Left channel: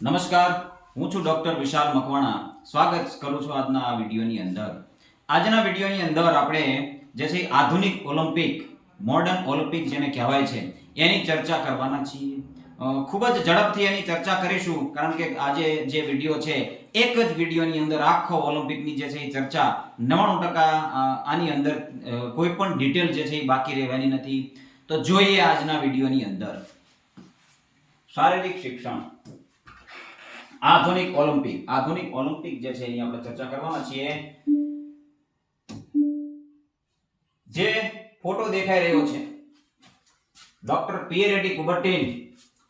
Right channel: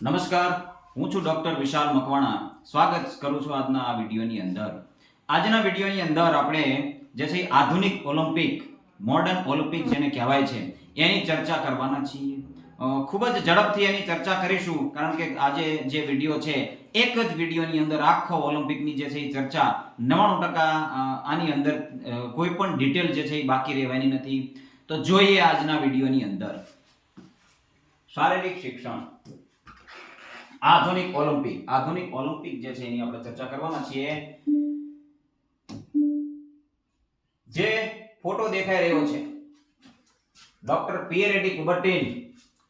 નમસ્કાર, હું છું ડોક્ટર વિશાલ મકવાણા. સ્વાગત કરું છું આજના આ વિડીયોની અંદર. આજના વિડીયોની અંદર આપણે જે છે આધુનિક ઓલિમ્પિક, મોડર્ન ઓલિમ્પિક જેને કહેવાય છે એની ચર્ચા કરવાના છીએ. ખૂબ જ ઝડપથી એની ચર્ચા કરીશું, કારણ કે આજે જે વિડીયો છે એક જ વિડીયોની અંદર આખો ઓલિમ્પિકની જે છે એ ચર્ચા 99% આની અંદર કોઈ પણ ડિટેલ જે છે એ બાકી રહેવાની નથી. તો જોઈએ આજના વિડીયોની અંદર શારીરિક શિક્ષણ, આધુનિક ઓલિમ્પિક જે છે એની આપણે ચર્ચા કરવાના છીએ. જે ફોટો દેખાઈ રહ્યો છે ડોક્ટર પિયરેટી કુબર્ટીન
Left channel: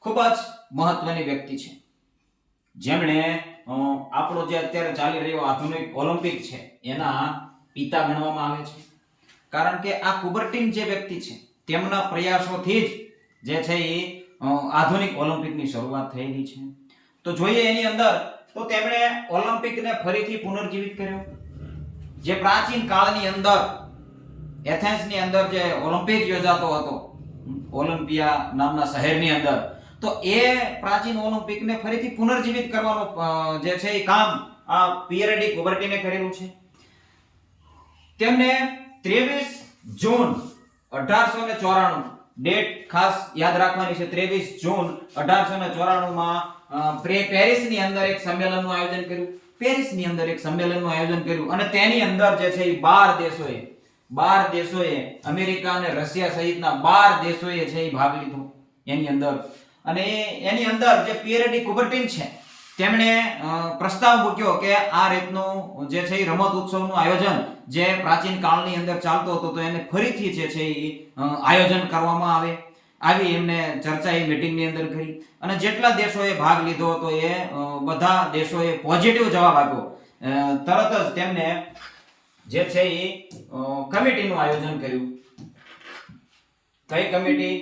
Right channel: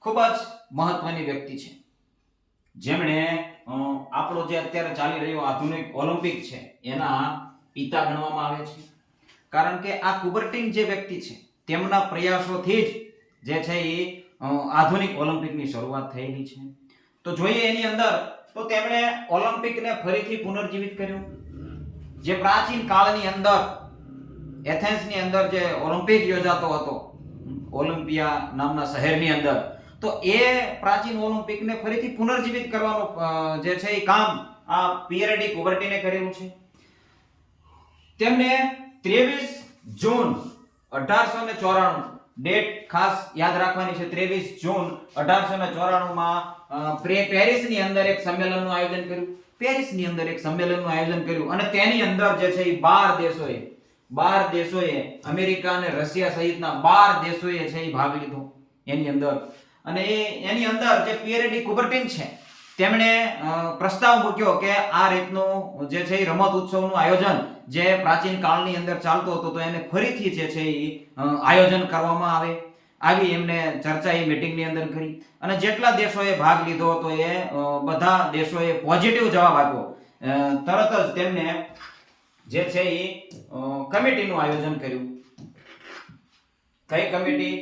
ખૂબ જ મહત્વની વ્યક્તિ છે, જેમણે આપણો જે અત્યારે ચાલી રહ્યો આધુનિક ઓલિમ્પિક છે એના પિતા ગણવામાં આવે છે. કારણ કે આ કુબર્ટીન જે વ્યક્તિ છે તેમના પ્રયાસોથી જ જે છે એ આધુનિક ઓલિમ્પિકની શરૂઆત થયેલી છે. તો જોઈએ એની અંદર, તો તેમણે ઓલિમ્પિકને ફરીથી પુનર્જીવિત કર્યું. જે પ્રાચીન કાળની અંદર એથેન્સની અંદર જે ઓલિમ્પિક યોજાતો હતો, ઓલિમ્પિયા નામના શહેરની અંદર, તો એ પ્રાચીન ઓલિમ્પિકને ફરીથી પુનર્જીવિત કરવાનું જે છે એ કામ આ પિયરેટી કુબર્ટીને કરેલું છે. તેમને 23 જૂન 1894 ડેટ ખાસ યાદ રાખવાની છે. 23 જૂન 1894 માં પેરિસની અંદર એક સંમેલનનું આયોજન કર્યું. અને તેની અંદર જે છે એ 12 દેશોએ અમેરિકા અને રશિયા સહિતના 12 દેશોએ છે એ ભાગ લીધો એની અંદર. અને એની અંદર જે પિયરેટી કુબર્ટીન છે તેમણે પ્રસ્તાવ મૂક્યો કે આ રીતનું જે છે એ રમત ઉત્સવનું આયોજન જે પ્રાચીન કાળની અંદર ચાલતો હતો, તો એને ફરીથી જે છે એ આયોજન કરવામાં આવે. આવી એમને ચર્ચા એ મીટિંગની અંદર કરી. અને જેટલા દેશોએ ભાગ લીધો હતો એ બધા દેશોએ પોઝિટિવ જવાબ આપ્યો. તરત જ તેમને જે છે એ કમિટીનું આયોજન કર્યું. કઈ કમિટી?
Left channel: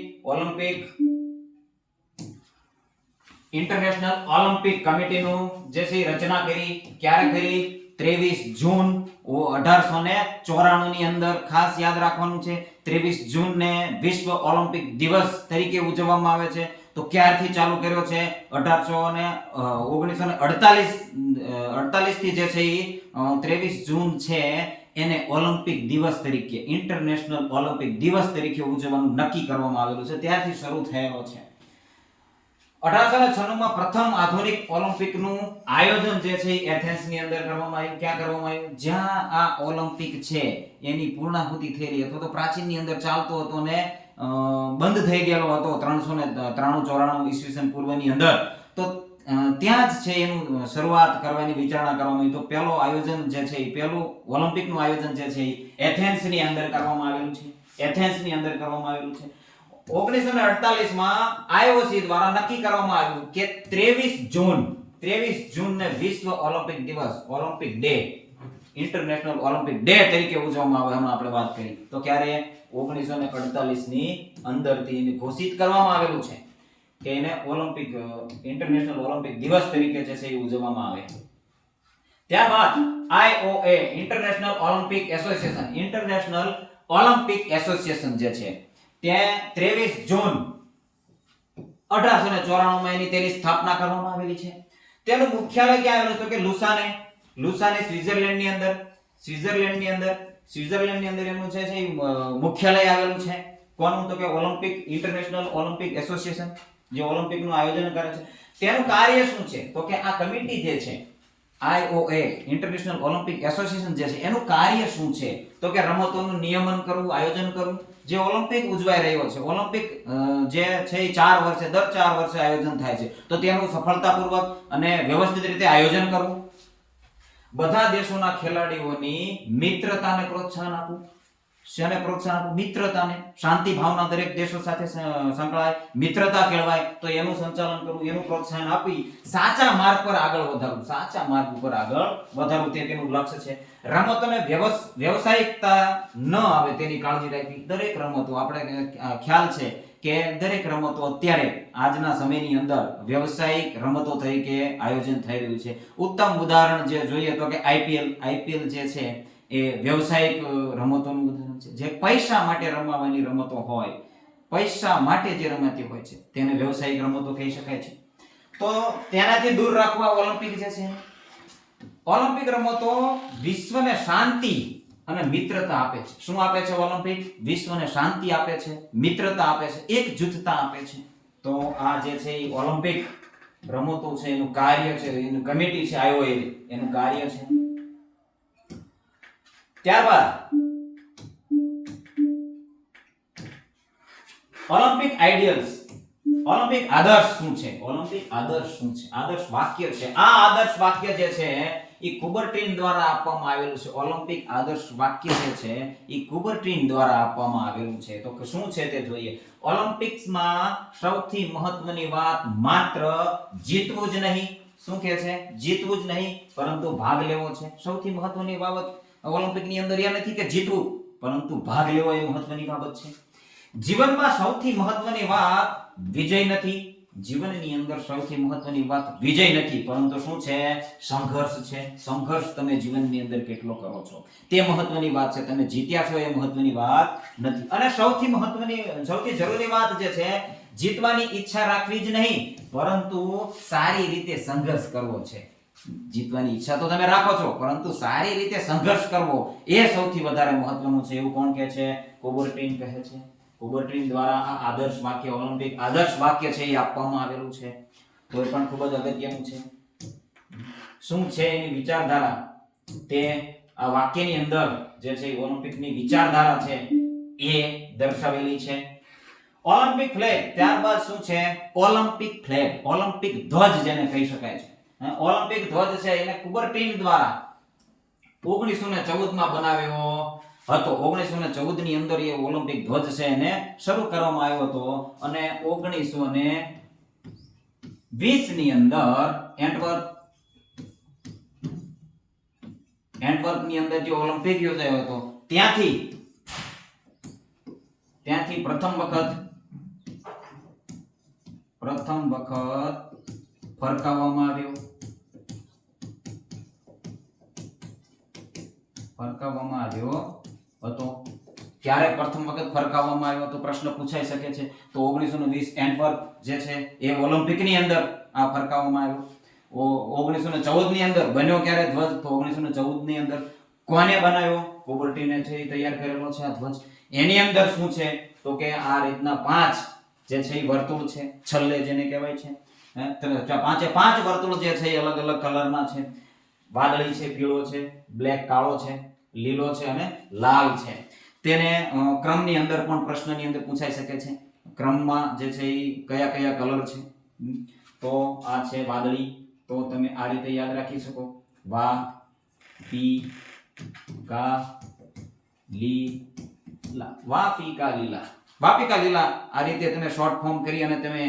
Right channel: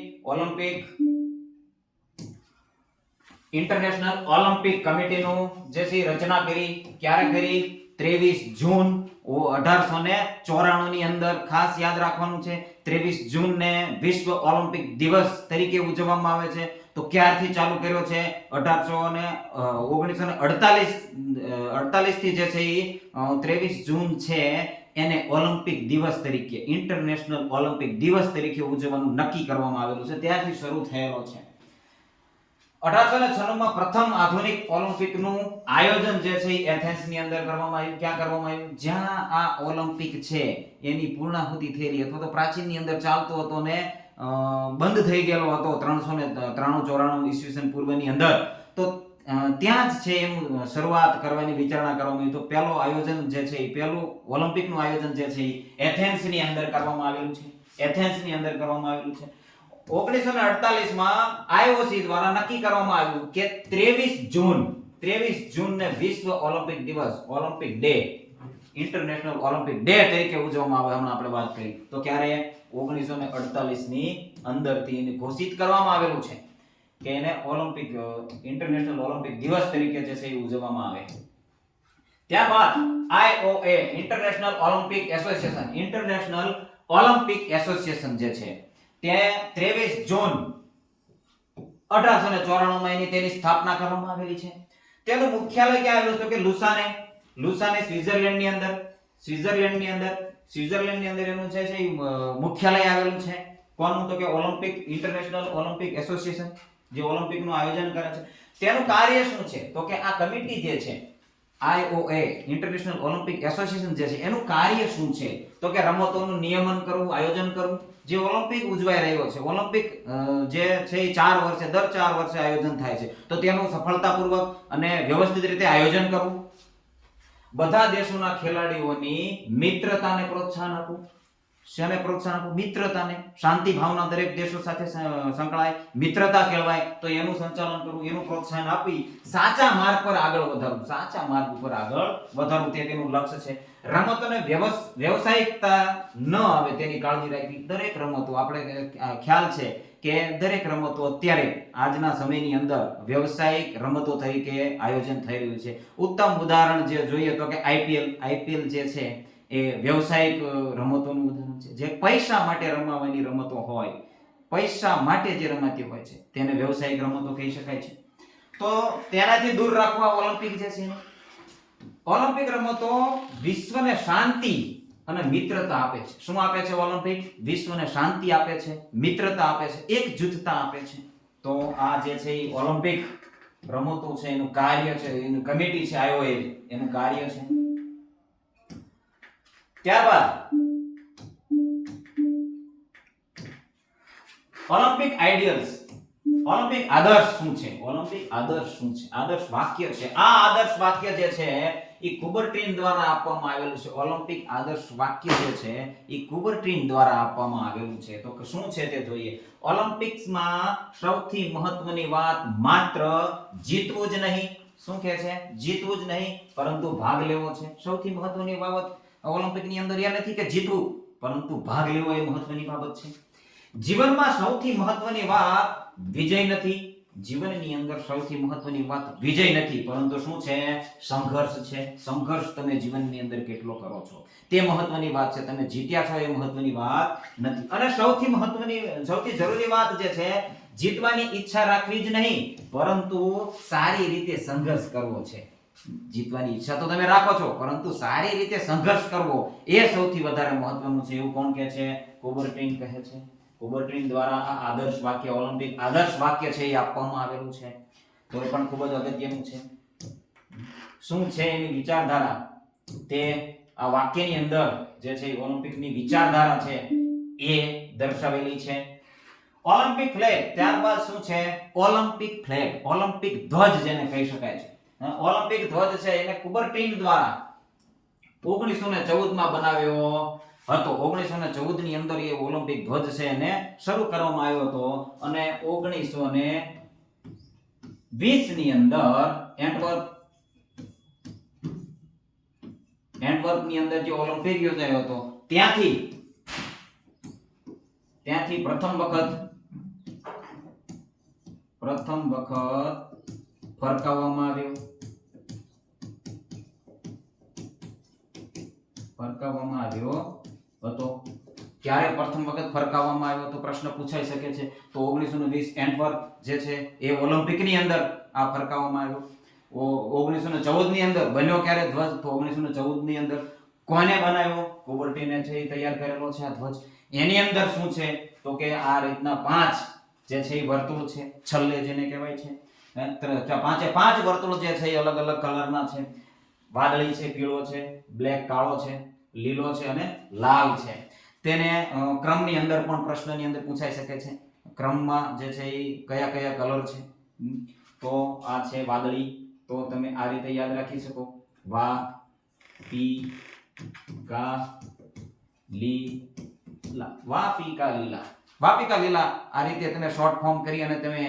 ઇન્ટરનેશનલ ઓલિમ્પિક કમિટીનું જે છે રચના કરી. ક્યારે કરી? 23 જૂન 1894 ની અંદર. ખાસ યાદ રાખવાનું છે, 23 જૂનને વિશ્વ ઓલિમ્પિક દિવસ તરીકે ઉજવવામાં આવે છે. તો ક્યારથી ચાલુ કર્યો છે? 1948 થી જે છે એ 23 જૂન છે એને ઓલિમ્પિક દિવસ તરીકે, ઇન્ટરનેશનલ ઓલિમ્પિક દિવસ તરીકે ઉજવવાનું નક્કી કરવામાં આવેલું છે. ત્યારથી શરૂ થયેલો છે. 1896 માં પ્રથમ આધુનિક ઓલિમ્પિકનું આયોજન જે છે એથેન્સની અંદર કરવામાં આવ્યું. ક્યાં કરવામાં આવ્યું? જ્યાં આ ઓલિમ્પિક છે એની પૂર્ણાહુતિ થયેલી, અથવા તો પ્રાચીનની અંદર ચાલતો હતો ને બંધ થઈ ગયેલો હતો 393-94 ઈસવીસન પૂર્વની અંદર. તો ત્યાં જ છે એનું શરૂઆત કરવાની વિચારણા કરવામાં આવી. તો પહેલો આયોજન જે છે એ પહેલું ઓલિમ્પિકનું આયોજન જે છે એથેન્સની અંદર કરવામાં આવેલું છે. 1948 માં IOC દ્વારા નક્કી કરવામાં આવ્યું કે 23 જૂન ને વિશ્વ ઓલિમ્પિક દિવસ, Olympic day, international Olympic day તરીકે ઉજવવામાં આવે. હમણાં આપણે વાત કરી. તો ક્યારે? 1948 ની અંદરથી એને ઘોષિત કરવામાં આવેલું છે કે એને ઓલિમ્પિક, ઇન્ટરનેશનલ ઓલિમ્પિક દિવસ તરીકે જે છે એ ઉજવવામાં આવે. ત્યારબાદ IOA, ઇન્ટરનેશનલ ઓલિમ્પિક એસોસિએશન જે છે તે 23 જૂન 1894 માં તેની સ્થાપના કરવામાં આવેલી છે. તેનું મુખ્યાલય ક્યાં આવેલું છે? કે લુસાને, સ્વિટ્ઝરલેન્ડની અંદર એનું છે મુખ્યાલય આવેલું છે. કોનું? તો કે ઇન્ટરનેશનલ ઓલિમ્પિક એસોસિએશન જે ઓલિમ્પિકનું આયોજન કરે છે. તેનું કાર્ય શું છે? તો કે આ કમિટી જે છે IOA, ઇન્ટરનેશનલ ઓલિમ્પિક એસોસિએશન જે છે એનું કાર્ય શું છે? તો કે રમતોનું નિયમન કરવું, આયોજન કરવું. જે ઓલિમ્પિક ઉજવાઈ રહ્યો છે, ઓલિમ્પિક જે છે એ દર 4 વર્ષે આયોજન થાય છે, તો તેનું સફળતાપૂર્વક અને વ્યવસ્થિત રીતે આયોજન કરવું. બધા દેશોના ખેલાડીઓની મિત્રતાને પ્રોત્સાહન આપવું. શેને પ્રોત્સાહન આપવું? મિત્રતાને. શાંતિ ભાવના દરેક દેશો સાથે સંકળાય, મિત્રતા કેળવાય, તો એનું સંચાલન કરવું, એનું પ્રોત્સાહન આપી સાચા માર્ગ પર આગળ વધારવું તે તેનું લક્ષ્ય છે. રમતોને વ્યવસાયિકતા ન આવે તેની કાળજી રાખવી. દરેક રમતો, આપણે ખ્યાલ છે કે દરેક રમતો અત્યારે આજના સમયની અંદર વ્યવસાયિક રમતો તરીકે આયોજન થઈ રહ્યું છે. ઉત્તમ ઉદાહરણ જે જોઈએ તો કે IPL જે છે એ વ્યવસાયિક રમતોનું ઉદાહરણ છે. જે પૈસા માટે રમવાની રમતો હોય, પૈસા માટે જે રમાતી હોય છે તેને વ્યવસાયિક રમતો કહી શકાય છે. તો તેનાથી દૂર રાખવા ઓલિમ્પિક જે છે ઓલિમ્પિક રમતો વિશ્વને શાંતિ અને મિત્રતા આપે છે. શું આપે છે ઓલિમ્પિક? વિશ્વને શાંતિ આપે છે, મિત્રતા આપે છે, એકજૂથતા આપે છે. તો આ જે છે એ ઓલિમ્પિક રમતો છે એનું કાર્ય છે, એનું કમિટી છે આઈઓએ એનું કાર્ય છે. ત્યારબાદ ઓલિમ્પિક આઈડિયલ્સ, ઓલિમ્પિક આદર્શ શું છે? ઓલિમ્પિક આદર્શ શું છે? આદર્શ વાક્ય છે. આ આદર્શ વાક્ય જે છે એ કુબર્ટીન દ્વારા આપવામાં આવેલું છે. ઓલિમ્પિક આદર્શ વાક્ય જે છે એ કુબર્ટીન દ્વારા આપવામાં આવેલું છે. તો શું છે તે જોઈએ. ઓલિમ્પિક્સમાં સૌથી મહત્વની વાત માત્ર જીતવું જ નહીં. શું કહે છે? જીતવું જ નહીં, પરંતુ ભાગ લેવો છે. સૌથી મહત્વની બાબત ઓલિમ્પિકની અંદર એ નથી કે જીતવું, પરંતુ ભાગ લેવો એ મહત્વની બાબત છે. જીવનમાં સૌથી મહત્વની વાત વિજય નથી. જીવનની અંદર સૌથી મહત્વની વાત વિજય નથી, પરંતુ શું છે? સંઘર્ષ છે. સંઘર્ષ તમે જીવનની અંદર કેટલો કરો છો તે મહત્વની વાત છે. તમે જીત્યા છો એ મહત્વની વાત નથી. અને સૌથી મહત્વની, સૌથી જરૂરી વાત જે છે, જીતવાની ઈચ્છા રાખવી જ નહીં, પરંતુ સારી રીતે સંઘર્ષ કરવો છે. જીતવાની ઈચ્છા તો તમે રાખો છો, પરંતુ સારી રીતે સંઘર્ષ કરવો એ સૌથી વધારે મહત્વનું છે. એવું કોણ કહે છે? કુબર્ટીન કહે છે. કુબર્ટીન દ્વારા આ આદર્શ વાક્ય, ઓલિમ્પિક આદર્શ વાક્ય છે એ આપવામાં આવેલું છે. તો એ પણ ખૂબ જ અગત્યનું છે. શું છે એની વિચારધારા, તે આ વાક્યની અંદર જે છે ઓલિમ્પિકની વિચારધારા છે એ દર્શાવેલી છે. ઓલિમ્પિક ફ્લેગ, ત્યારબાદ શું છે? ઓલિમ્પિક ફ્લેગ, ઓલિમ્પિક ધ્વજ જેને કહી શકાય છે. ઓલિમ્પિક ધ્વજ છે એને કુબર્ટીન દ્વારા 1914 માં બનાવ્યો હતો. 1914 ની અંદર એ ઓલિમ્પિક ધ્વજ છે એને શરૂ કરવામાં આવ્યો હતો અને 1920 ની અંદર એન્ટવર્પ ની અંદર જે ઓલિમ્પિક યોજાયો હતો ત્યાંથી પ્રથમ વખત ફરકાવવામાં આવ્યો હતો. ક્યારે પ્રથમ વખત ફરકાવવામાં આવ્યો તો પ્રશ્ન પૂછાઈ શકે છે. તો 1920 એન્ટવર્પ જે છે એ ઓલિમ્પિક ની અંદર આ ફરકાવવામાં આવ્યો. 1914 ની અંદર બન્યો ક્યારે ધ્વજ? તો 1914 ની અંદર. કોને બનાવ્યો? કુબર્ટીને છે એ તૈયાર કરેલો છે આ ધ્વજ. એની અંદર શું છે તો કે આ રીતના 5 જે છે એ વર્તુળ છે, છલ્લે જેને કહેવાય છે. પાંચે 5 વર્તુળ જે છે એ અલગ અલગ કલરના છે. વાદળી છે, પીળો છે, બ્લેક કાળો છે, લીલો છે અને લાલ છે. તેને ક્રમની અંદર પણ પ્રશ્નની અંદર પૂછાઈ શકે છે. ક્રમમાં જે છે એ કયા કયા કલર છે. તો આ છે વાદળી. તો તમે આ રીતે યાદ રાખી શકો. વા પી કા લીલા, વા પી કા લીલા, વા પી કા લીલા. આ રીતે તમે શોર્ટ ફોર્મ કરી અને તમે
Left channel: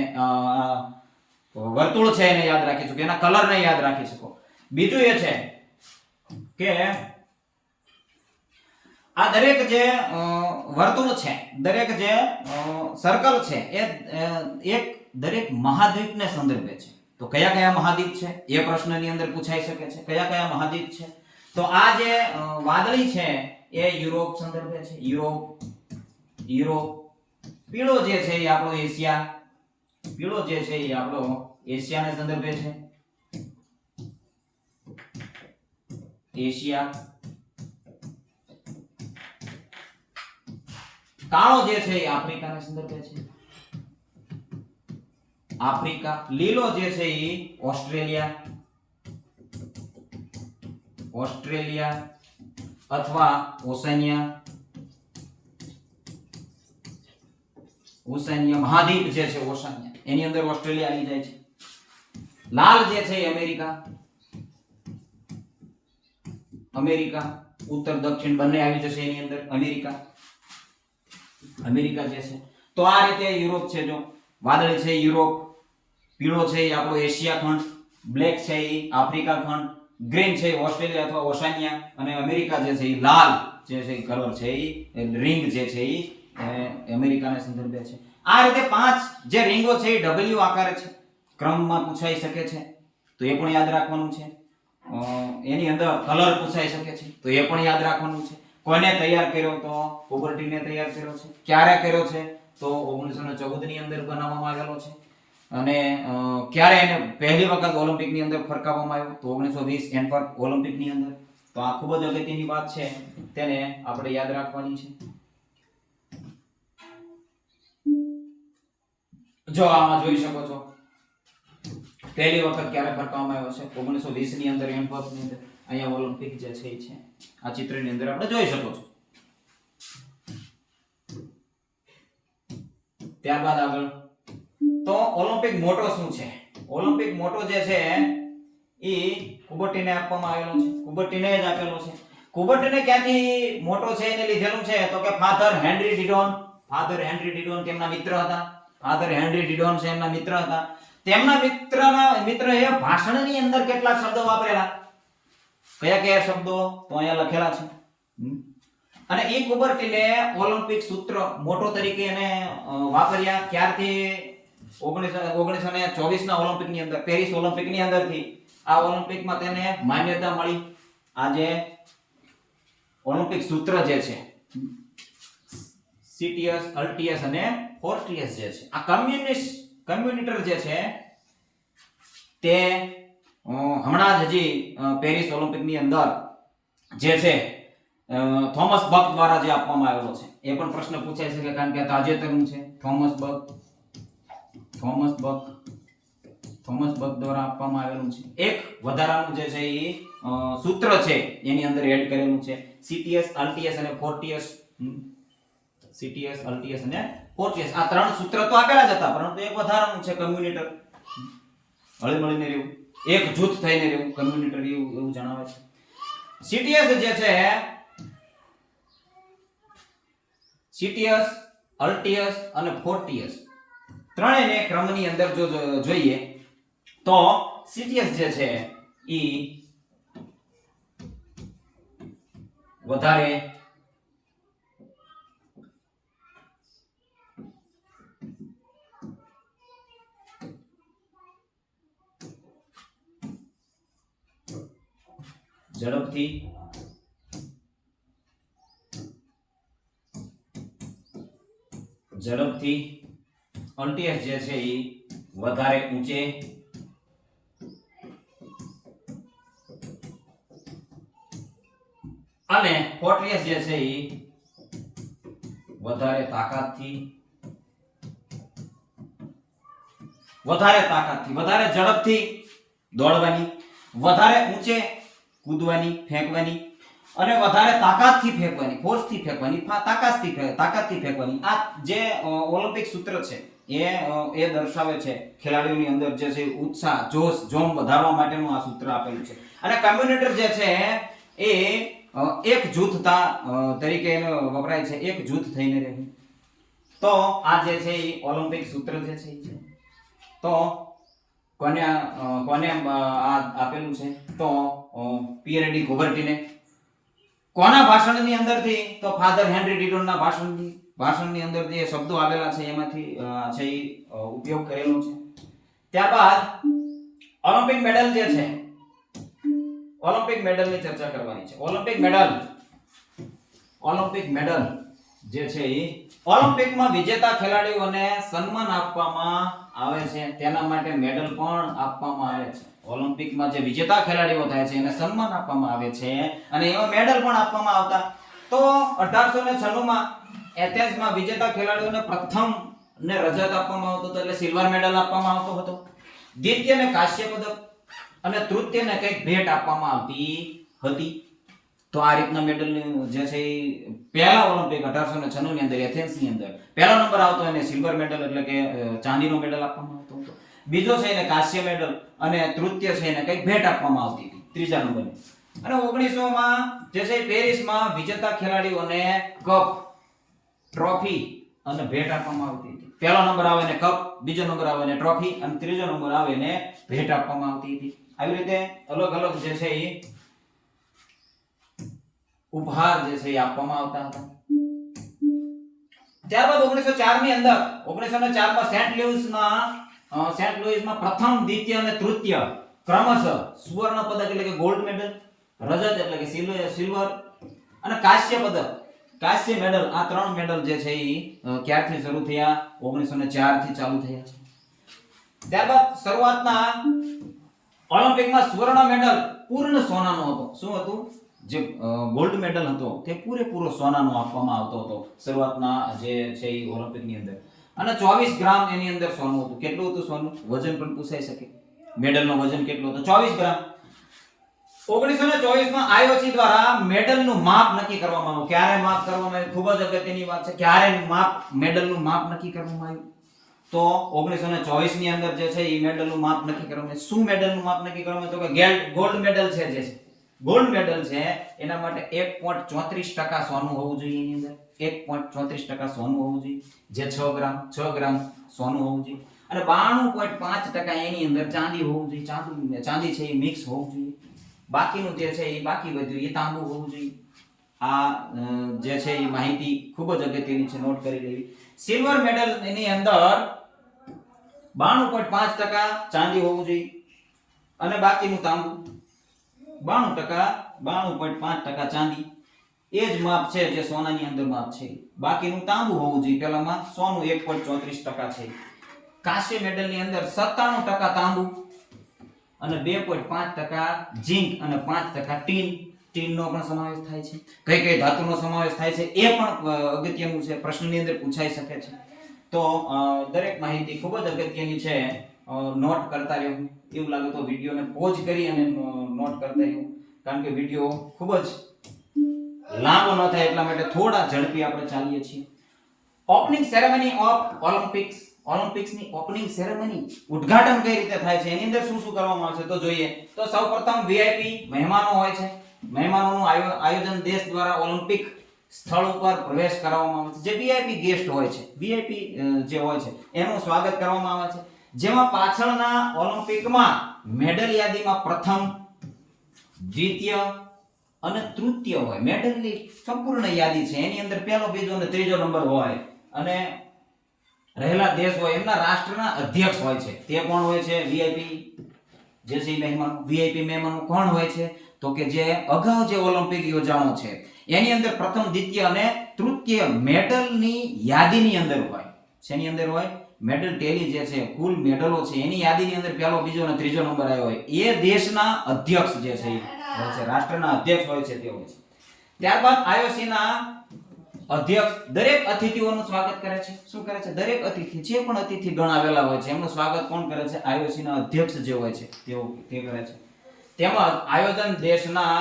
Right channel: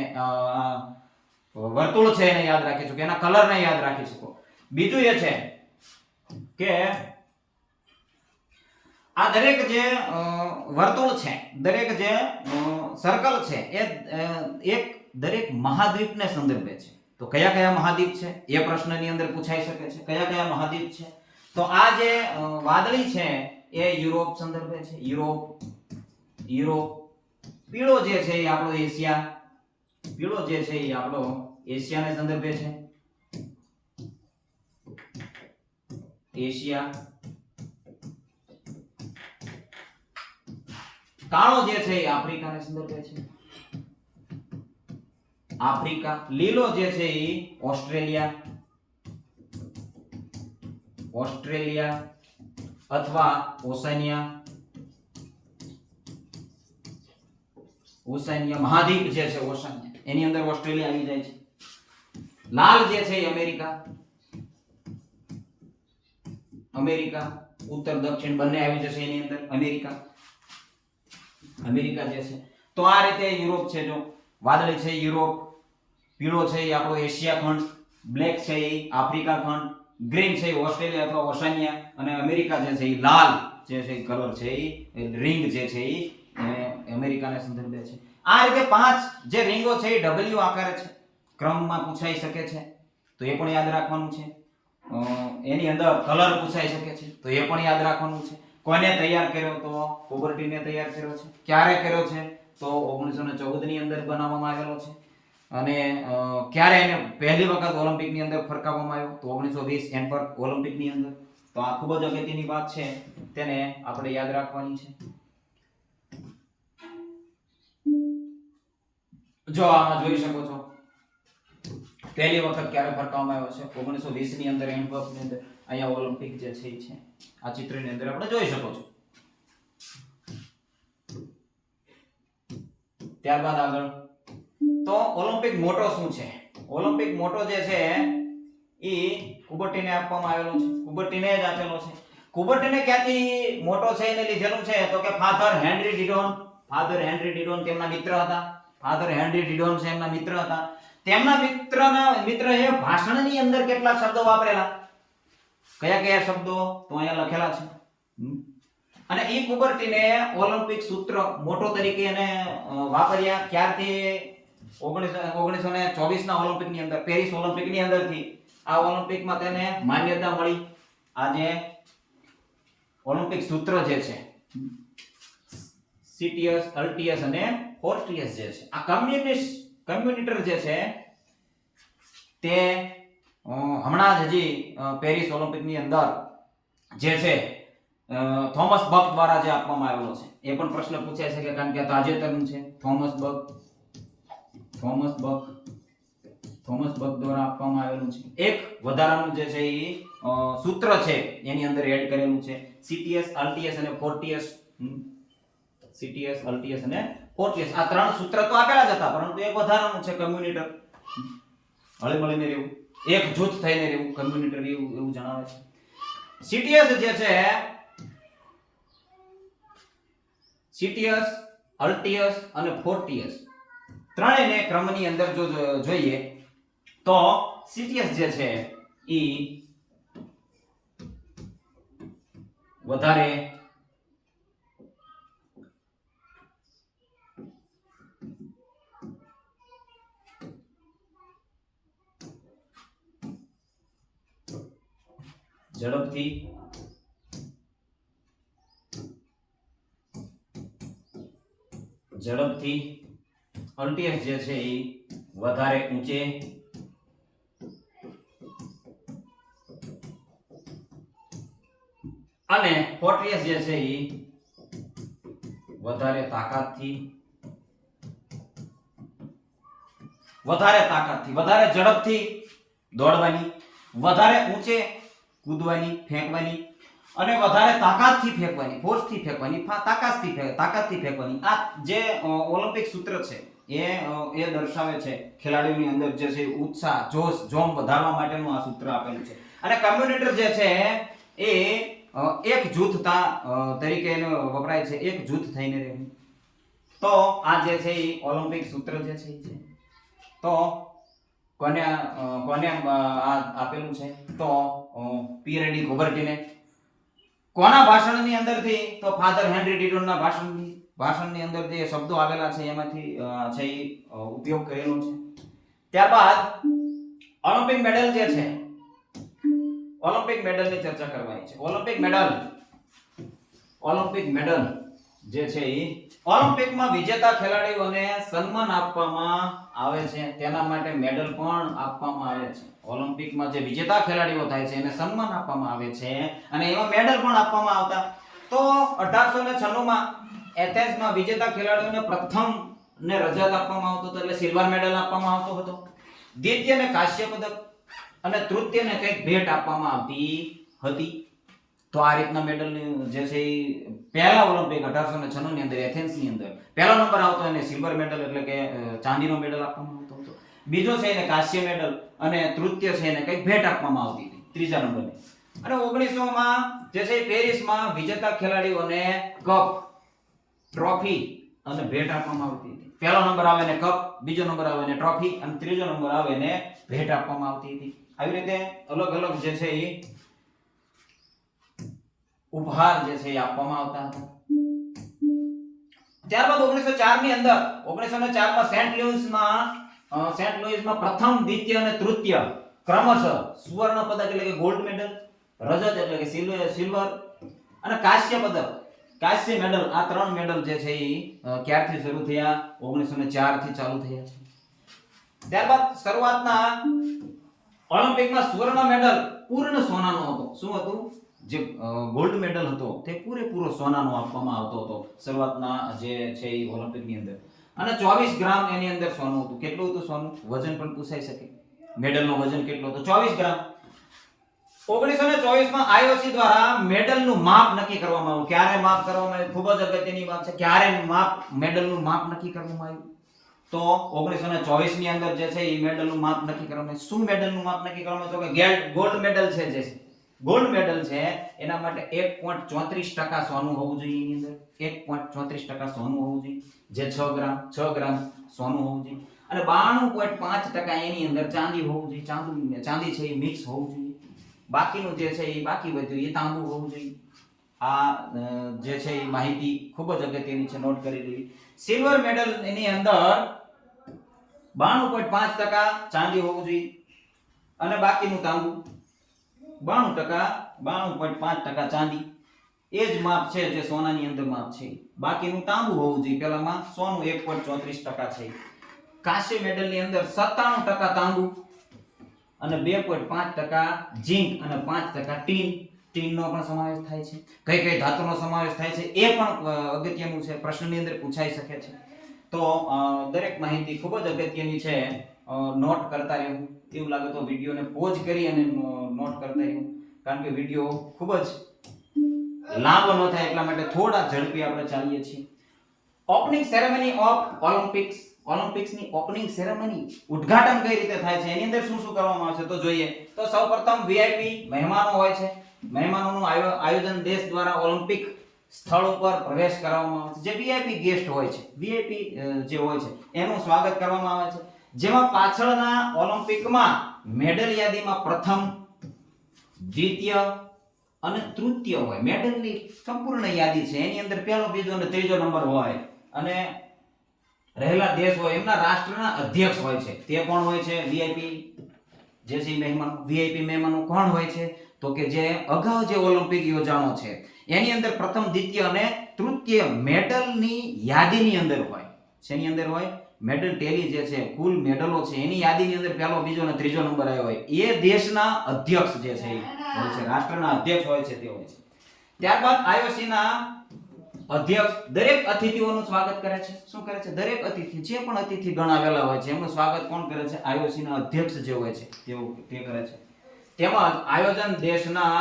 વર્તુળ છે એને યાદ રાખી શકો, એના કલરને યાદ રાખી શકો. બીજું એ છે કે આ દરેક જે વર્તુળ છે, દરેક જે સર્કલ છે એ એક દરેક મહાદ્વીપને સંદર્ભે છે. તો કયા કયા મહાદ્વીપ છે એ પ્રશ્નની અંદર પૂછાઈ શકે છે. કયા કયા મહાદ્વીપ છે? તો આ જે વાદળી છે એ યુરોપ સંદર્ભે છે. યુરોપ. પીળો જે છે એ આપણો એશિયા, પીળો જે છે એ આપણો એશિયાને સંદર્ભે છે. એશિયા. કાળો જે છે એ આફ્રિકાને સંદર્ભે છે. આફ્રિકા. લીલો જે છે એ ઓસ્ટ્રેલિયા અથવા ઓશનિયા મહાદ્વીપ જે છે ઓશનિયા, એની અંદર ઓસ્ટ્રેલિયા આવી જાય છે. લાલ જે છે એ અમેરિકા, ઉત્તર દક્ષિણ બંને આવી જશે એની અંદર. અમેરિકા જે છે. તો આ રીતે યુરોપ છે. જો વાદળી છે યુરોપ, પીળો છે એ આપણો એશિયા ખંડ, બ્લેક છે એ આફ્રિકા ખંડ, ગ્રીન છે ઓસ્ટ્રેલિયા અથવા ઓશનિયા, અને અમેરિકા જે છે એ લાલ જે છે એ કલર છે એ રિંગ જે છે એ અમેરિકાને સંદર્ભે છે. આ રીતે 5 જે રિંગો છે એ ડબલ્યુ આકારે છે. ક્રમમાં પૂછાઈ શકે છે તો એ પણ યાદ રાખવાનું છે. એની અંદર કલર પૂછાઈ શકે છે તો એ પણ યાદ રાખવાનું છે. કોને તૈયાર કર્યો? તો કુબર્ટીને તૈયાર કર્યો છે. ક્યારે કર્યો છે? તો 1914 ની અંદર બનાવવામાં આવેલો છે. અને ક્યારે એને પહેલી વખત ઓલિમ્પિકની અંદર ફરકાવવામાં આવ્યો? તો 1920 એન્ટવર્પ ઓલિમ્પિકની અંદર. તો આ ખૂબ જ અગત્યની વાત છે, તેને આપણે યાદ રાખવાની છે. જો આમાં જોઈ શકો છો પહેલી વખત ક્યારે ફરકાવવામાં આવ્યો છે? 1920 ની અંદર એન્ટવર્પની અંદર. અહીંયા ઓલિમ્પિક જે છે એ છે, આ ચિત્રની અંદર આપણે જોઈ શકો છો. ત્યારબાદ આગળ તો ઓલિમ્પિક મોટો શું છે? ઓલિમ્પિક મોટો જે છે એ કુબર્ટીને આપવામાં આવેલો છે. કુબર્ટીને જ આપેલો છે. કુબર્ટીને ક્યાંથી મોટો છે એને લીધેલું છે? તો કે ફાધર હેનરી ડિડોન. ફાધર હેનરી ડિડોન તેમના મિત્ર હતા. ફાધર હેનરી ડિડોન છે એમના મિત્ર હતા. તેમના મિત્રએ ભાષણની અંદર કેટલા શબ્દો વાપરેલા? કયા કયા શબ્દો? તો અહીંયા લખેલા છે. અને એ કુબર્ટીને ઓલિમ્પિક સૂત્ર મોટો તરીકે એને વાપર્યા ક્યારથી? 1924 ના ઓલિમ્પિકની અંદર, પેરિસ ઓલિમ્પિકની અંદરથી આ ઓલિમ્પિકમાં તેને માન્યતા મળી. આ જે ઓલિમ્પિક સૂત્ર જે છે સીટીએસ, અલ્ટીએસ અને ફોર્ટીએસ જે છે, આ કમ્યુનિટર જે છે તે હમણાં જ હજી પેરિસ ઓલિમ્પિકની અંદર જે છે થોમસ બક દ્વારા જે આપવામાં આવેલો છે. એ પણ પ્રશ્ન પૂછાય છે કે કારણ કે તાજેતરનું છે. થોમસ બક દ્વારા આપવામાં આવેલું છે. એક વધારાનું જે છે એ સૂત્ર છે એની અંદર એડ કરેલું છે. સીટીએસ, અલ્ટીએસ અને ફોર્ટીએસ. સીટીએસ, અલ્ટીએસ અને ફોર્ટીએસ, આ ત્રણ સૂત્ર તો આપેલા જ હતા, પરંતુ એક વધારાનું છે કમ્યુનિટર. હળી મળીને રહેવું, એક જૂથ થઈને રહેવું, કમ્યુનિટર એવું જણાવે છે. સીટીએસ જે છે, સીટીએસ, અલ્ટીએસ અને ફોર્ટીએસ ત્રણેયને ક્રમની અંદર જો જોઈએ તો સીટીએસ જે છે એ વધારે ઝડપથી અલ્ટીએસ જે છે એ વધારે ઊંચે અને ફોર્ટીએસ જે છે એ વધારે તાકાતથી, વધારે ઝડપથી દોડવાની, વધારે ઊંચે કૂદવાની, ફેંકવાની અને વધારે તાકાતથી ફેંકવાની, ફોર્સથી ફેંકવાની, તાકાતથી ફેંકવાની. આ જે ઓલિમ્પિક સૂત્ર છે એ દર્શાવે છે ખેલાડીઓની અંદર જે છે ઉત્સાહ, જોશ, જોમ વધારવા માટેનું આ સૂત્ર આપેલું છે. અને કમ્યુનિટર જે છે એ એક જૂથતા તરીકે એને વપરાય છે, એક જૂથ થઈને રહે. તો આ જે છે એ ઓલિમ્પિક સૂત્ર જે છે તો કોને આપેલું છે? તો પિયર ડી કુબર્ટીને. કોના ભાષણની અંદરથી? તો ફાધર હેનરી ડિડોનના ભાષણની અંદર જે શબ્દો આવેલા છે એમાંથી છે એ ઉપયોગ કરેલો છે. ત્યારબાદ ઓલિમ્પિક મેડલ જે છે, ઓલિમ્પિક મેડલની ચર્ચા કરવાની છે. ઓલિમ્પિક મેડલ જે છે એ ઓલિમ્પિકમાં વિજેતા ખેલાડીઓને સન્માન આપવામાં આવે છે. તેના માટે મેડલ પણ આપવામાં આવે છે. ઓલિમ્પિકમાં જે વિજેતા ખેલાડીઓ થાય છે એને સન્માન આપવામાં આવે છે અને એમાં મેડલ પણ આપવામાં આવતા. તો 1896 માં એથેન્સમાં વિજેતા ખેલાડીઓને પ્રથમ ને રજત આપવામાં આવતો હતો, એટલે સિલ્વર મેડલ આપવામાં આવતો હતો. દ્વિતીયને કાંસ્ય પદક અને તૃતીયને કંઈક ભેટ આપવામાં આવતી હતી. તો આ રીતના મેડલ જે છે એ પહેલા ઓલિમ્પિક 1896 ની અંદર એથેન્સની અંદર પહેલો નંબર આવતો એને સિલ્વર મેડલ એટલે કે ચાંદીનો મેડલ આપવામાં આવતો હતો. બીજો છે એને કાંસ્ય મેડલ અને તૃતીય છે એને કંઈક ભેટ આપવામાં આવતી હતી, ત્રીજા નંબરની. અને 1900 માં જે છે પેરિસમાં વિજેતા ખેલાડીઓને કપ, ટ્રોફી અને ભેટ આપવામાં આવતી હતી. પહેલો નંબર આવે ને કપ, બીજો નંબર આવે ને ટ્રોફી અને ત્રીજો નંબર આવે ને ભેટ આપવામાં આવતી હતી. આવી રીતે અલગ અલગ જે છે એ ઉપહાર જે છે એ આપવામાં આવતા હતા. ત્યારબાદ 1904 ની અંદર 1904 માં સેન્ટ લુઈસમાં પ્રથમ, દ્વિતીય અને તૃતીય ક્રમશઃ સુવર્ણ પદક એટલે કે ગોલ્ડ મેડલ, રજત એટલે કે સિલ્વર અને કાંસ્ય પદક, કાંસ્ય મેડલ, આ ત્રણ મેડલ જે છે એ ક્યારથી શરૂ થયા? 1904 થી ચાલુ થયા છે. ત્યારબાદ શરૂઆતના ઓલિમ્પિકમાં સ્વર્ણ મેડલ પૂર્ણ સોનાનો હતો. શું હતું? જે ગોલ્ડ મેડલ હતો તે પૂરેપૂરો સોનાનો આપવામાં આવતો હતો શરૂઆતના જે છે એ ઓલિમ્પિકની અંદર. અને 24 ગ્રામ એની અંદર સોનું હતું. કેટલું હતું સોનું? વજન પણ પૂછાઈ શકે. મેડલનો વજન કેટલો હતો? 24 ગ્રામ. 1924 માં IOC દ્વારા મેડલનું માપ નક્કી કરવામાં આવ્યું. ક્યારે માપ કરવામાં આવ્યું? ખૂબ જ અગત્યની વાત છે. ક્યારે મેડલનું માપ નક્કી કરવામાં આવ્યું? તો 1924 ની અંદર જે છે એ મેડલનું માપ નક્કી કરવામાં આવ્યું. શું મેડલનું માપ નક્કી કરવામાં આવ્યું? તો કે ગોલ્ડ મેડલ છે જે છે ગોલ્ડ મેડલ છે એના માટે 1.34% સોનું હોવું જોઈએ. એની અંદર 1.34% સોનું હોવું જોઈએ, જે 6 ગ્રામ સોનું હોવું જોઈએ. અને 92.5% એની અંદર ચાંદી હોવું જોઈએ. ચાંદી છે એ મિક્સ હોવું જોઈએ. બાકીનું જે છે એ બાકી વધ્યું એ તાંબુ હોવું જોઈએ. આ જે છે એ માહિતી ખૂબ જ અગત્યની છે, નોટ કરી લેવી. સિલ્વર મેડલ એની અંદર 92.5% ચાંદી હોવું જોઈએ અને બાકીનું તાંબુ. 92.5% ચાંદી એ જ માપ છે જે સોનાની અંદર માપ છે. બાકીનું તાંબુ હોવું જોઈએ. પેલામાં સોનું 1.34% છે. કાંસ્ય મેડલની અંદર 97% તાંબુ અને 2.5% ઝિંક અને 5% ટીનનો પણ સમાવેશ થાય છે. કઈ કઈ ધાતુનો સમાવેશ થાય છે એ પણ અગત્યનું છે, પ્રશ્નની અંદર પૂછાઈ શકે છે. તો દરેક માહિતી ખૂબ જ અગત્યની છે, નોટ કરતા રહેવું. એવું લાગે તો વિડીયોને પોઝ કરી અને નોટ કરતા રહેવું, કારણ કે વિડીયો ખૂબ જ લાંબો ન થાય એટલા માટે થોડા ઝડપી આપણે ચાલીએ છીએ. ઓપનિંગ સેરેમની ઓફ ઓલિમ્પિક્સની ઓપનિંગ સેરેમની, ઉદ્ઘાટન કઈ રીતે થાય છે, એની અંદર શું શું કરવામાં આવે છે તો જોઈએ. તો સૌપ્રથમ વીઆઈપી મહેમાનો હોય છે. મહેમાનોનું આયોજન દેશ દ્વારા ઓલિમ્પિક સ્થળ ઉપર પ્રવેશ કરાવવામાં આવે છે. જે વીઆઈપી ગેસ્ટ હોય છે, વીઆઈપી જે હોય છે એનું સ્વાગત કરવામાં આવે છે. જેમાં પાછળના ઓલિમ્પિકમાં મેડલ યાદીમાં પ્રથમ, દ્વિતીય અને તૃતીય હોય. મેડલની સંપૂર્ણ યાદી છે એની અંદર પહેલો, બીજો અને ત્રીજો નંબર હોય. અને રહેલા દેશ હોય એમના રાષ્ટ્રના અધ્યક્ષ હોય છે. તે કોણ હોય છે? વીઆઈપી જે છે મહેમાનો. વીઆઈપી મહેમાનો કોણ હોય છે? તો કે જે અગાઉ જે ઓલિમ્પિક યોજાણો છે એની અંદર પ્રથમ, દ્વિતીય અને તૃતીય મેડલની યાદીની અંદર હોય. શેની અંદર હોય? મેડલ ટેલી જે છે, કુલ મેડલો છે એની યાદીની અંદર પહેલો, બીજો અને ત્રીજો નંબર આવ્યો હોય. એ દેશના અધ્યક્ષ જે છે હોય છે, રાષ્ટ્રના અધ્યક્ષ હોય છે તે હોય છે. ત્યારબાદ IOC ના અધ્યક્ષ દરેક અતિથિઓનું સ્વાગત કરે છે. શું કરે છે? દરેક અતિથિ, જે પણ અતિથિ ગણ આવેલા હોય છે એમનું સ્વાગત કોણ કરે છે? IOC ના અધ્યક્ષ જે હોય છે તે કરે છે. તેમજ આયોજન દેશના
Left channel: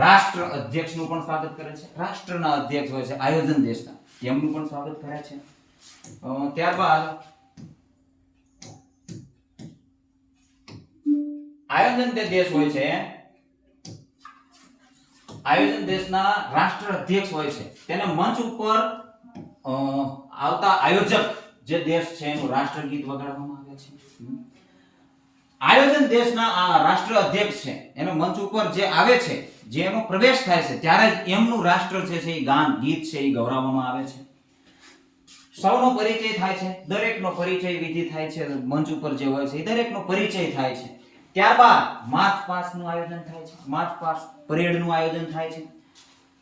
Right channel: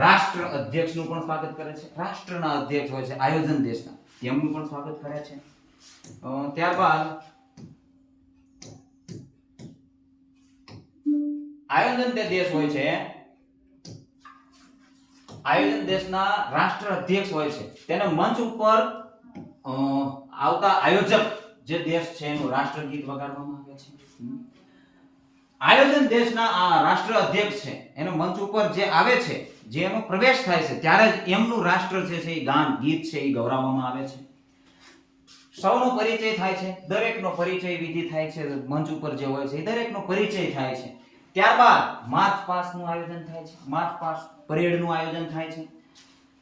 રાષ્ટ્ર અધ્યક્ષનું પણ સ્વાગત કરે છે. રાષ્ટ્રના અધ્યક્ષ હોય છે આયોજન દેશના, તેમનું પણ સ્વાગત કરે છે. ત્યારબાદ આયોજન જે દેશ હોય છે, આયોજન દેશના રાષ્ટ્ર અધ્યક્ષ હોય છે, તેને મંચ ઉપર આવતા આયોજક જે દેશ છે એનું રાષ્ટ્રગીત વગાડવામાં આવે છે. આયોજન દેશના આ રાષ્ટ્ર અધ્યક્ષ છે એનો મંચ ઉપર જે આવે છે, જે એનો પ્રવેશ થાય છે ત્યારે જ એમનું રાષ્ટ્ર છે એ ગાન, ગીત છે એ ગૌરવવામાં આવે છે. સૌનો પરિચય થાય છે, દરેકનો પરિચય વિધિ થાય છે. મંચ ઉપર જે હોય છે એ દરેકનો પરિચય થાય છે. ત્યારબાદ માર્ચ પાસ્ટનું આયોજન થાય છે. માર્ચ પાસ્ટ પરેડનું આયોજન થાય છે.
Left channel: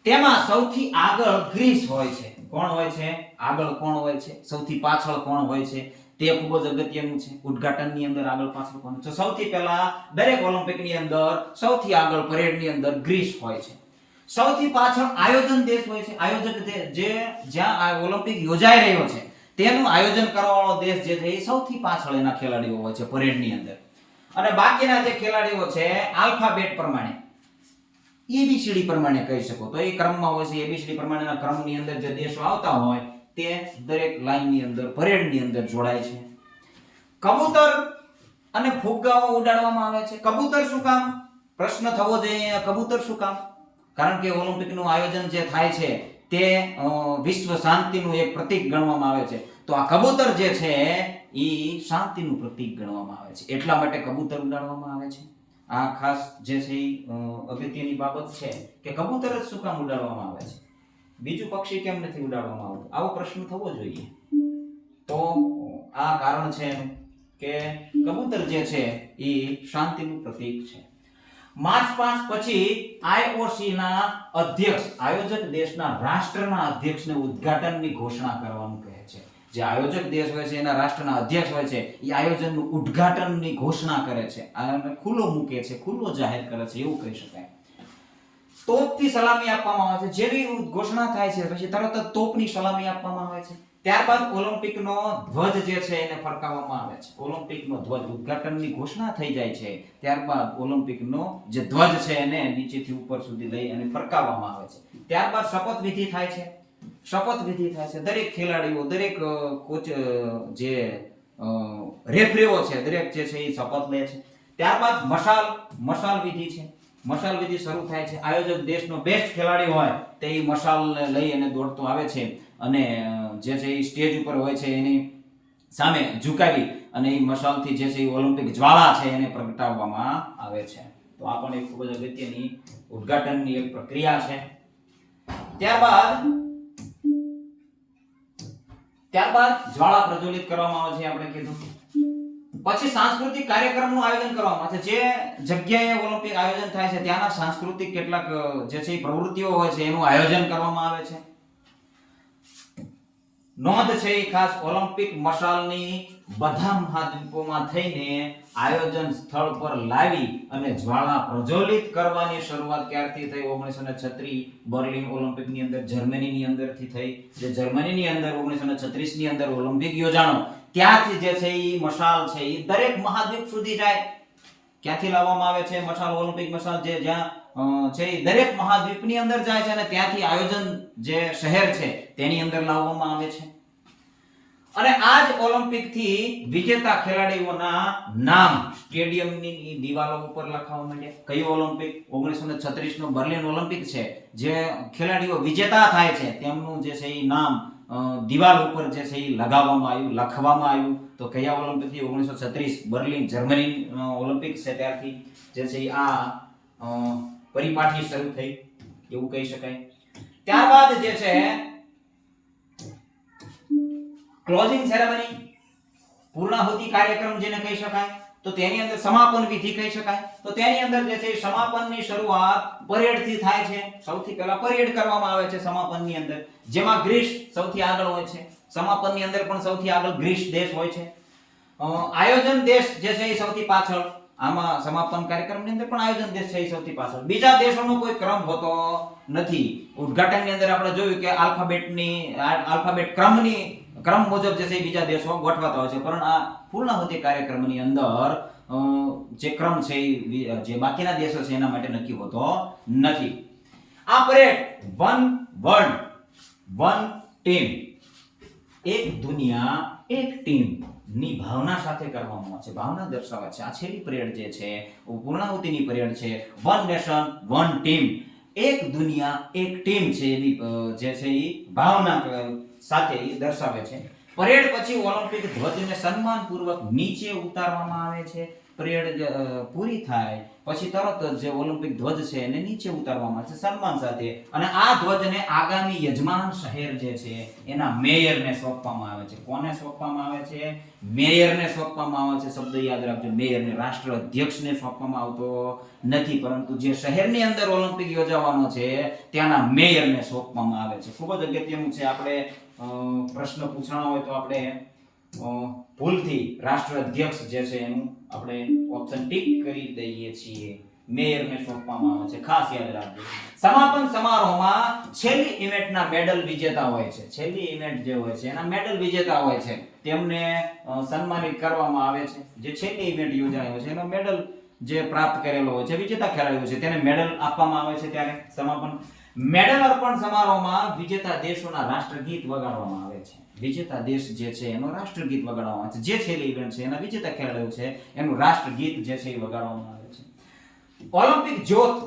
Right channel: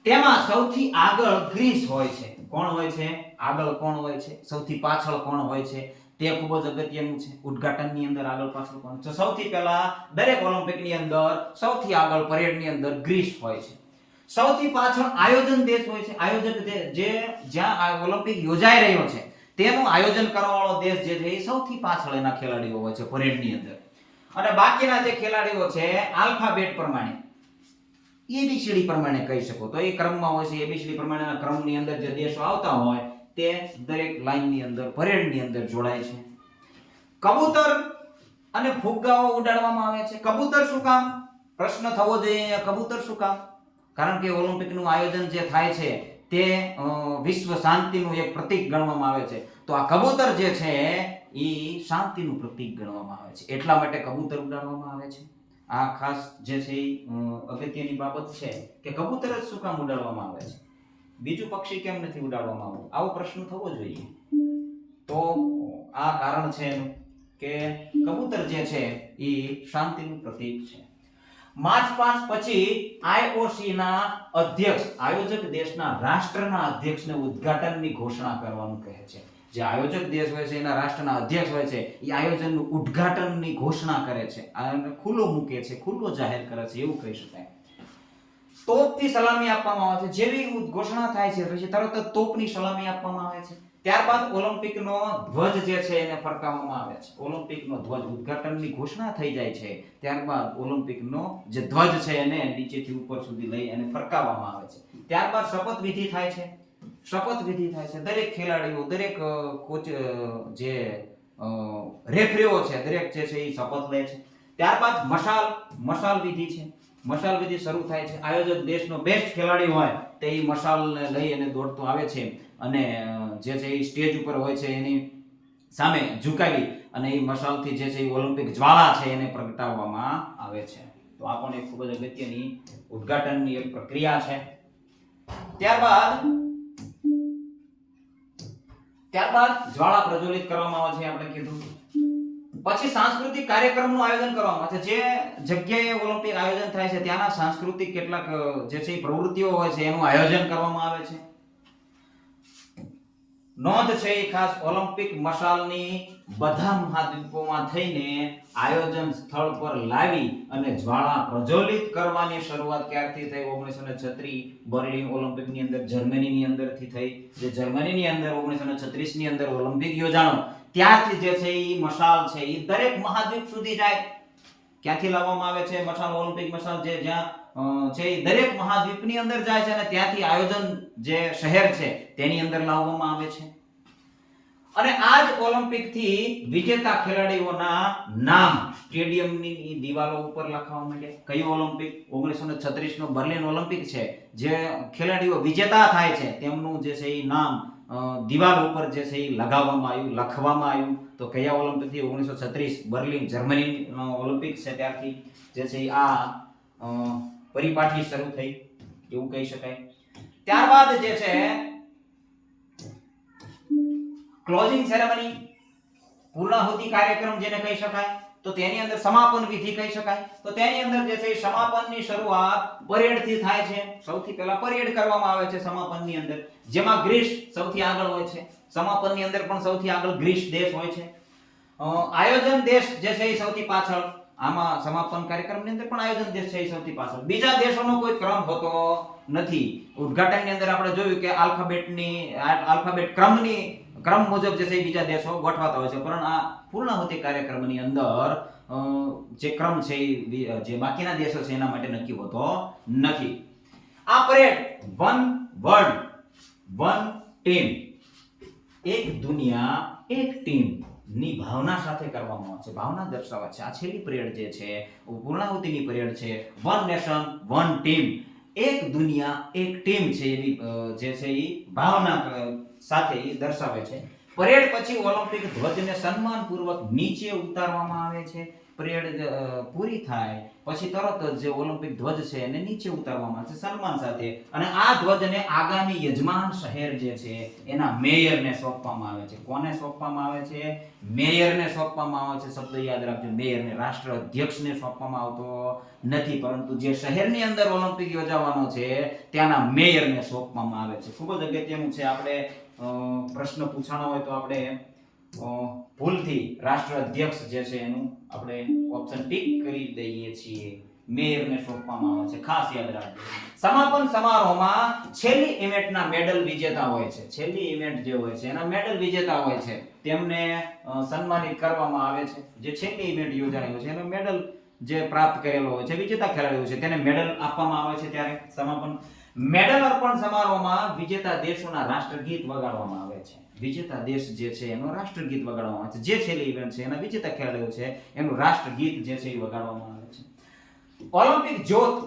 તેમાં સૌથી આગળ ગ્રીસ હોય છે. કોણ હોય છે? આગળ કોણ હોય છે? સૌથી પાછળ કોણ હોય છે? તે ખૂબ જ અગત્યનું છે. ઉદ્ઘાટનની અંદર આગળ પાછળ કોણ છે? સૌથી પહેલા દરેક ઓલિમ્પિકની અંદર સૌથી આગળ પરેડની અંદર ગ્રીસ હોય છે. સૌથી પાછળ આયોજન દેશ હોય છે. આયોજક જે જ્યાં આ ઓલિમ્પિક યોજાઈ રહ્યો છે તેનું આયોજન કરવાવાળો દેશ જે છે એ સૌથી પાછળ એના ખેલાડીઓ હોય છે પરેડની અંદર. અને બાકીના જે ખેલાડીઓ છે આલ્ફાબેટ પ્રમાણે, એબીસીડી પ્રમાણે કહી શકો તો એ ક્રમમાં હોય છે. એબીસીડી પ્રમાણેના ક્રમની અંદર જે દેશો આવતા હોય તે દરેક લાઈનની અંદર, પરેડની અંદર જોડાય છે. કબૂતર અને ફુગ્ગાઓ ઉડાડવામાં આવે છે. કબૂતર શું કામ? પ્રશ્ન થવો જોઈએ, કબૂતર શું કામ? કારણ કે ઓલિમ્પિકનું આયોજન જે થાય છે તે વિશ્વ શાંતિનું એક પ્રતીક ગણવામાં આવે છે. તો આ કબૂતર જે છે એ શાંતિનું પ્રતીક ગણવામાં આવે છે, એટલા માટે કબૂતર ઉડાડવામાં આવે છે. આ ખાસ જે છે અગત્યની બાબત છે કે કબૂતર જ શું કામ ઉડાડવામાં આવે છે, બીજું પક્ષી કેમ નથી ઉડાડવામાં આવતું? આવો પ્રશ્ન થવો જોઈએ. તો આ કારણ છે કે કબૂતર જે છે એ શાંતિનું પ્રતીક છે. માર્ચ પાસ્ટ પછી IOC ના અધ્યક્ષ, આયોજક દેશના રાષ્ટ્રના અધ્યક્ષને ઉદ્ઘાટનની ઘોષણા કરવાનું કહે છે. જે આયોજક દેશ હોય છે એના રાષ્ટ્રના અધ્યક્ષ હોય છે એ આયોજનનું ઉદ્ઘાટનની ઘોષણા કરે છે, આને ખુલ્લો મૂકે છે, ખુલ્લો જાહેર કરે છે એવું કહી શકાય. તોપથી સલામી આપવામાં આવે છે. જેવી ઘોષણા થાય છે પછી તરત જ તોપની સલામી આપવામાં આવે છે. ત્યારબાદ ઓલિમ્પિકનો ધ્વજ જે છે એને ફરકાવવામાં આવે છે. ઓલિમ્પિકનો ધ્વજ ઉદ્ઘાટનની ઘોષણા થઈ જાય છે ત્યારબાદ ઓલિમ્પિકનો જે ધ્વજ છે એને નીચેથી ઉપર સુધી લઈ અને ફરકાવવામાં આવે છે. ત્યારબાદ શપથવિધિ થાય છે. શપથવિધિ થાય છે. દરેક ખેલાડીઓ, દરેક કોચ, જે રેફરીઓ છે, દરેક જે છે એ શપથ લે છે. ત્યારબાદ મશાલ વિધિ છે. મશાલ વિધિ શરૂ થાય છે. આયોજક દેશનો બેસ્ટ ખેલાડી હોય તે એ મશાલ લઈ અને દોડતો આવે છે અને જે છે એ સ્ટેજ ઉપર હોય છે એની સામે ઝુકાવી અને એ મશાલથી જે છે એ ઓલિમ્પિક જ્વાળા છે એને પ્રગટાવવામાં આવે છે. તો આ પણ એક ખૂબ જ અગત્યની ઉદ્ઘાટનની એક પ્રક્રિયા છે. ત્યારબાદ જ્વાળા પ્રજ્વલિત કરવામાં આવે છે આપણે કીધું. પછી સાંસ્કૃતિક કાર્યક્રમનું આયોજન કરવામાં આવે છે. જે જગ્યાએ ઓલિમ્પિક આયોજન થાય છે ત્યાંના સાંસ્કૃતિક કેટલાક જે છે પ્રવૃત્તિઓ હોય છે એનું આયોજન કરવામાં આવે છે. નોંધ છે એ ખાસ ઓલિમ્પિક મશાલની બધા મહાદ્વીપોમાં થઈને આયોજન સ્થળ પર લાવી અને જ્વાળા પ્રજ્વલિત કરવાની શરૂઆત ક્યારથી થઈ? 1936 બર્લિન ઓલિમ્પિકની અંદર જર્મનીની અંદરથી થઈ. જે જર્મનીની અંદર 1936 ની અંદર ઓલિમ્પિક યોજાણો ત્યારથી જે છે એ મશાલ છે એ દરેક મહાદ્વીપ સુધી જાય. ક્યાંથી લાવવામાં આવે છે મશાલ? ઓલિમ્પિક મશાલ જે જ્યાં છે એ દરેક મહાદ્વીપની અંદર જાય છે અને ત્યાંથી આયોજન જે શહેર છે તેની અંદર લાવવામાં આવે છે. અને આ જ ઓલિમ્પિક થી વિજેતા ખેલાડીઓના નામ સ્ટેડિયમની દિવાલો ઉપર લખવા માંડ્યા. કઈ ઓલિમ્પિક? 1936 નો બર્લિન ઓલિમ્પિક છે. જે ખેલાડીઓ વિજેતા થાય છે તેમનું જે છે એ નામ દિવાલ ઉપર જે છે એ લગાવવામાં આવ્યું, લખવામાં આવ્યું. તો કયા ઓલિમ્પિક થી? 1936 બર્લિન જર્મની ઓલિમ્પિક છે ત્યારથી જે છે આ પરિપાટી શરૂ થઈ એવું કહી શકાય. ત્યારબાદ જે છે ક્લોઝિંગ સેરેમની, પૂર્ણાહુતિ કાર્યક્રમ જેને કહી શકાય, તો તેની અંદર સમાપન વિધિ કહી શકાય. તો તેની અંદર જે છે સમાપનની શરૂઆત પરેડથી થાય છે. સૌથી પહેલા પરેડ કરવામાં આવે છે સમાપનની અંદર, જેમાં ગ્રીસ સૌથી આગળ હોય છે. સમાપનની અંદર પણ સૌથી આગળ ગ્રીસ દેશ હોય છે. આયોજન દેશ જે છે એ સૌથી પાછળ. આમાં સમાપન કાર્યક્રમની અંદર પણ આયોજન દેશ છે એ સૌથી પાછળ. બીજા દેશોનો કોઈ ક્રમ હોતો નથી. ઉદ્ઘાટનની અંદર આપણે જોયું કે આલ્ફાબેટ ક્રમ મુજબ જે છે બીજા દેશો ગોઠવાતા હોય છે, પરંતુ આ પૂર્ણાહુતિ કાર્યક્રમની અંદર જે ક્રમ છે જે બાકીના દેશો છે એના માટે નક્કી હોતો નથી. આ parade one world one team, એક દુનિયા એક ટીમ ની ભાવના સાથે કરવામાં આવે છે. ભાવના દર્શાવે છે. આ છેલ્લી પરેડ જે છે પૂર્ણાહુતિની પરેડ છે. વન નેશન વન ટીમ, એક દુનિયા એક ટીમ છે એવી જે છે એ ભાવના સાથે એ દર્શાવે છે. પરેડ પછી ઓલિમ્પિક ધ્વજને સન્માનપૂર્વક નીચે ઉતારવામાં આવે છે. પરેડ પૂરી થાય પછી તરત જ જે ઓલિમ્પિક ધ્વજ છે એને નીચે ઉતારવામાં આવે છે સન્માન સાથે. અને આ ધ્વજને આગામી યજમાન શહેર જે છે એના મેયરને સોંપવામાં આવે છે. કોને સોંપવામાં આવે છે? મેયરને સોંપવામાં આવે છે. શબ્દ યાદ રાખજો, મેયરને. રાષ્ટ્ર અધ્યક્ષને સોંપવામાં આવતો નથી, પરંતુ જે શહેરની અંદર ઓલિમ્પિક યોજાવાનો છે ત્યાંના મેયરને સોંપવામાં આવે છે. ખૂબ જ અગત્યનું છે. આપણે પ્રશ્ન પૂછાણો હોય તો આપણે ભૂલથી રાષ્ટ્ર અધ્યક્ષ જે છે એનું આપણે ઓપ્શન ટીક કરી દઈએ છીએ. મેયરને સોંપવામાં આવે છે, ખાસ યાદ રાખજો. સમાપન સમારોહમાં છેલ્લી ઇવેન્ટના મેડલ વિજેતા હોય છે. છેલ્લી ઇવેન્ટ જે હોય છે એના મેડલ વિજેતા હોય છે તેમને સન્માનિત કરવામાં આવે છે. જે છેલ્લી ઇવેન્ટ યોજાણી હોય છે એનો મેડલ જે પ્રાપ્ત કરેલો હોય છે વિજેતા ખેલાડીઓ છે તેને મેડલ આપવામાં આવે છે. ત્યારે સમાપન મેડલ અર્પણ સમારોહમાં વિજેતા દેશોના રાષ્ટ્રગીત વગાડવામાં આવે છે. વિજેતા દેશ જે છે એનું રાષ્ટ્રગીત વગાડવામાં આવે છે. જે છેલ્લી ઇવેન્ટ છે એના વિજેતા ખેલાડીઓ છે એનું રાષ્ટ્રગીત જે છે એ વગાડવામાં આવે છે. ઓલિમ્પિક જ્યોત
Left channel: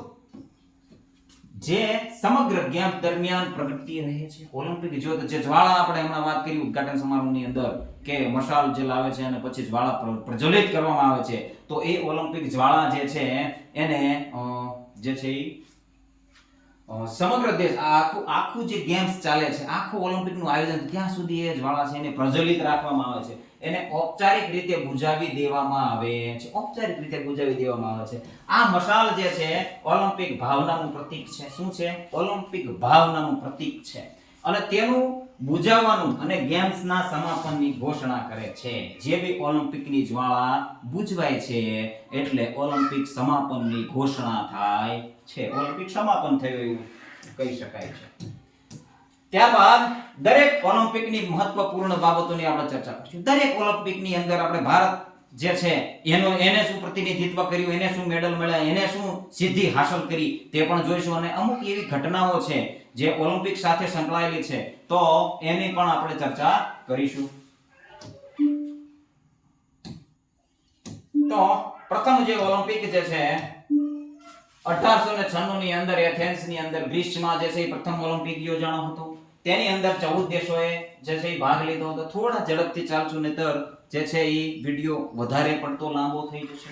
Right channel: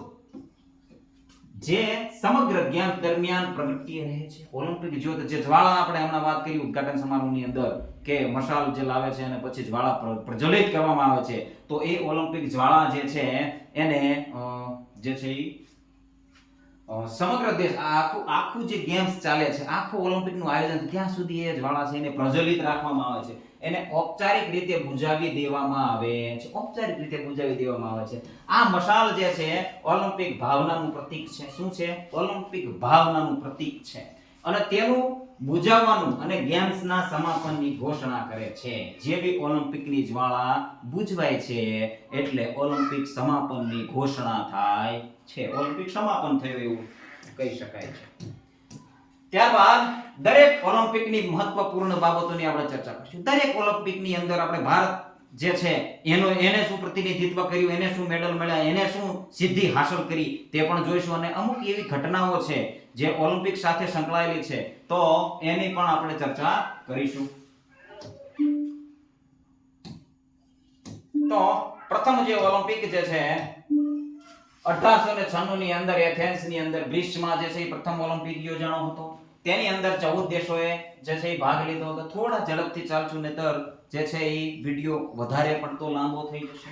જે સમગ્ર જ્ઞાન દરમિયાન પ્રગટતી રહે છે. ઓલિમ્પિક જ્યોત જે જ્વાળા આપણે હમણાં વાત કરી ઉદ્ઘાટન સમારોહની અંદર કે મશાલ જે લાવે છે અને પછી જ્વાળા પ્રજ્વલિત કરવામાં આવે છે, તો એ ઓલિમ્પિક જ્વાળા જે છે એને જે છે સમગ્ર દેશ આખું જે ગેમ્સ ચાલે છે, આખું ઓલિમ્પિકનું આયોજન ત્યાં સુધી એ જ્વાળા છે એને પ્રજ્વલિત રાખવામાં આવે છે. એને ઔપચારિક રીતે બુઝાવી દેવામાં આવે છે. ઔપચારિક રીતે બુઝાવી દેવામાં આવે છે. આ મશાલ જે છે ઓલિમ્પિક ભાવનાનું પ્રતીક છે. શું છે? ઓલિમ્પિક ભાવનાનું પ્રતીક છે. અને તેનું બુઝાવવાનું અને ગેમ્સના સમાપનની ઘોષણા કરે છે. જે બી ઓલિમ્પિકની જ્વાળા બુઝવાય છે એટલે ઓલિમ્પિક સમાપનની ઘોષણા થાય છે. ઓલિમ્પિક સમાપન થયું એવું કહી શકાય છે. ત્યારબાદ દરેક ઓલિમ્પિકની મહત્વપૂર્ણ બાબતોની આપણે ચર્ચા કરીશું. દરેક ઓલિમ્પિકની અંદર આપણે ભારત જે છે એને શું પ્રતિનિધિત્વ કર્યું, એને શું મેડલ મળ્યા, એને શું સિદ્ધિ હાંસલ કરી તે પણ જોઈશું. અને અમુક એવી ઘટનાઓ છે જે ઓલિમ્પિક સાથે સંકળાયેલી છે તો એની પણ આપણે ચર્ચા કરીશું. તો પ્રથમ જે ઓલિમ્પિક જે છે 1896 ની અંદર એથેન્સની અંદર ગ્રીસમાં જે છે એ પ્રથમ ઓલિમ્પિક યોજાણો હતો. તેની અંદર 14 દેશોએ જે છે એ ભાગ લીધો હતો. થોડા ઝડપથી ચાલશું નહીતર જે છે એ વિડિયો વધારે પડતો લાંબો થઈ જશે.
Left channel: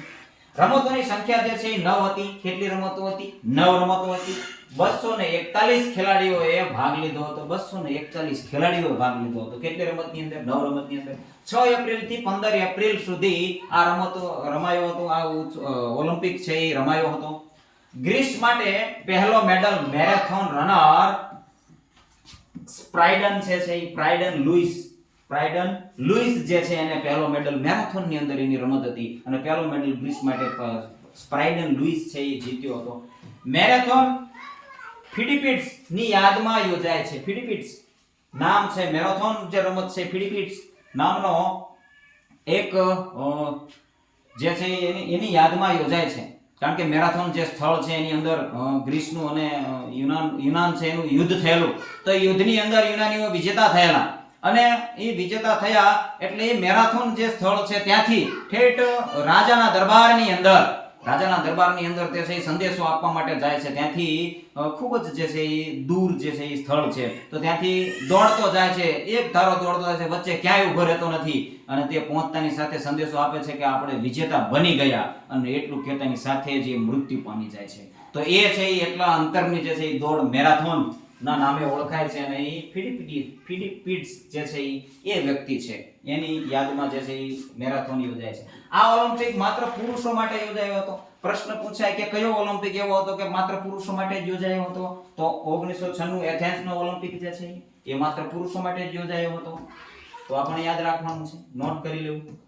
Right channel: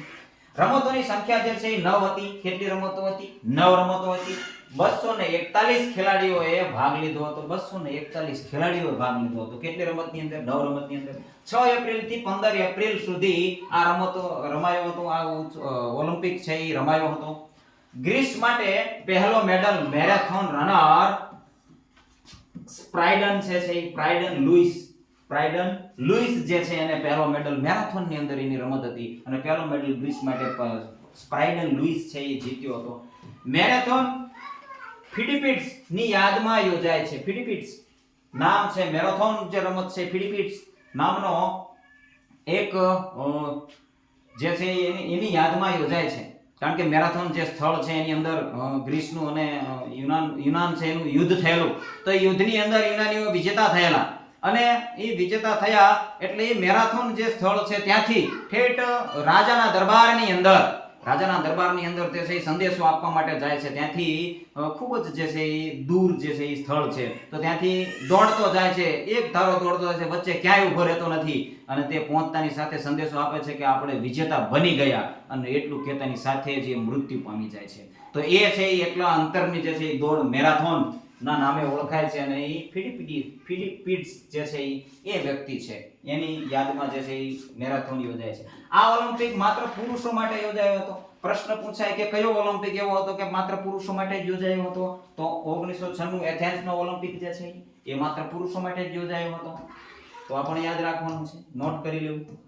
રમતોની સંખ્યા જે છે એ 9 હતી. કેટલી રમતો હતી? 9 રમતો હતી. 241 ખેલાડીઓએ ભાગ લીધો હતો. 241 ખેલાડીઓએ ભાગ લીધો હતો. કેટલી રમતની અંદર? 9 રમતની અંદર. 6 એપ્રિલ થી 15 એપ્રિલ સુધી આ રમતો રમાયો હતો. આ ઓલિમ્પિક છે એ રમાયો હતો. ગ્રીસ માટે પહેલો મેડલ મેરેથોન રનર સ્પ્રાઇડન છે પ્રાઇડન લુઈસ જે છે એને પહેલો મેડલ મેરેથોન ની અંદર એની રમત હતી અને પહેલો મેડલ ગ્રીસ માટે સ્પ્રાઇડન લુઈસ છે એ જીત્યો હતો. મેરેથોન ફિલિપીન્સ ની યાદમાં યોજાય છે. ફિલિપીન્સ નામ છે મેરેથોન જે રમત છે ફિલિપીન્સ નામનો એક જે છે એની યાદમાં યોજાય છે. કારણ કે મેરેથોન જે સ્થળ છે એની અંદર ગ્રીસનું અને યુનાન છે એનું યુદ્ધ થયેલું. તો એ યુદ્ધની અંદર યુનાનીઓ વિજેતા થયેલા અને એ વિજેતા થયા એટલે એ મેરેથોન જે સ્થળ છે ત્યાંથી ઠેઠ રાજાના દરબારની અંદર તે છે સંદેશો આપવા માટે જાય છે. ત્યાંથી ખૂબ જ જે છે એ દૂર જે છે એ સ્થળ છે તો ત્યાંથી દોડતો જાય છે. એક ધારો દોડતો જાય છે, વચ્ચે ક્યાંય ઊભો રહેતો નથી અને તે પહોંચતાની સાથે સંદેશો આપે છે કે આપણે વિજેતા બની ગયા અને એટલું કહેતાની સાથે જ એ મૃત્યુ પામી જાય છે. તો એ છે એ એટલા અંતરની જે છે એ દોડ મેરેથોન ના નામે ઓળખાય છે અને એ ફિલિપીન્સ જે છે એ વ્યક્તિ છે એની યાદમાં જે છે એ મેરેથોન યોજાય છે. આ ઓલિમ્પિક માત્ર પુરુષો માટે યોજાયો હતો. પ્રશ્ન પૂછાય કે કયો ઓલિમ્પિક એવો હતો કે માત્ર પુરુષો માટે જ યોજાયો હતો? તો 1996 એથેન્સ નો ઓલિમ્પિક જે છે એ માત્ર પુરુષો માટે જ યોજાયો હતો. તો આપણે યાદ રાખવાનું છે, નોટ કરી લેવું.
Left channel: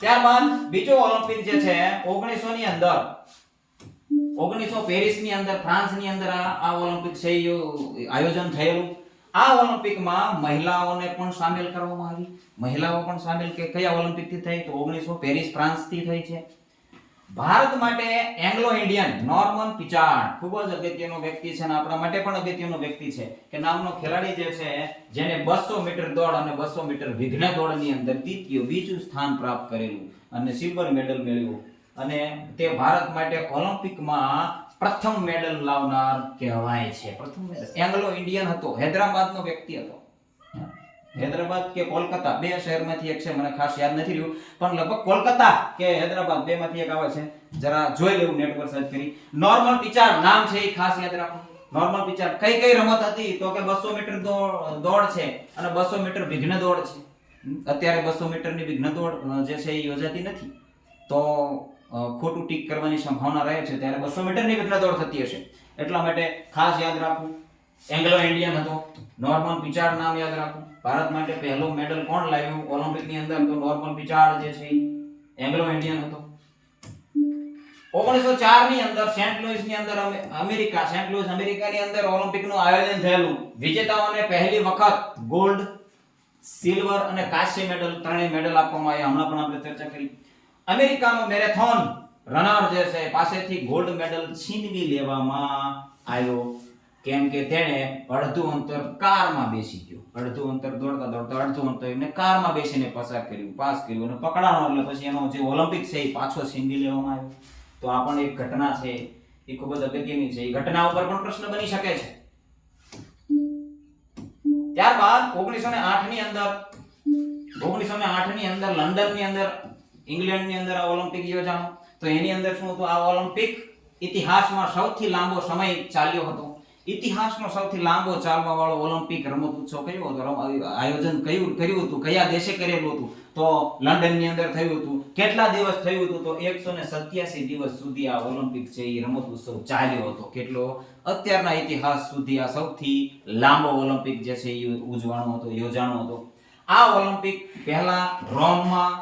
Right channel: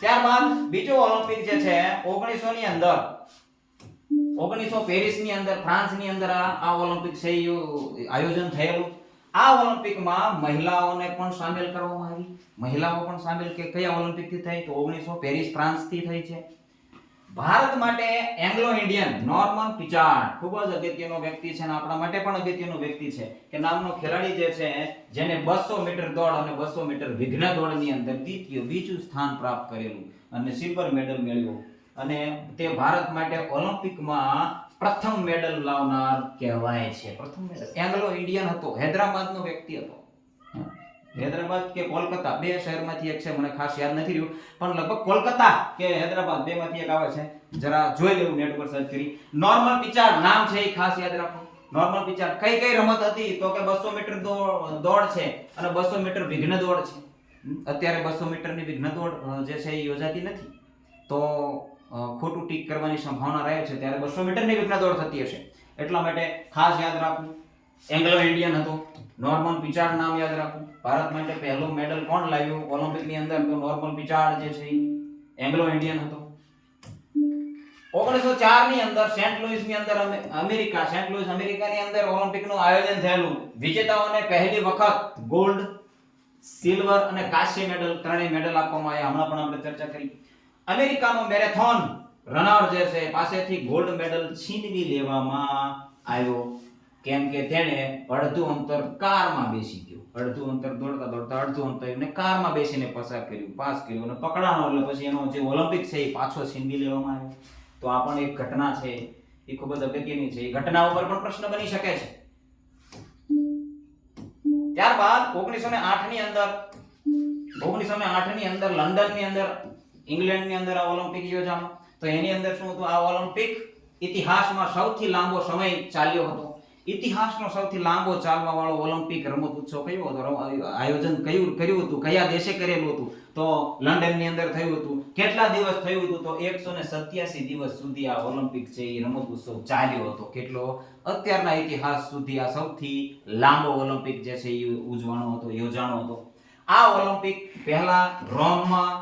ત્યારબાદ બીજો ઓલિમ્પિક જે છે 1900 ની અંદર 1900 પેરિસ ની અંદર ફ્રાન્સ ની અંદર આ ઓલિમ્પિક છે આયોજન થયેલું. આ ઓલિમ્પિકમાં મહિલાઓને પણ સામેલ કરવામાં આવી. મહિલાઓ પણ સામેલ કે કયા ઓલિમ્પિક થી થઈ? તો 1900 પેરિસ ફ્રાન્સ થી થઈ છે. ભારત માટે એંગ્લો ઇન્ડિયન નોર્મન પિચાર્ડ ખૂબ જ અગત્યનો વ્યક્તિ છે અને આપણા માટે પણ અગત્યનો વ્યક્તિ છે કે નામનો ખેલાડી જે છે જેને 200 મીટર દોડ અને 200 મીટર વિઘ્ન દોડની અંદર બીજું સ્થાન પ્રાપ્ત કરેલું અને સિલ્વર મેડલ મેળવ્યો અને તે ભારત માટે ઓલિમ્પિકમાં પ્રથમ મેડલ લાવનાર કહેવાય છે. પ્રથમ મેડલ એંગ્લો ઇન્ડિયન હતો. હૈદરાબાદનો વ્યક્તિ હતો. હૈદરાબાદ કે કોલકાતા બે શહેરમાંથી એક છે, મને ખાસ યાદ નથી રહ્યું પણ લગભગ કોલકાતા કે હૈદરાબાદ બે માંથી એક આવે છે. જરા જોઈ લેવું નેટ પર સર્ચ કરી. નોર્મન પિચાર્ડ નામ છે એ ખાસ યાદ રાખો. નોર્મન પિચાર્ડ કઈ રમત હતી? તો કે 200 મીટર દોડ છે અને 200 મીટર વિઘ્ન દોડ છે. અત્યારે 200 મીટરની વિઘ્ન દોડ જે છે એ યોજાતી નથી તો ખોટું ટીક કરવાની સંભાવના રહે છે. ત્યારે 200 મીટરની વિઘ્ન દોડ થતી હશે એટલા માટે ખાસ યાદ રાખવું. એંગ્લો ઇન્ડિયન હતો. નોર્મન પિચાર્ડ નામ યાદ રાખવું. ભારત માટે પહેલો મેડલ કોણ લાવ્યું ઓલિમ્પિક ની અંદર? તો નોર્મન પિચાર્ડ જે છે એંગ્લો ઇન્ડિયન હતો. 1904 ની અંદર સેન્ટ લુઈસ અમેરિકાની અંદર ઓલિમ્પિક નું આયોજન થયેલું. વિજેતાઓને પહેલી વખત ગોલ્ડ, સિલ્વર અને કાંસ્ય મેડલ ત્રણેય મેડલ આપવામાં આવ્યા. હમણાં પણ આપણે ચર્ચા કરી. અમેરિકાનો મેરેથોન રનર જે છે પાસેથી ગોલ્ડ મેડલ છીનવી લેવામાં આવ્યો કેમ કે તેણે અડધું અંતર કારમાં બેસી ગયો. અડધું અંતર દોડતા અડધું અંતર એને કારમાં બેસીને પાસ કર્યું અને પકડાણો એટલે પછી એનો જે ઓલિમ્પિક છે એ પાછો છીનવી લેવામાં આવ્યો. તો આ પણ એક ઘટના છે એ ખૂબ જ અગત્યની છે. એ ઘટના ઉપર પણ પ્રશ્ન બની શકે છે. ત્યારબાદ 1908 ની અંદર લંડન ની અંદર ઇંગ્લેન્ડ ની અંદર આ ઓલિમ્પિક યોજાણો. તો એની અંદર શું હતું? આ ઓલિમ્પિક ઇતિહાસમાં સૌથી લાંબો સમય ચાલ્યો હતો. ઇતિહાસનો સૌથી લાંબો ચાલવા વાળો ઓલિમ્પિક રમત ઉત્સવ કયો હતો? આયોજન કર્યું હતું કયા દેશે કરેલું હતું? તો લંડન ની અંદર થયું હતું. કેટલા દિવસ થયું હતું? તો 187 દિવસ સુધી આ ઓલિમ્પિક છે એ રમત ઉત્સવ ચાલ્યો હતો. કેટલો? અત્યારના ઇતિહાસ સુધી આ સૌથી લાંબો ઓલિમ્પિક જે છે એ ઉજવાનો હતો, યોજાણો હતો. આ ઓલિમ્પિક પહેલા રોમમાં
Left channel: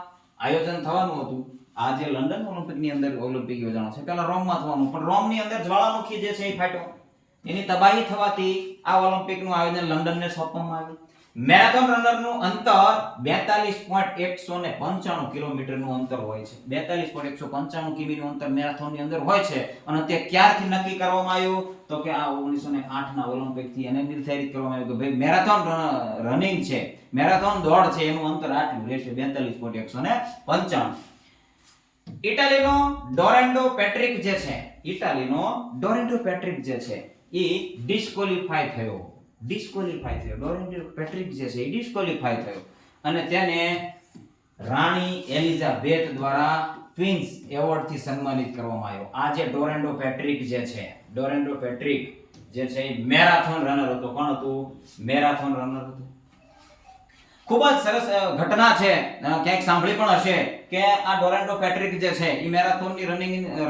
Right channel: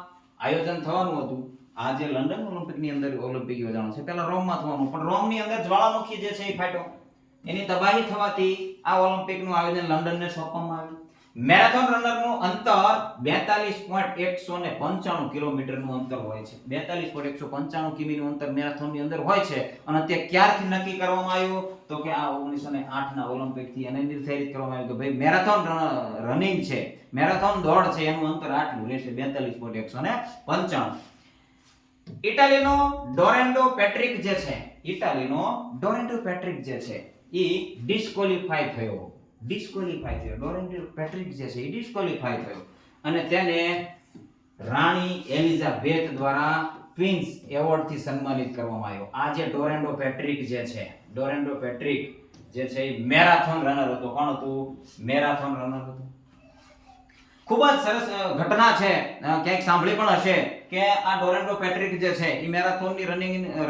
આયોજન થવાનું હતું. આ જે લંડન ઓલિમ્પિકની અંદર ઓલિમ્પિક યોજાણો છે પહેલા રોમમાં થવાનું, પણ રોમની અંદર જ્વાળામુખી જે છે એ ફાટ્યો. એની તબાહી થવાથી આ ઓલિમ્પિકનું આયોજન લંડનને સોંપવામાં આવ્યું. મેરેથોન રનરનું અંતર 42.195 કિલોમીટરનું અંતર હોય છે. 42.195 કિમીનું અંતર મેરેથોનની અંદર હોય છે. અને તે ક્યારથી નક્કી કરવામાં આવ્યું? તો કે આ 1908 ના ઓલિમ્પિકથી એને નિર્ધારિત કરવામાં આવ્યું કે ભાઈ મેરેથોન રનિંગ છે, મેરેથોન દોડ છે, એનું અંતર આટલું રહેશે, 42.195. ઇટાલીનો ડોરેન્ડો પેટ્રિક જે છે, ઇટાલીનો ડોરેન્ડો પેટ્રિક જે છે એ ડિસ્ક્વોલિફાઈ થયો. ડોરેન્ડો પેટ્રિક જે છે એ ડિસ્ક્વોલિફાઈ થયો અને તેને રાણી એલિઝાબેથ દ્વારા ક્વીન્સ એવોર્ડ થી સન્માનિત કરવામાં આવ્યો. આ જે ડોરેન્ડો પેટ્રિક જે છે, ડોરેન્ડો પેટ્રિક જે છે એ મેરાથોન રનર હતો. કોણ હતું? મેરાથોન રનર હતો. ખૂબ જ સરસ ઘટના છે, ક્યાંક સાંભળી પણ હશે કે આ ડોરેન્ડો પેટ્રિક જે છે એ મેરેથોનની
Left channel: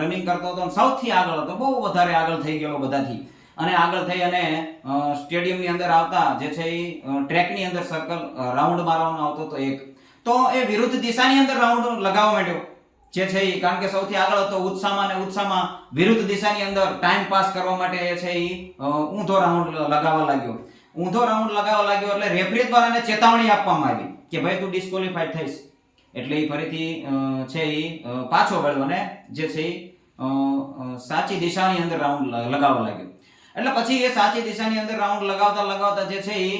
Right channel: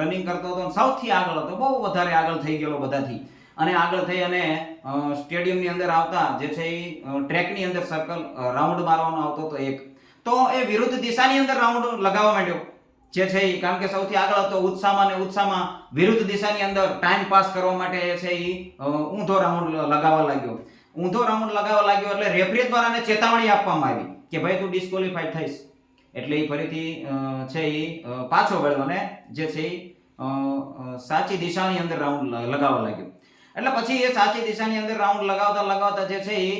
રનિંગ કરતો હતો, સૌથી આગળ હતો, બહુ વધારે આગળ થઈ ગયેલો બધાથી. અને આગળ થઈ અને સ્ટેડિયમની અંદર આવતા જે છે એ ટ્રેકની અંદર સર્કલ રાઉન્ડ મારવામાં આવતો હતો એક, તો એ વિરુદ્ધ દિશાની અંદર રાઉન્ડ લગાવવા માંડ્યો જે છે એ, કારણ કે સૌથી આગળ હતો. ઉત્સાહમાં વિરુદ્ધ દિશાની અંદર ટાઈમ પાસ કરવા માટે છે એ ઊંધો રાઉન્ડ લગાવવા લાગ્યો. એટલે રેફરી દ્વારા એને ચેતવણી આપવામાં આવી કે ભાઈ તું ડિસ્ક્વોલિફાઈડ થઈશ. એટલે એ ફરીથી છે એ પાછો વળ્યો અને જે છે એ સાચી દિશાની અંદર રાઉન્ડ લગાવવા લાગ્યો. એટલે પછી એ સાચી દિશાની અંદર રાઉન્ડ લગાવતા જે છે એ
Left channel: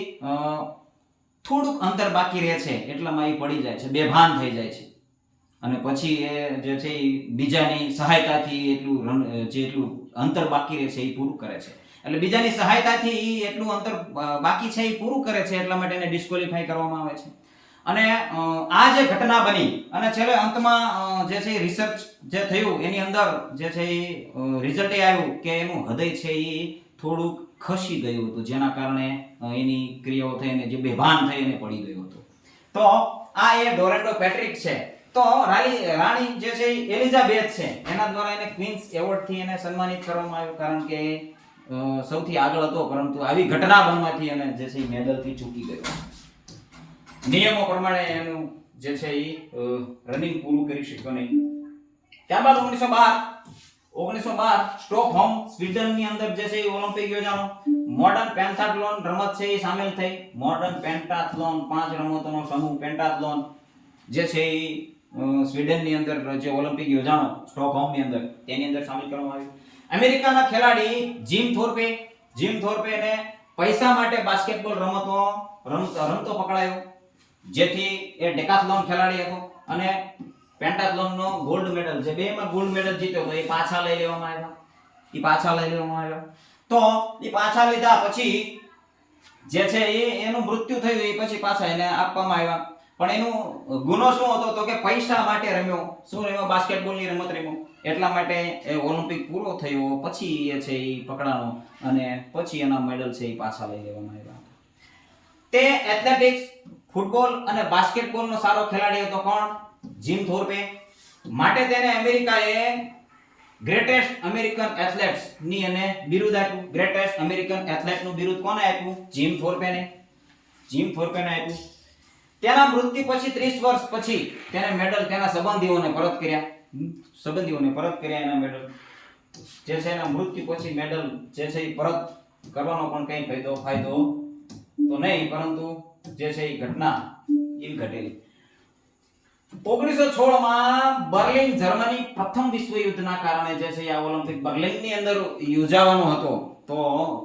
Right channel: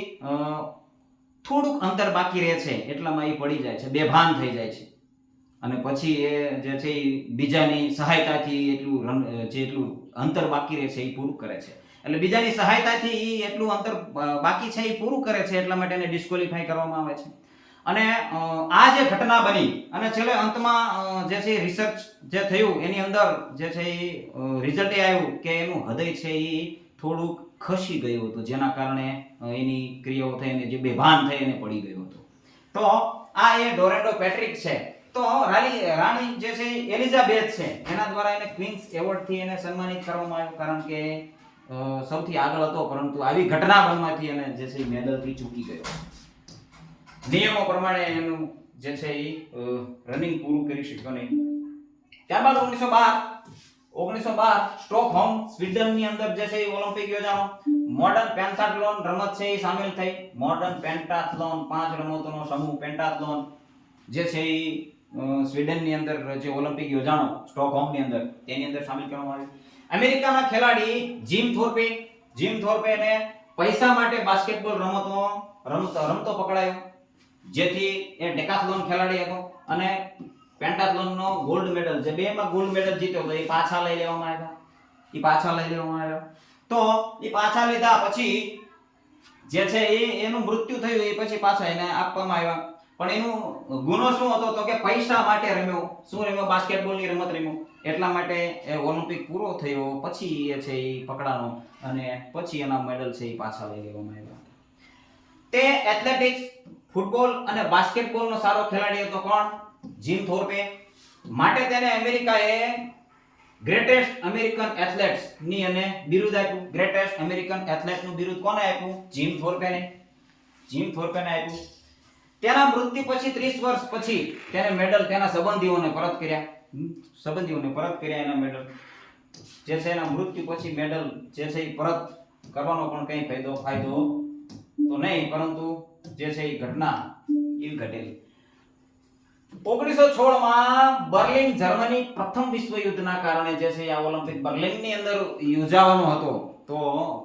થોડુંક અંતર બાકી રહે છે, એટલામાં એ પડી જાય છે, બેભાન થઈ જાય છે. અને પછી એ જે છે એ બીજાની સહાયતાથી જેટલું અંતર બાકી રહે છે એ પૂરું કરે છે. એટલે બીજાની સહાયતાથી એટલું અંતર બાકી છે એ પૂરું કરે છે, એટલા માટે એને ડિસ્ક્વોલિફાઈ કરવામાં આવે છે. અને આ જે ઘટના બની અને છેલ્લે અંતમાં જે છે રિસર્ચ જે થયું એની અંદર જે છે એ રિઝલ્ટ આવ્યું કે એનું હૃદય છે એ થોડુંક ખસી ગયું હતું, જેના કારણે એની ક્રિયાઓ થઈને જે બેભાન થઈ એને પડી ગયો હતો. તો આ એ ડોરેન્ડો પેટ્રિક છે. તો રાણી જે છે એલિઝાબેથ છે એના દ્વારા એને ક્વીન્સ એવોર્ડ થી એને સન્માનિત કરવામાં આવ્યું, કારણ કે સૌથી આગળ હતો, પરંતુ આવી ઘટના બનવાથી એને જે છે મેડલ થી ચૂકી ગયો. નિયમો પ્રમાણે એનું જે છે એ રનિંગ પૂરું કરી શક્યો નહીં. ત્યારબાદ 1912 સ્ટોકહોમ સ્વીડન ની અંદર જે છે એ ઓલિમ્પિક યોજાણો. મોડર્ન પેન્ટાથલોન રમત છે એ સામેલ થઈ. મોડર્ન પેન્ટાથલોન 5 રમતોનો સમૂહ પેન્ટાથલોન જે છે એ સ્વીડન ની અંદર જે ઓલિમ્પિક યોજાણો સ્ટોકહોમ ની અંદર, તેની અંદર સામેલ કરવામાં આવ્યું. અમેરિકાના ખેલાડી જીમ થોર્પે ને પૈસા માટે બાસ્કેટબોલ રમતો પકડાયો, જેથી એ ડેકાથલોન ખેલાડી હતો અને પેન્ટાથલોનનો ગોલ્ડ મેડલ, જે બેમાં ગોલ્ડ મેડલ જીત્યો તો એ પાછા લઈ લેવામાં આવ્યા. તો એ પાછા લીધા પછી જે છે એનું મૃત્યુ થયું, એ પછી પાછા એને આપવામાં આવ્યા. પણ એનું ગુનો શું હતો? તો કે પૈસા માટે રમ્યો. શું રમ્યો? બાસ્કેટબોલની રમત રમ્યો. એટલા માટે એ ઓલિમ્પિક પૂરો થયો પછી એ છે એ પકડાનો અને પછી એના મેડલ છે એ પાછા લઈ લેવામાં આવ્યા. તે એથ્લેટિક્સ, ફૂટબોલ અને બાસ્કેટબોલનો સારો ખેલાડી હતો. કોણ? જીમ થોર્પે. માટે તેને અમેરિકાએ ગ્રેટેસ્ટ અમેરિકન એથ્લેટ્સ ની અને બિરુદ આપ્યું. ગ્રેટેસ્ટ અમેરિકન એથ્લેટ નું બિરુદ કોને આપ્યું? જીમ થોર્પેને આપ્યું. તેના મૃત્યુ પછી 30 વર્ષ પછી તેને મેડલ તેના સંબંધીઓને પરત કર્યા એના મેડલ. જે છે એના મૃત્યુ પછી મેડલ જે છે એ પરત કરવાનો પણ કઈ ફાયદો તો નહીં, પરંતુ જે છે એ ઘટના એવી ઘટેલી. 1916 માં બર્લિન જર્મની પ્રથમ વિશ્વ યુદ્ધના કારણે જે છે આ ઓલિમ્પિક બર્લિનની અંદર યોજાવાનો હતો, તો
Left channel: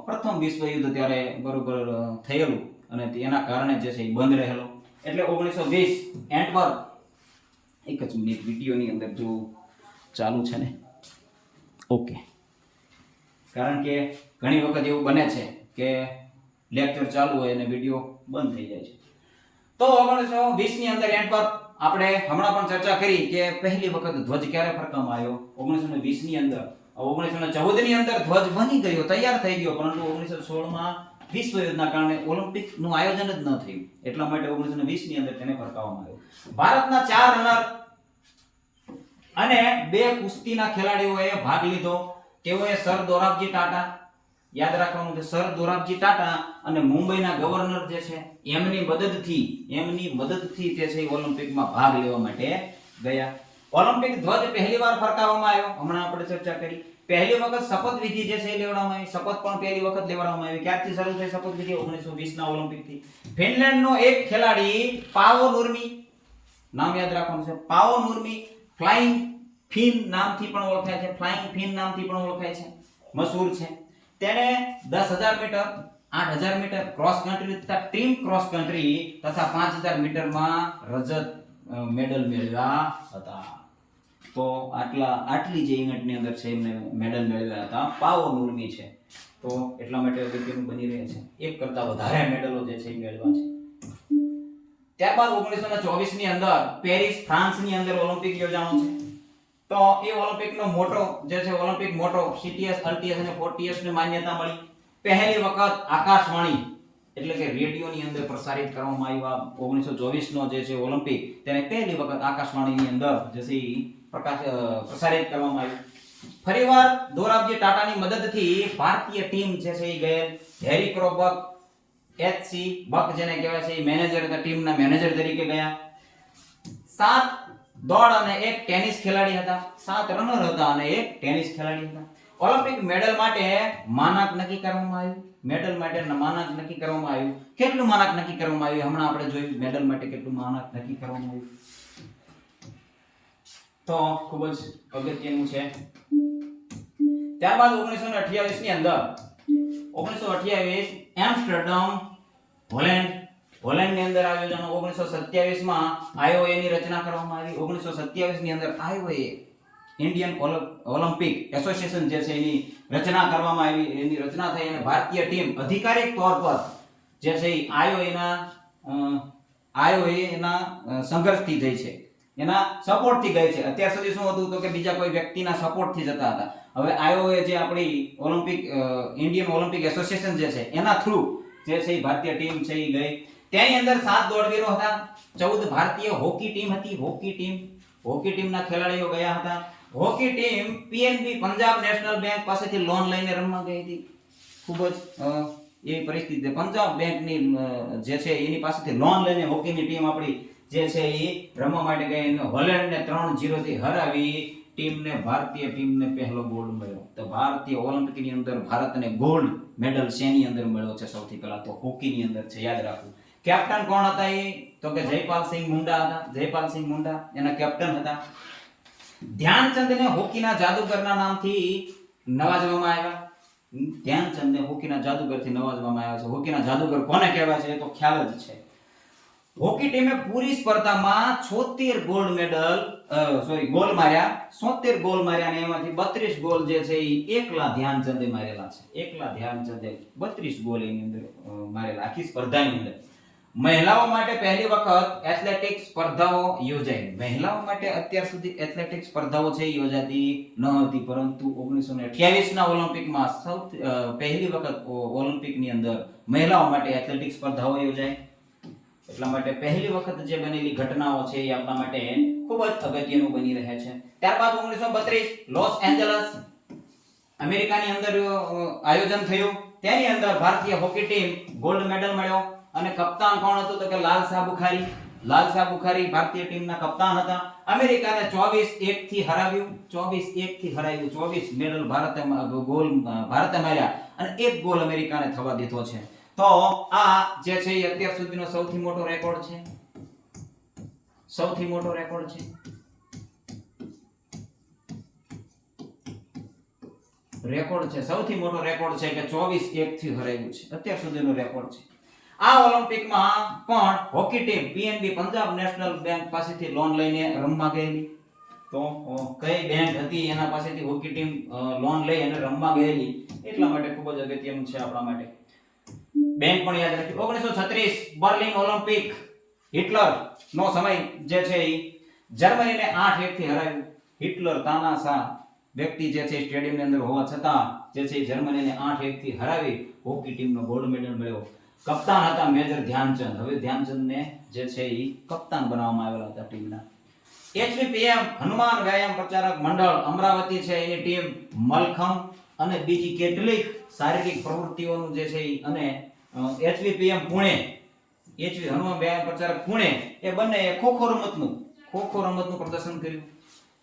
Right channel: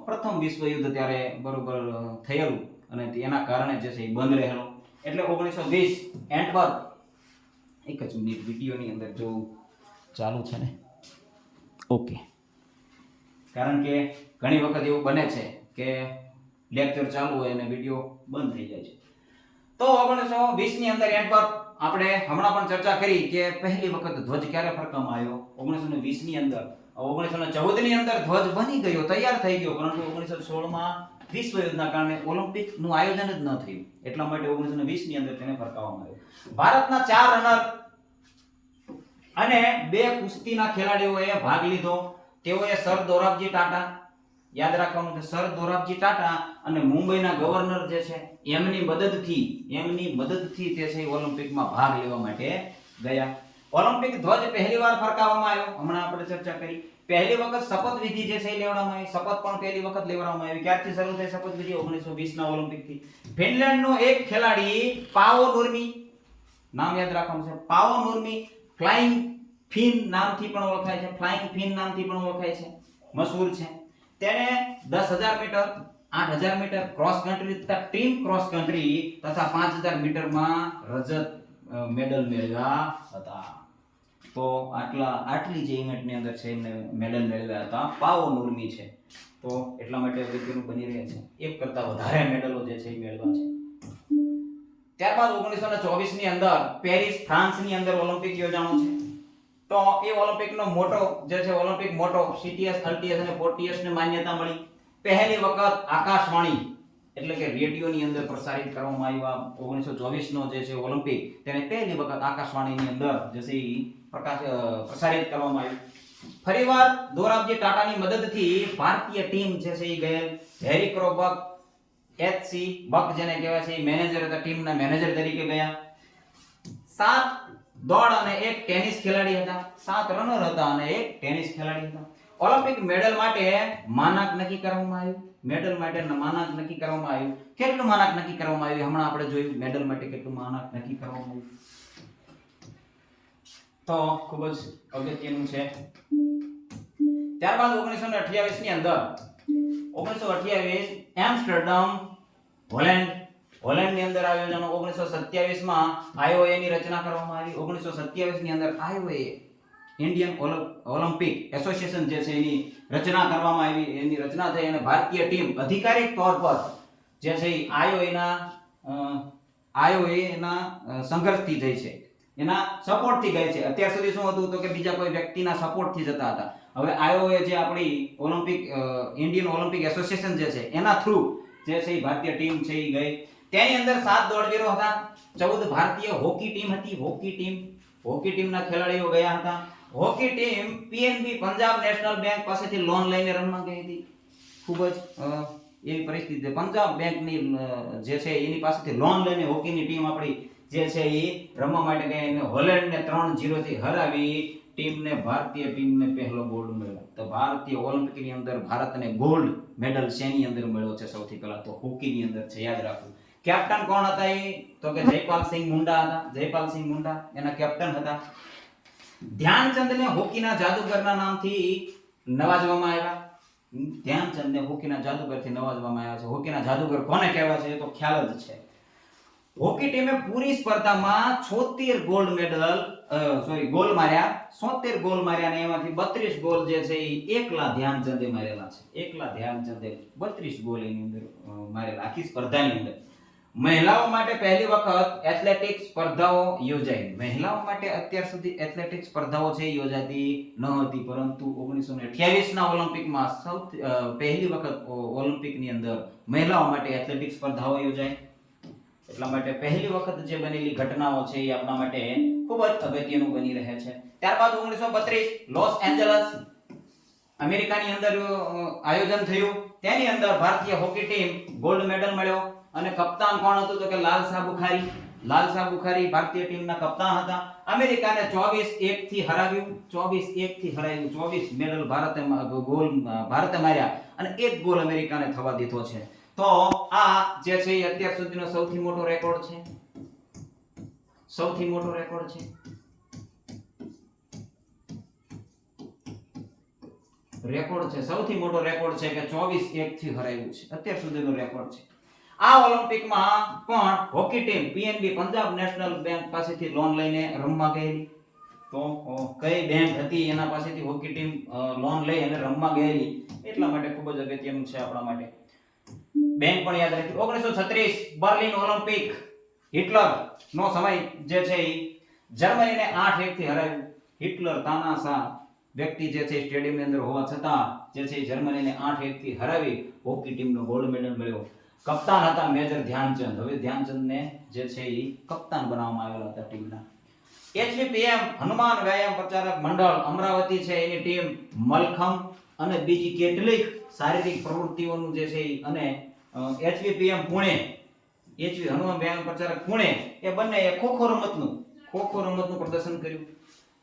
પ્રથમ વિશ્વ યુદ્ધ ત્યારે બરોબર થયેલું અને તેના કારણે જે છે એ બંધ રહેલો. એટલે 1920 એન્ટવર્પ, એક જ મિનિટ વિડિયોની અંદર જો ચાલુ છે ને, ઓકે, કારણ કે ઘણી વખત એવું બને છે કે લેક્ચર ચાલુ હોય અને વિડિયો બંધ થઈ જાય છે. તો 1920 ની અંદર એન્ટવર્પ, આપણે હમણાં પણ ચર્ચા કરી કે પહેલી વખત ધ્વજ ક્યારે ફરકાવવામાં આવ્યો? 1920 ની અંદર. 1914 ની અંદર ધ્વજ બની ગયો, તૈયાર થઈ ગયો, પરંતુ 1916 માં વિશ્વ યુદ્ધના કારણે ઓલિમ્પિક નું આયોજન જ ન થયું. એટલા માટે 1920 ની અંદર તેને ફરકાવવામાં આવ્યો. ભારતના 4 રનર અને 2 કુસ્તીના ખેલાડીઓએ ભાગ લીધો. તેઓએ સર દોરાબજી ટાટા, યાદ રાખવાનું છે, સર દોરાબજી ટાટા અને મુંબઈના ગવર્નર જે છે એમની મદદથી તે છે ઓલિમ્પિકમાં ભાગ લેવા માટે ગયા. ઓલિમ્પિક ધ્વજ પહેલીવાર ફરકાવવામાં આવ્યો. હમણાં આપણે ચર્ચા કરી. પહેલી વખત શપથવિધિ જે છે એ લેવડાવવામાં આવી. શપથ પણ પહેલી વખત લેવડાવવામાં આવી. ક્યારથી શરૂ થઈ શપથવિધિ? 1920 ના ઓલિમ્પિકથી. ફિનલેન્ડનો એક ખેલાડી પાવો નુર્મી, નામ યાદ રાખવાનું છે, પાવો નુર્મી ફ્લાઇંગ ફિન નામથી પણ ઓળખાય છે. ફ્લાઇંગ ફિન નામથી પણ ઓળખાય છે, મશહૂર છે. તેણે 10,000 મીટર, 8,000 મીટર ક્રોસ કન્ટ્રી તથા ટીમ ક્રોસ કન્ટ્રી તથા 5,000 મીટરમાં રજત મેડલ મેળવ્યા હતા. તો આટલી જે ઇવેન્ટની અંદર છે એમને મેડલ મેળવ્યા હતા. પાવો નુર્મી છે, તો એટલા માટે અગત્યનું બની રહે છે. એક કરતા વધારે મેડલો જે છે એ મેળવ્યા છે. ત્યારબાદ 1924 ની અંદર પેરિસ ફ્રાન્સની અંદર ઓલિમ્પિક યોજાણો છે. તો એ ઓલિમ્પિકનો મોટો જે છે, ઓલિમ્પિક મોટો CTS, LTS અને 4TS ને માન્યતા મળી. પહેલી વખત આકાશવાણી એટલે કે રેડિયોની અંદર પ્રસારિત કરવામાં આવ્યા. 1924 નો જે છે ઓલિમ્પિક, તેને પહેલી વખત આકાશવાણીની અંદર જે છે પ્રસારિત કરવામાં આવ્યું. ફરીવાર દોરાબજી ટાટાની મદદથી ભારતીય ટીમ જે છે એ ગયેલ. હેરી ક્રોબક, HC બક જેને કહેવાય છે એ મેનેજર હતા, ટીમના મેનેજર તરીકે ગયા. 7 દોડ અને 1 ટેનિસ ખેલાડી હતા. 7 રનર હતા અને 1 ટેનિસ ખેલાડી હતા. ઓલિમ્પિક મેડલ માટે માનક નક્કી કરવામાં આવ્યું. મેડલ માટે માનક નક્કી કરવામાં આવ્યું. કેટલું માનક નક્કી કરવામાં આવ્યું હમણાં આપણે જોયું. મેડલ માટે કેટલું માનક નક્કી કરવામાં આવ્યું તો ખૂબ જ અગત્યનું છે. ત્યારબાદ 1928 ની અંદર 1928 એમ્સ્ટરડમ હોલેન્ડની અંદર આયોજન. 1927 માં IOA ની રચના કરવામાં આવી. 1927 ની અંદર IOA ઇન્ડિયન ઓલિમ્પિક એસોસિએશન જે છે એની રચના કરવામાં આવી. એની રચના થઈ અને ભારતીય ટીમ અધિકારિક તौर પર જે છે IOA ના સંઘર્ષથી થઈ છે, એના સપોર્ટથી ગઈ છે. અત્યાર સુધી શું હતું તો કે બીજા કોઈ વ્યક્તિના સપોર્ટથી જતા હતા. હવે IOA જે આપણી ઓલિમ્પિક ઇન્ડિયન ઓલિમ્પિક એસોસિએશન જે છે એના થ્રુ જે છે ભારતીય ટીમ છે એ ગઈ. તેની અંદર 7 દોડવીરો હતા. 14 ભારતીય હોકી ટીમ હતી. હોકી ટીમના ખેલાડીઓ ગયા હતા. Hockey team PNB Punjab national bank પાસેથી લોન લઈને રમવા ગઈ હતી. ખૂબ જ એ પરિસ્થિતિ, પંજાબ બેંકની જે છે એની પાસેથી લોન લઈને હોકીની ટીમ આપણી જે છે એ રમવા માટે ગઈ. હોલેન્ડને 3-0 થી હરાવી ભારતીય ટીમને પહેલો ગોલ્ડ મળ્યો. તો ભારતીય ઓલિમ્પિકની અંદર ભારતને ગોલ્ડ મેડલ શેની અંદર મળ્યો છે? સૌથી પહેલા તો હોકીની અંદર છે, યાદ રાખવું. કેપ્ટન કોણ હતા? એ તો કે જયપાલસિંહ મુંડા હતા. જયપાલસિંહ મુંડા એના કેપ્ટન હતા. ધ્યાનચંદને હોકીના જાદુગરના નામથી નવાજવામાં આવ્યા. ધ્યાનચંદને હોકીના જાદુગરથી નવાજવામાં આવ્યા છે. હોકીના જાદુગર કોને કહેવાય છે એ તો ખ્યાલ જ છે. હોકી ટીમે પૂરી સ્પર્ધામાં 76 ગોલ્ડ મેડલ ગોલ માર્યા. 76 ગોલ માર્યા અને એમાંથી 32 ગોલ જે છે એ એકલા ધ્યાનચંદે મારેલા છે. એકલા ધ્યાનચંદે 32 ગોલ એની અંદર મારેલા આખી સ્પર્ધાની અંદર. મહિલાઓ માટે પહેલી વખત એથ્લેટિક્સ સ્પર્ધાઓ યોજાઈ. મહિલાઓ માટે અત્યાર સુધી એથ્લેટિક્સ સ્પર્ધાઓ છે યોજાતી ન હતી, પરંતુ 1928 ના ઓલિમ્પિકમાં સૌથી પહેલી વખત ઓલિમ્પિકની અંદર મહિલાઓ માટે એથ્લેટિક્સ સ્પર્ધાઓ યોજાઈ. એટલા માટે પહેલી વખત જે બનેલી ઘટનાઓ છે એ આપણા માટે ખૂબ જ અગત્યનું બની રહે છે. ત્યારબાદ 1932 લોસ એન્જલસ અમેરિકાની અંદર આયોજન થયું. તેની અંદર ભારતીય હોકી ટીમ ગોલ્ડ મેડલ મળ્યો. અને કપ્તાન કોણ હતું તો કે લાલશાહ બુખારી. લાલશાહ બુખારી ભારતીય ટીમના કપ્તાન હતા. અમેરિકાને 24-1 થી હરાવ્યું. 24-1 થી હરાવ્યું. 24 મેડલ ભારતે માર્યા અને 1 ગોલ અમેરિકાને થવા દીધો છે. તો આ જે છે એ અત્યાર સુધીનો સૌથી મોટો રેકોર્ડ છે. સૌથી મોટો રેકોર્ડ છે. સૌથી મોટો રેકોર્ડ છે કે 24-1 થી હરાવ્યું છે. અત્યાર સુધીનો રેકોર્ડ છે. આ ઓલિમ્પિકમાં પણ hockey team PNB Punjab national bank પાસેથી લોન લઈને રમવા ગયેલી. તો કઈ બેંક હતી એના પાસેથી હોકી ટીમ લોન લઈ અને રમવા ગયેલી, એટલા માટે ખૂબ જ અગત્યનું છે આપણા માટે. બેંક પણ યાદ રાખી. 1936 બર્લિન ઓલિમ્પિક હિટલર નો સમય જે છે એ જર્મનીને 8-1 થી હરાવ્યું. હિટલર તાનાશાહ વ્યક્તિ જે છે સ્ટેડિયમની અંદર હોવા છતાં જે છે જર્મનીને 8-1 થી હરાવી હોકી ટીમનો ગોલ્ડ મેડલ મળ્યો. કપ્તાન હતા મેજર ધ્યાનચંદ. હવે ધ્યાનચંદને જે છે એ કપ્તાન બનાવવામાં આવેલા હતા ટીમના. HVPM હનુમાન વ્યાયામ પ્રચારક મંડળ અમરાવતી છે, એની ટીમ મલખમ અને બીજી કેટલીક શારીરિક પ્રવૃત્તિઓનું જે છે અને HVPM પુણે, હનુમાન વ્યાયામ પ્રચારક પુણે, એ બંને ખોખો રમતનું પ્રદર્શન કર્યું.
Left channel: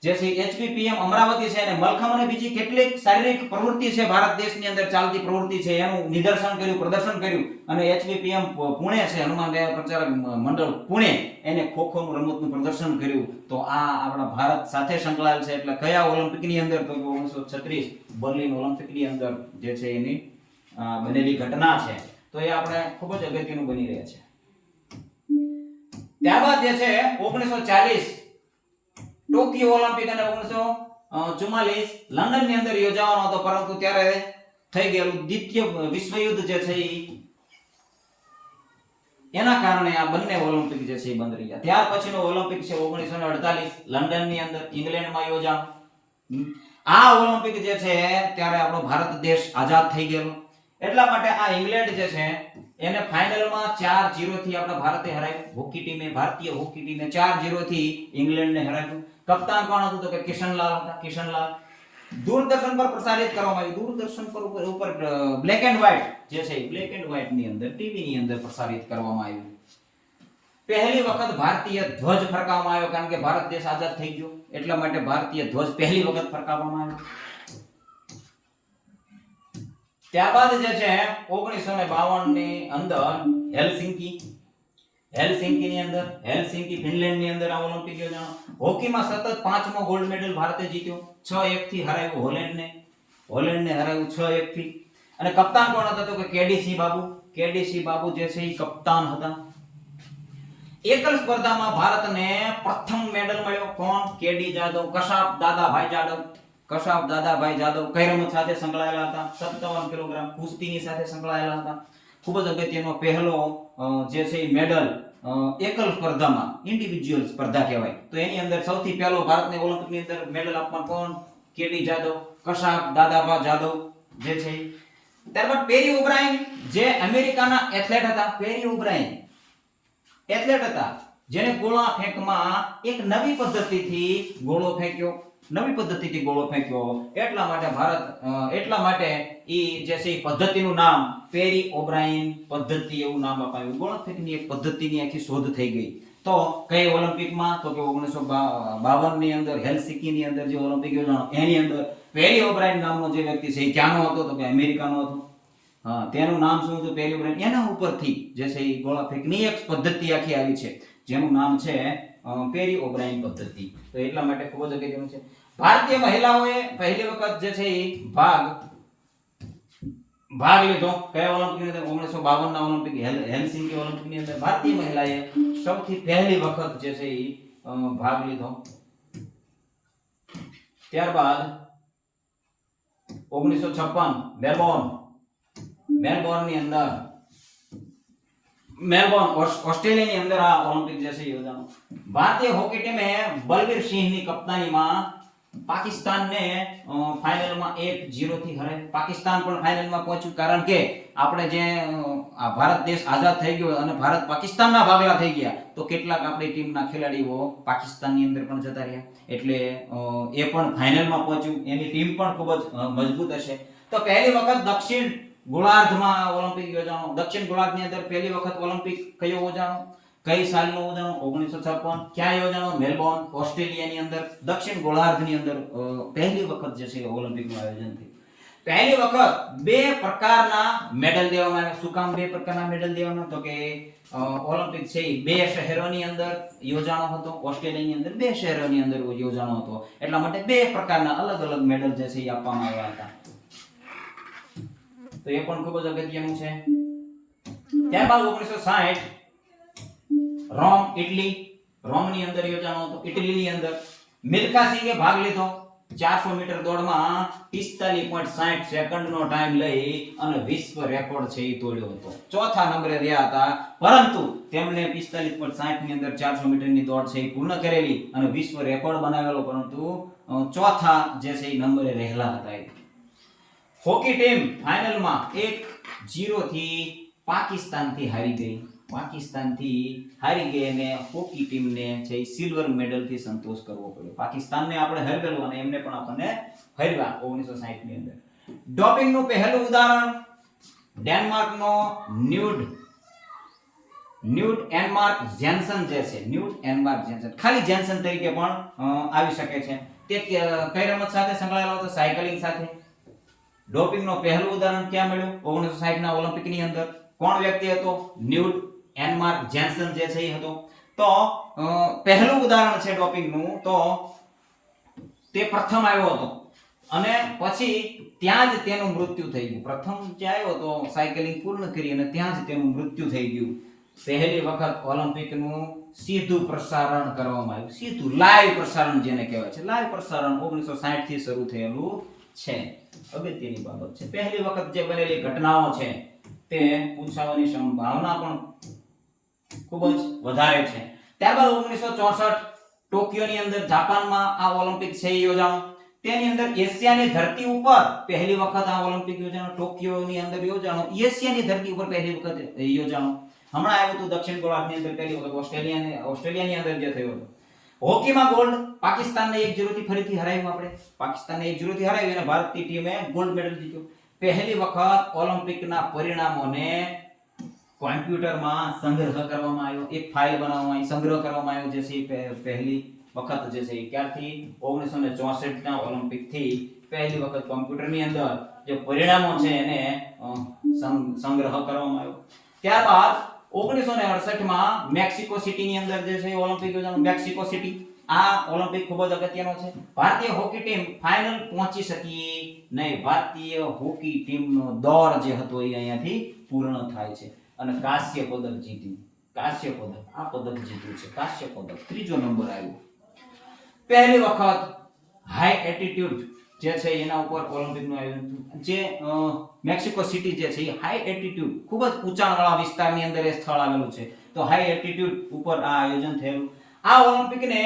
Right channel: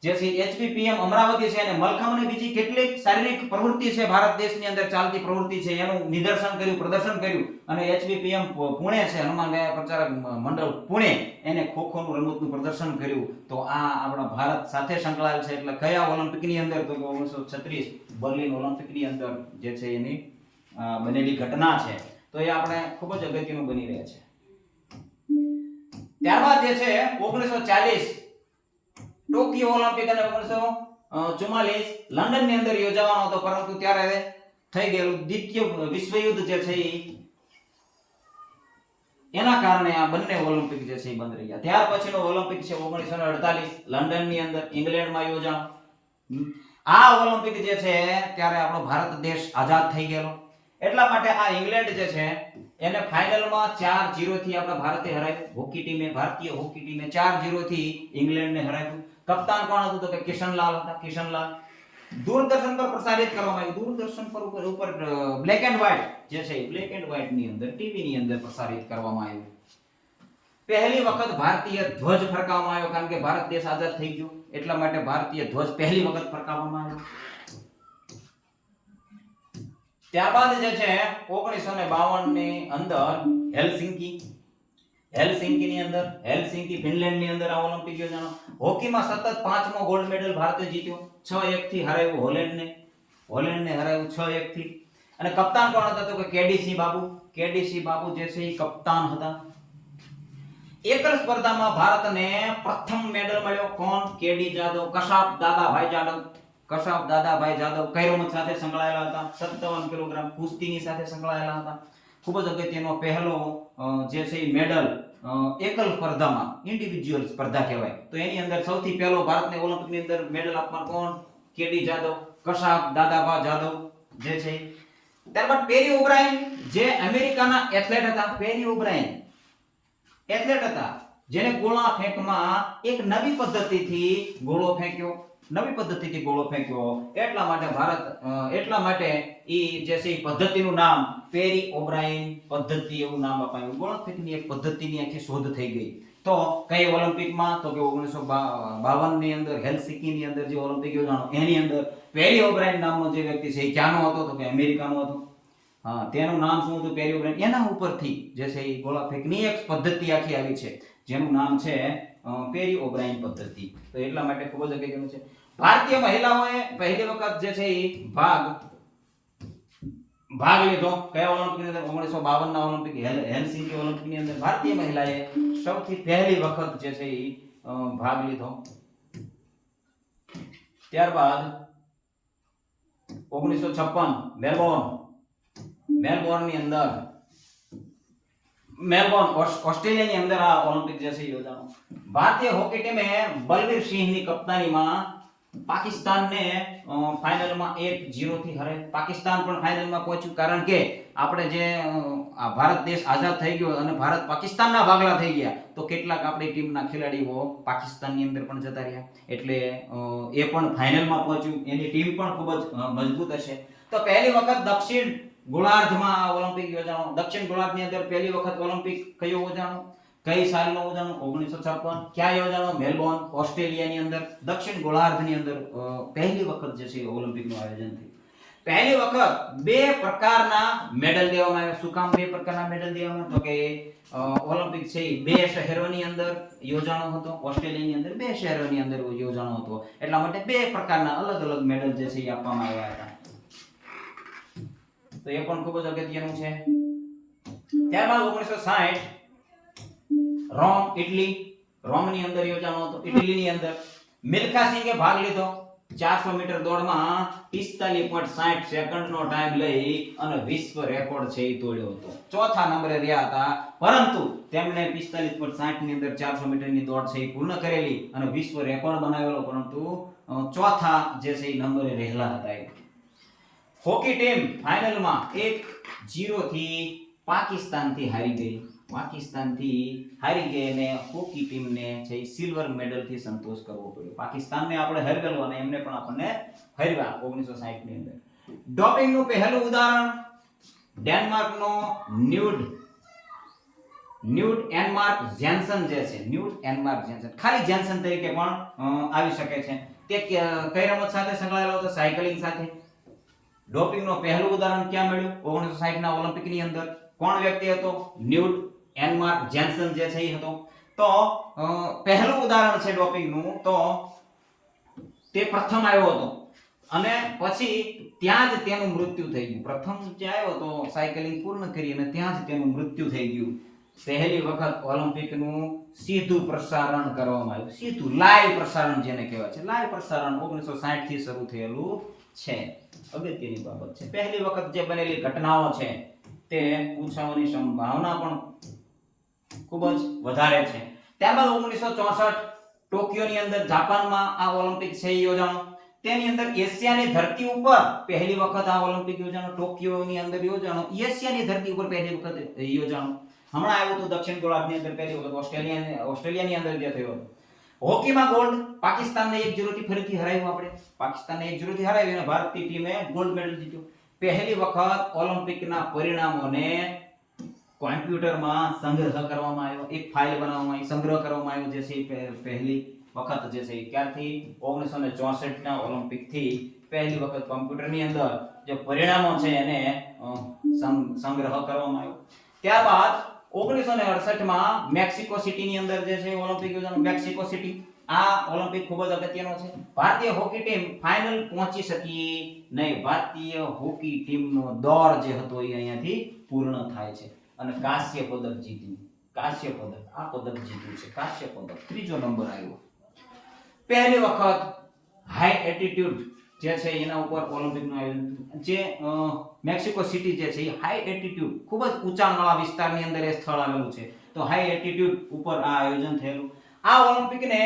જે છે HVPM અમરાવતી છે અને મલખમ અને બીજી કેટલીક શારીરિક પ્રવૃત્તિ છે, ભારત દેશની અંદર ચાલતી પ્રવૃત્તિ છે, એનું નિદર્શન કર્યું, પ્રદર્શન કર્યું. અને HVPM પુણે છે, હનુમાન વ્યાયામ પ્રચારક મંડળ પુણે, એને ખોખોનું રમતનું પ્રદર્શન કર્યું. તો આ આપણા ભારત સાથે સંકળાયેલ છે. એટલે કયા ઓલિમ્પિકની અંદર? તો 1936 બર્લિન ઓલિમ્પિકની અંદર જે છે એની બનેલી ઘટના છે. તો એ આપણે ખૂબ જ અગત્યનું બની રહ્યા છે. ત્યારબાદ જે છે 1940 ટોક્યો ઓલિમ્પિક અને 1944 લંડન ની અંદર યોજાવાનો હતો, પરંતુ ત્યારે થઈ ગયેલું દ્વિતીય વિશ્વયુદ્ધ જે છે એના કારણે આ બંને ઓલિમ્પિક જે છે એ બંધ રહ્યા. ત્યાર પછીનો ઓલિમ્પિક છે 1948 લંડન ની અંદર ઇંગ્લેન્ડમાં યોજાનો. આ ઓલિમ્પિક જે છે ત્યારે આપણો ભારત દેશ આઝાદ થઈ ગયેલો. એટલા માટે આ ઇંગ્લેન્ડ જે છે એને ફાઇનલમાં 4-0 થી આપણા ભારતે હરાવ્યું. હોકી ટીમે, ભારતીય હોકી ટીમે 4-0 થી ઇંગ્લેન્ડને હરાવ્યું. કપ્તાન કોણ હતું? તો કે કિશનલાલ હતા. કિશનલાલ દૂરદર્શન પર પ્રસારિત કરવામાં આવ્યું. દૂરદર્શન પર ઉપર બ્લેક એન્ડ વ્હાઇટ જે છે બ્લેક એન્ડ વ્હાઇટ ની અંદર ટીવી ની અંદર પ્રસારિત કરવામાં આવ્યું. પહેલી વખત ભારતીય ધ્વજ ફરકાવવામાં આવ્યો, કારણ કે ભારત દેશ આઝાદ થઈ ગયો એટલા માટે ભારતીય ધ્વજ પહેલી વખત ફરકાવવામાં આવ્યો. ત્યારબાદ જે છે 1952 ની અંદર હેલસિંકી ની અંદર, હેલસિંકી ફિનલેન્ડ ની અંદર આ ઓલિમ્પિક યોજાનો. હોકીમાં સતત 5મો ગોલ્ડ મેડલ ભારતે જીત્યો. 6-1 થી હરાવ્યું હોલેન્ડને હરાવ્યું 6-1 થી. અને કપ્તાન કોણ હતા? તો કે કેડીસી બાબુ જે છે એ કપ્તાન હતા. એકલ સ્પર્ધામાં ભારતને પ્રથમ મેડલ મળ્યો. કોણ? કેડી જાદવ, કશાપ દાદાભાઈ જાદવ કઈ રમત સાથે સંકળાયેલા હતા? 57 કિલોગ્રામ કુસ્તીની સાથે સંકળાયેલા હતા. ખૂબ જ અગત્યનો પહેલો જે છે મેડલ એકલ સ્પર્ધામાં, ઇન્ડિવિડ્યુઅલ સ્પર્ધા કહેવાય. તો એની અંદર સૌથી પહેલો ભારતને ઓલિમ્પિકની અંદર મેડલ આપવા કોણ? કેડી જાદવ, કશાપ દાદાભાઈ જાદવ જે છે. ત્યારબાદ પેરી ઓબ્રાયન જે અમેરિકાના એથ્લેટ હતા. પેરી ઓબ્રાયન એથ્લેટ હતા જેને ગોળા ફેંકમાં એક નવી પદ્ધતિથી ગોળો ફેંક્યો. એટલા માટે ઈ જે છે પદ્ધતિનું નામ પેરી ઓબ્રાયન પદ્ધતિ એવું નામ અપાયું. ગોળા ફેંકની એક પદ્ધતિની આખી શોધ થઈ ગઈ. તો કઈ ઓલિમ્પિકમાં? તો કે 1952 ની અંદર હેલસિંકી ની અંદર જે ઓલિમ્પિક યોજાનો એની અંદર પેરી ઓબ્રાયન નામનો જે વ્યક્તિ છે એ ક્યાંનો હતો? તો કે અમેરિકાનો હતો. હા, તેનું નામ શું હતું? પેરી ઓબ્રાયન. એના ઉપરથી જે છે એ ગોળા ફેંકની એક પદ્ધતિ આખી આવી છે જેનું નામ છે પેરી ઓબ્રાયન પદ્ધતિ. તો એટલા માટે ખૂબ જ અગત્યનું છે. ભારતીય મહિલાઓએ પહેલી વખત જે છે એ ભાગ લીધો. કયા ઓલિમ્પિકની અંદર? 1952 ના ઓલિમ્પિક હેલસિંકી ઓલિમ્પિકની અંદર ભારતીય મહિલાએ સૌથી પહેલી વખત જે છે એ ભાગ લીધો. ત્યારબાદ 1956 મેલબોર્ન ઓસ્ટ્રેલિયાની અંદર આ ઓલિમ્પિક જે છે યોજાનો. ભારતીય હોકી ટીમે બલવીર સિંહની કપ્તાનીમાં પાકિસ્તાનને ફાઇનલમાં 1-0 થી હરાવ્યું. પાકિસ્તાન પણ ફાઇનલમાં પહોંચ્યું, કારણ કે આપણે જે આ ભારત દેશ આઝાદ થઈ ગયો અને ભારત પાકિસ્તાનના ભાગલા થઈ ગયા, તો કેટલાક આપણી ટીમના ખેલાડીઓ પાકિસ્તાનની અંદર પણ જતા રહ્યા. એટલે એ પણ ફાઇનલમાં પહોંચ્યું. એની ટીમ પણ ખૂબ જ મજબૂત હશે. તો પહેલી વખત દક્ષિણ ગોળાર્ધમાં ઓલિમ્પિક યોજાનો. દક્ષિણ ગોળાર્ધની અંદર પહેલી વખત ઓલિમ્પિક કયો યોજાનો? કઈ સાલનો યોજાનો? 1956. ક્યાં યોજાનો? મેલબોર્ન ઓસ્ટ્રેલિયાની અંદર. દક્ષિણ ગોળાર્ધની અંદર પહેલી વખત જે છે ઓલિમ્પિકનું આયોજન થયું. પહેલી વખત 2 પ્રકારના મેડલ દેવામાં આવ્યા. શું કામ 2 પ્રકારના મેડલ દેવામાં? તો કે ઓલિમ્પિક છે એ 2 શહેરોની અંદર યોજાનો હતો. ઓસ્ટ્રેલિયાની અંદર 2 શહેરોની અંદર યોજાનો હતો. એટલા માટે 2 પ્રકારના અલગ અલગ મેડલ જે છે એ આપવામાં આવ્યા હતા. તો એ પણ ખૂબ જ અગત્યનું છે. ત્યારબાદ 1960 રોમની અંદર યોજાનો હતો. ઇટલીની અંદર મિલ્ખા સિંઘે ભાગ લીધો. 400 મીટર દોડમાં 45.60 સેકન્ડનો ટાઈમ લઈ અને વિશ્વ રેકોર્ડ છે એ તોડ્યો હતો. ચોથા નંબરે રહ્યા હતા, પરંતુ તેમણે 45.60 ની અંદર 400 મીટરની દોડ છે એ પૂર્ણ કરેલી અને વિશ્વ રેકોર્ડ બનાવેલો, પરંતુ ચોથા જે છે એ નંબરે રહેલા હતા. હોકી ટીમ ફાઇનલમાં 1-0 થી પાકિસ્તાનથી હારી ગઈ. પાકિસ્તાનથી હારી ગઈ અને હોકી ટીમને છે સિલ્વર મેડલથી સંતોષ કરવો પડ્યો. પાકિસ્તાનને આપણે હરાવેલું અને એમને પણ આપણને હરાવ્યા 1960 ની અંદર. ડોપિંગનું પહેલું ઉદાહરણ ડેનમાર્કનો ન્યૂડ એનમાર્ક જેન્સન જે છે, ન્યૂડ એનમાર્ક જેન્સન, ખાલી જેન્સન તરીકે પણ આવી શકે છે. તે કઈ રમત સાથે સંકળાયેલો હતો? સાયકલિંગ સાથે. ડોપિંગનું પહેલું ઉદાહરણ ક્યાં મળ્યું? 1960 ના ઓલિમ્પિકની અંદર. કોણ વ્યક્તિ હતો? ન્યૂડ એનમાર્ક જેન્સન જે છે એ હતો. તો પહેલું ઉદાહરણ છે ડોપિંગનું, તો તે પ્રથમ આવ્યો હતો અને પછી ત્યાં જ તેનું મૃત્યુ થઈ ગયું. પ્રથમ જે આવ્યો તો સાયકલિંગ પૂર્ણ કરી અને ત્યાં જ તેનું મૃત્યુ થઈ ગયું. પહેલી વખત ઓલિમ્પિકનું સીધું પ્રસારણ કરવામાં આવ્યું. સીધું લાઈવ પ્રસારણ જેને કહેવાય છે. લાઈવ પ્રસારણ 1960 થી શરૂ થયેલું છે. અગત્યની બાબત છે. પહેલી વખત જે બનેલી ઘટનાઓ છે તે પૂછાવાની સંભાવના પણ ખૂબ જ વધારે છે. ત્યારબાદ 1964 ટોક્યોની અંદર જાપાનમાં આ ઓલિમ્પિક છે યોજાણો. તેની અંદર એશિયાની ધરતી ઉપર પહેલી વખત આ ઓલિમ્પિક યોજાણો. ટોક્યોની અંદર યોજાણો. એશિયાની ધરતી ઉપર પહેલી વખત યોજાણો. હમણાં આવ્યું હતું દક્ષિણ ગોળાર્ધની અંદર પહેલી વખત ઓસ્ટ્રેલિયાની અંદર જે થયો હતો. હોકીમાં ગોલ્ડ પાકિસ્તાનને 1-0 થી ફરીથી હરાવ્યું. આપણે પાકિસ્તાનને 1-0 થી હરાવી અને ભારતીય ટીમે ગોલ્ડ મેડલ જીત્યો. પહેલી વખત ઓલિમ્પિકના પરિણામોને કોમ્પ્યુટરમાં સંગ્રહ કરવામાં આવ્યો. એક ફાઇલ બનાવવામાં આવી, સંગ્રહ કરવામાં આવ્યો. જે છે પહેલી વખત જે છે ક્યારથી 1964 ના ઓલિમ્પિક થી પહેલી વખત કોમ્પ્યુટરની અંદર જે પરિણામો છે એને સંગ્રહ કરવામાં આવ્યો. ત્યારબાદ 1968 માં મેક્સિકો સિટીની અંદર જે છે ઓલિમ્પિક યોજાનો. મેક્સિકો સિટી આ ઓલિમ્પિક ખૂબ જ અગત્યનો છે. ભારતીય હોકી ટીમ ફાઇનલ પહોંચી શકી નહીં. ભારતીય હોકી ટીમનો દોર જે હતો એ અહીંયાથી પૂર્ણ થાય છે અને કાંસ્ય પદક જીત્યું. કાંસ્ય પદક આ પદક જીત્યું છે. કાંસ્ય પદક ત્રીજો નંબર આવ્યો. પહેલી વખત હાઈ એલ્ટિટ્યુડ જે છે એના ઉપર ઓલિમ્પિકનું આયોજન. જે મેક્સિકો સિટી જે છે એ હાઈ એલ્ટિટ્યુડ ખૂબ જ ઊંચાણવાળા વિસ્તારની અંદર એ સ્થળ આવેલું છે. તો હાઈ એલ્ટિટ્યુડ ઉપર આ આયોજન થયેલું. આ ઓલિમ્પિકને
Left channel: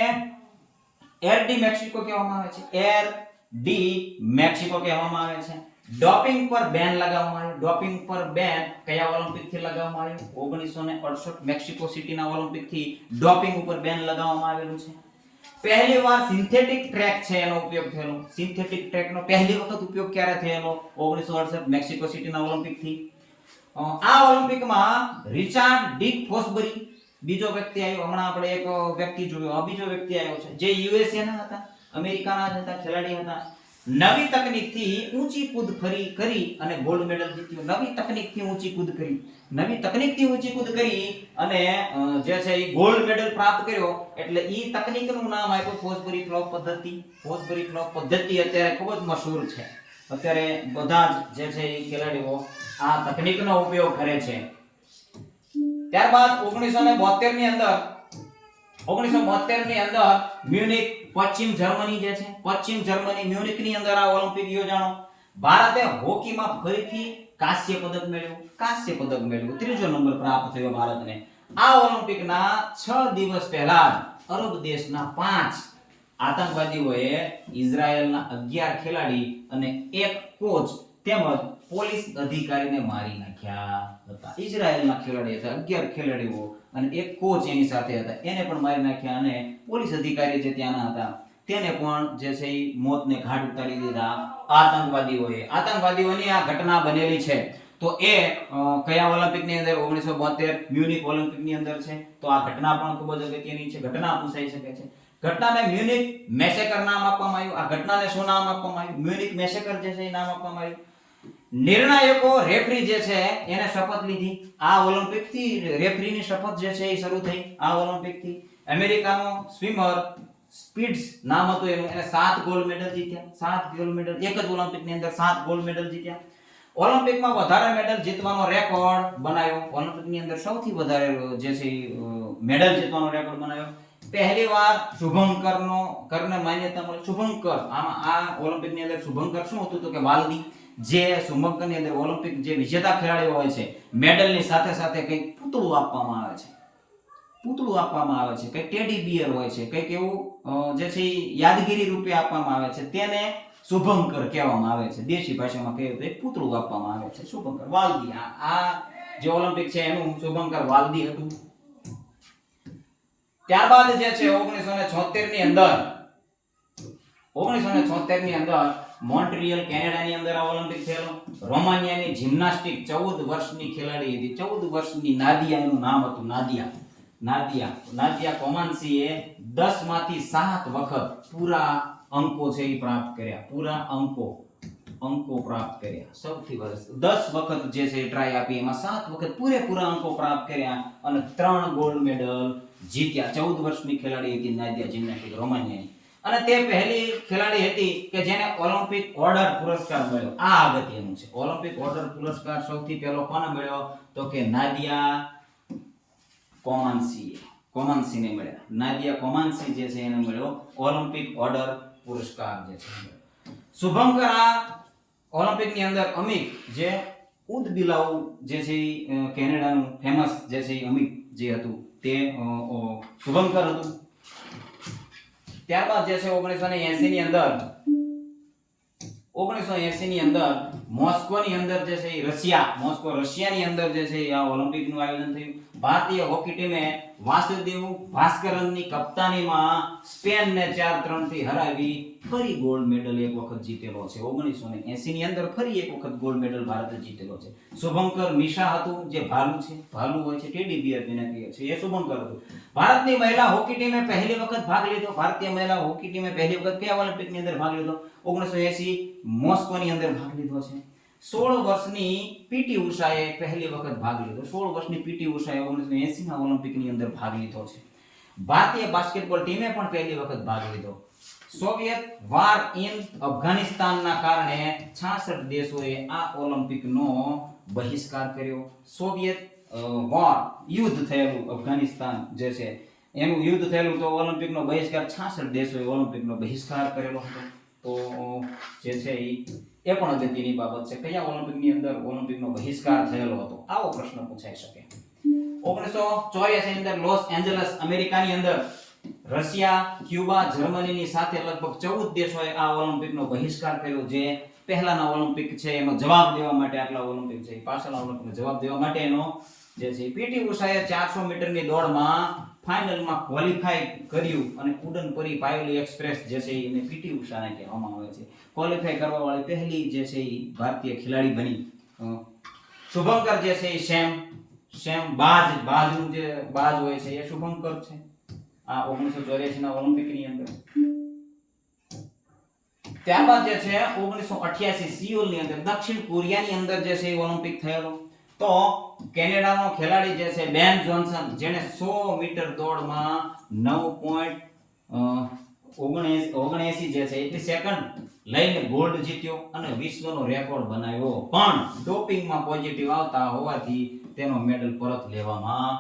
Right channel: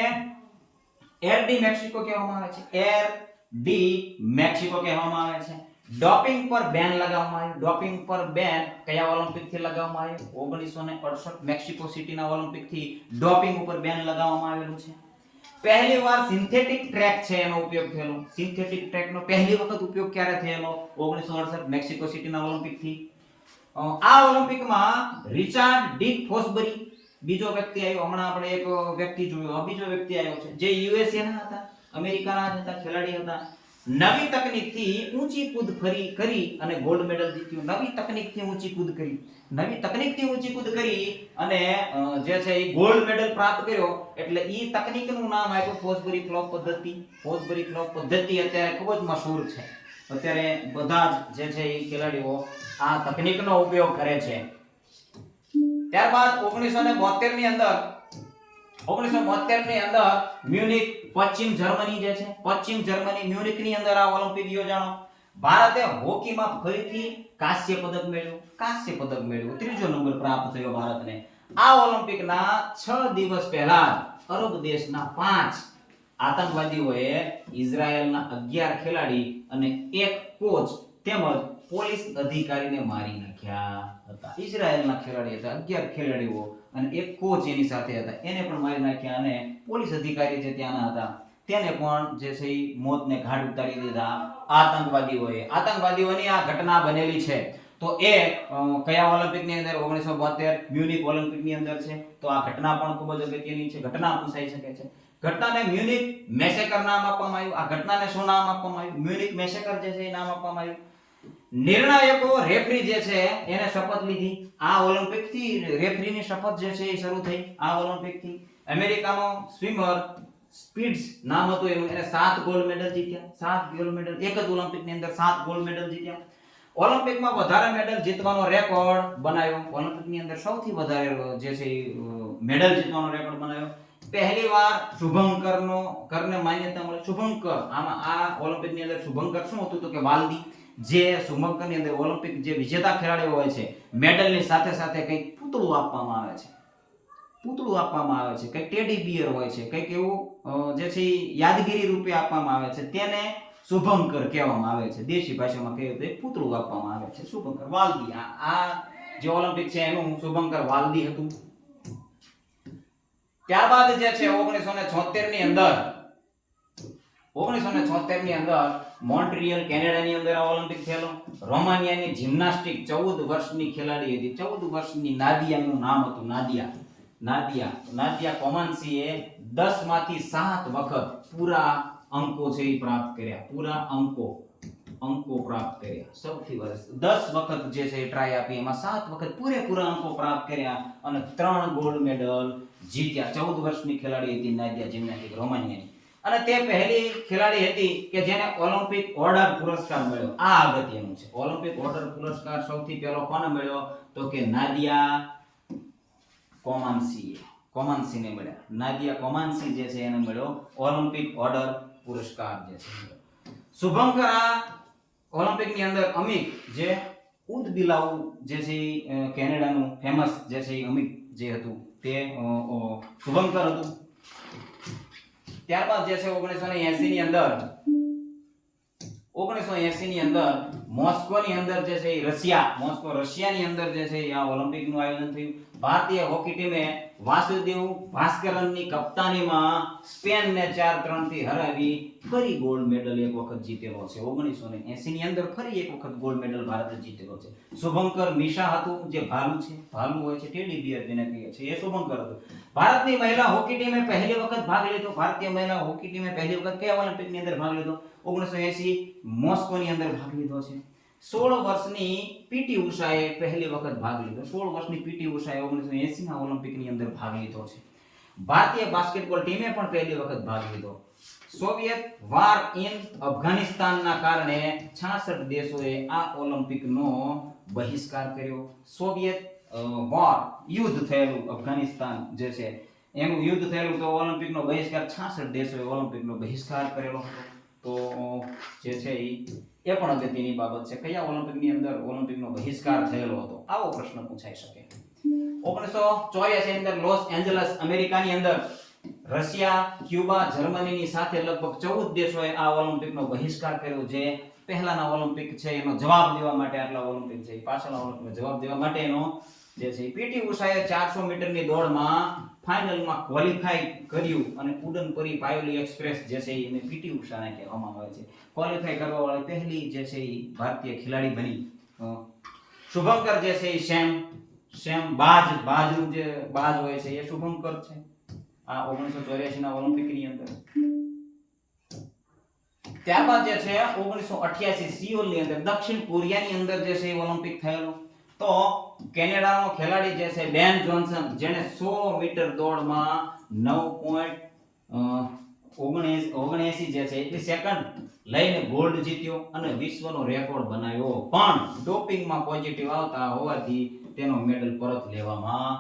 એર ડી મેક્સિકો કહેવામાં આવે છે. એર ડી મેક્સિકો કહેવામાં આવે છે. ડોપિંગ પર બેન લગાવવામાં આવ્યું. ડોપિંગ પર બેન કયા ઓલિમ્પિક થી લગાવવામાં આવ્યું? 1968 મેક્સિકો સિટીના ઓલિમ્પિક થી ડોપિંગ ઉપર બેન લગાવવામાં આવેલું છે. પહેલી વાર સિન્થેટિક ટ્રેક છે એનો ઉપયોગ થયેલો. સિન્થેટિક ટ્રેકનો પહેલી વખત ઉપયોગ ક્યારે થયેલો? 1968 મેક્સિકો સિટીના ઓલિમ્પિક થી. આ ઓલિમ્પિકમાં રિચાર્ડ ડી ફોસબરી બીજો વ્યક્તિ આવ્યો. હમણાં આપણે એક વ્યક્તિ જોયો. બીજો વ્યક્તિ આવ્યો છે જે યુએસએ ના હતા, અમેરિકાના હતા, ખેલાડી હતા. નવી તકનીકથી ઊંચી કૂદ કરી અને ગોલ્ડ મેડલ જીત્યો. નવી તકનીકથી ઊંચી કૂદ કરી અને જે છે એ ગોલ્ડ મેડલ પ્રાપ્ત કર્યો. એટલે ઈ તકનીકનું નામ આપ્યું ફોસબરી ફ્લોપ પદ્ધતિ. ફોસબરી ફ્લોપ પદ્ધતિ અત્યારે ખૂબ જ મશહૂર છે. અત્યારે બધા જ જે છે એ ખેલાડીઓ આ તકનીકનો ઉપયોગ કરે છે. ત્યારબાદ 1972 ની અંદર મ્યુનિક પશ્ચિમ જર્મની જે છે, પશ્ચિમ જર્મની મ્યુનિકની અંદર આ ઓલિમ્પિક યોજાણો. ભારતે હોકીમાં ફરીથી કાંસ્ય પદક મેળવ્યું. ત્રીજો નંબર પ્રાપ્ત થયો ભારતને. આ ઓલિમ્પિકના 6 દિવસ પહેલા અરબ દેશના 5 આતંકવાદીઓએ ઇઝરાયેલના 11 ખેલાડી અને 1 કોચ તેમજ પોલીસ અધિકારીને મારી નાખ્યા હતા. ઇઝરાયેલના ખેલાડી હતા 11 ખેલાડીઓ અને 1 કોચ એની સાથે હતા. એને પણ મારી નાખ્યા અને પોલીસ અધિકારી જે ત્યાંના હતા તેને પણ જે છે એ મોતને ઘાટ ઉતારી દીધા આતંકવાદીઓની આ ઘટના બનેલી છે. તો એ કયા ઓલિમ્પિકની અંદર? 1972 મ્યુનિક ઓલિમ્પિકની અંદર છે. તો આ ઘટના પણ ખૂબ જ અગત્યની છે. ઘટના પૂછાઈ શકે છે. ઘટનાને મ્યુનિક મેસેકર નામ આપવામાં આવ્યું. આ ઘટનાને શું નામ આપવામાં આવ્યું? મ્યુનિક મેસેકર જે છે એ નામ આપવામાં આવ્યું. નિર્ણાયકો રેફરી જે છે એને શપથ લીધી. આ ઓલિમ્પિક થી રેફરીની શપથ જે છે એ શરૂ થઈ. આ ઓલિમ્પિક થી અમેરિકાનો સ્વિમર સ્પીડ્સ નામ હતું એનું. એને 7 ગોલ્ડ મેડલ જીત્યા. 7 ગોલ્ડ મેડલ એક જ ઓલિમ્પિકની અંદર 7 ગોલ્ડ મેડલ જીત્યા. ઓલિમ્પિકમાં વધારે મેડલ જીતવાનો રેકોર્ડ બનાવ્યો. ઓલિમ્પિકની અંદર સૌથી વધારે જે છે મેડલ જીતવાનો રેકોર્ડ બનાવ્યો. પહેલીવાર શુભંકરને માન્યતા મળી. શુભંકર આમાં આ ઓલિમ્પિકની અંદર શુભંકર શું હતું? તો કે વાલદી. જે શુભંકરની અંદર ઓલિમ્પિક જે વિજેતા ખેલાડીઓ હોય છે મેડલની સાથે સાથે કંઈક પૂતળું આપવામાં આવે છે. કંઈક ટેડી બિયર હોય છે, કંઈક એવું જે છે યાદગીરી રૂપે આપવામાં આવે છે. તેને શુભંકર કહેવામાં આવે છે. દેશી ભાષામાં કહીએ તો એક પૂતળું આપવામાં આવે છે. શુભંકર વાલદી આ જે ઓલિમ્પિક છે એનું શુભંકર વાલ્દી હતું. ત્યારબાદ જે છે 1976 ની અંદર 1976 ની અંદર મોન્ટ્રીયલ કેનેડાની અંદર આ ઓલિમ્પિક થયેલો. રોમાનિયાની જિમ્નાસ્ટિક 14 વર્ષની ખેલાડી હતી. 14 વર્ષની નાદિયાનું નામ હતું નાદિયા કોમાન્સીએ 10 માંથી 7 વખત પૂરા અંકો છે એ પ્રાપ્ત કર્યા. પૂરા અંકો પ્રાપ્ત કર્યા. સૌથી વધારે 10 વખત જે છે ટ્રાય આપી, એમાં 7 વખત પૂરેપૂરા અંકો પ્રાપ્ત કર્યા અને 3 ગોલ્ડ મેડલ જીત્યા. 14 વર્ષની ખેલાડી હતી નાદિયા જિમ્નાસ્ટિક રોમાનિયાની. અને તે પહેલી ખેલાડી હતી કે જેને ઓલિમ્પિક ઓર્ડર પુરસ્કાર મળ્યો. આ અગત્યનું છે. ઓલિમ્પિક ઓર્ડર પુરસ્કાર સૌથી પહેલો કોને મળ્યો? તો કે નાદિયા કોમાન્સીને મળ્યા. નાદિયા કોમાન્સી જે છે એને મળ્યો ઓલિમ્પિક ઓર્ડર પુરસ્કાર જે છે. શુભંકર આ ઓલિમ્પિકની અંદર અમિક જે ઉદબિલાઉ જે છે કેનેડાનું ફેમસ જે છે અમિક જે હતું તે શુભંકર હતું. ત્યારબાદ જે છે 1980 ની અંદર મોસ્કોની અંદર જે છે રશિયાની અંદર જે છે આ ઓલિમ્પિકનું આયોજન થયું. ભારતીય હોકી ટીમે વાસુદેવ ભાસ્કરનની કપ્તાનીમાં સ્પેનને 4-3 થી હરાવી ફરી ગોલ્ડ મેડલ એક વખત જીતેલો છે. 1980 ની અંદર ફરી એક વખત ગોલ્ડ મેડલ ભારતે જીતેલો છે. શુભંકર મિશા હતું જે ભાલુ હોય છે, ટેડી બિયર જેને કહે છે, એ શુભંકર હતું. ભારતની મહિલા હોકી ટીમે પહેલી વખત ભાગ લીધો. ભારતીય મહિલા હોકી ટીમે પહેલી વખત કયા ઓલિમ્પિકની અંદર ભાગ લીધો? 1980 મોસ્કોની અંદર ભાગ લીધો છે. 16 વર્ષની પીટી ઉષાએ પહેલી વખત ભાગ લીધો. 16 વર્ષની પીટી ઉષાએ 1980 ના ઓલિમ્પિકની અંદર ભાગ લીધો છે. ભારતીય બાસ્કેટબોલ ટીમે પણ પહેલી વખત ભાગ લીધો. સોવિયત વાર ઇન અફઘાનિસ્તાનના કારણે 66 દેશોએ આ ઓલિમ્પિકનો બહિષ્કાર કર્યો. સોવિયત વોર યુદ્ધ થયેલું અફઘાનિસ્તાન જે છે એનું યુદ્ધ થયેલું, તો ઓલિમ્પિકનો બહિષ્કાર 66 દેશોએ ઓલિમ્પિકનો બહિષ્કાર કરેલો હતો. તો જે છે એ પણ અગત્યની બાબત છે. કયા ઓલિમ્પિકની અંદર ઓલિમ્પિકનો બહિષ્કાર થયેલો હતો? આવો પ્રશ્ન પૂછાઈ શકે. 1984 ની અંદર લોસ એન્જલસ અમેરિકાની અંદર રશિયા, ક્યુબા, જર્મનીની સાથે લગભગ 14 દેશોએ આ ઓલિમ્પિકનો બહિષ્કાર કર્યો. જે પહેલાના ઓલિમ્પિક છે એનો જવાબ દેવા માટે આટલા ઓલિમ્પિક છે, પાછળના ઓલિમ્પિકનો જવાબ દેવા માટે એનો જે છે પીટી ઉષાએ 400 મીટરની દોડમાં ફાઇનલમાં ક્વોલિફાય કર્યું અને ઉડન પરી પાયોલી એક્સપ્રેસ જે છે એને પીટી ઉષાને કહેવામાં આવે છે. ક્વોલિફાય કરવા વાળી પહેલી જે છે એ ભારતીય ખેલાડી બની. શુભંકર જે છે એ સેમ બાજનું જે બાજ હોય છે એ શુભંકર છે આ 1984 ના ઓલિમ્પિકની અંદર. ત્યારબાદ જે છે 1988 સિયોલ ની અંદર દક્ષિણ કોરિયાની અંદર જે છે ઓલિમ્પિક થયેલો. તો કેનેડાનો ખેલાડી જે છે બેન જોન્સન, જેને 100 મીટર દોડમાં 9.79 જે છે એટલી સેકન્ડ લઈને ગોલ્ડ જીત્યો અને વિશ્વનો રેકોર્ડ બનાવ્યો. પણ ડોપિંગમાં પોઝિટિવ આવતા હોવાથી તેનો મેડલ પરત લેવામાં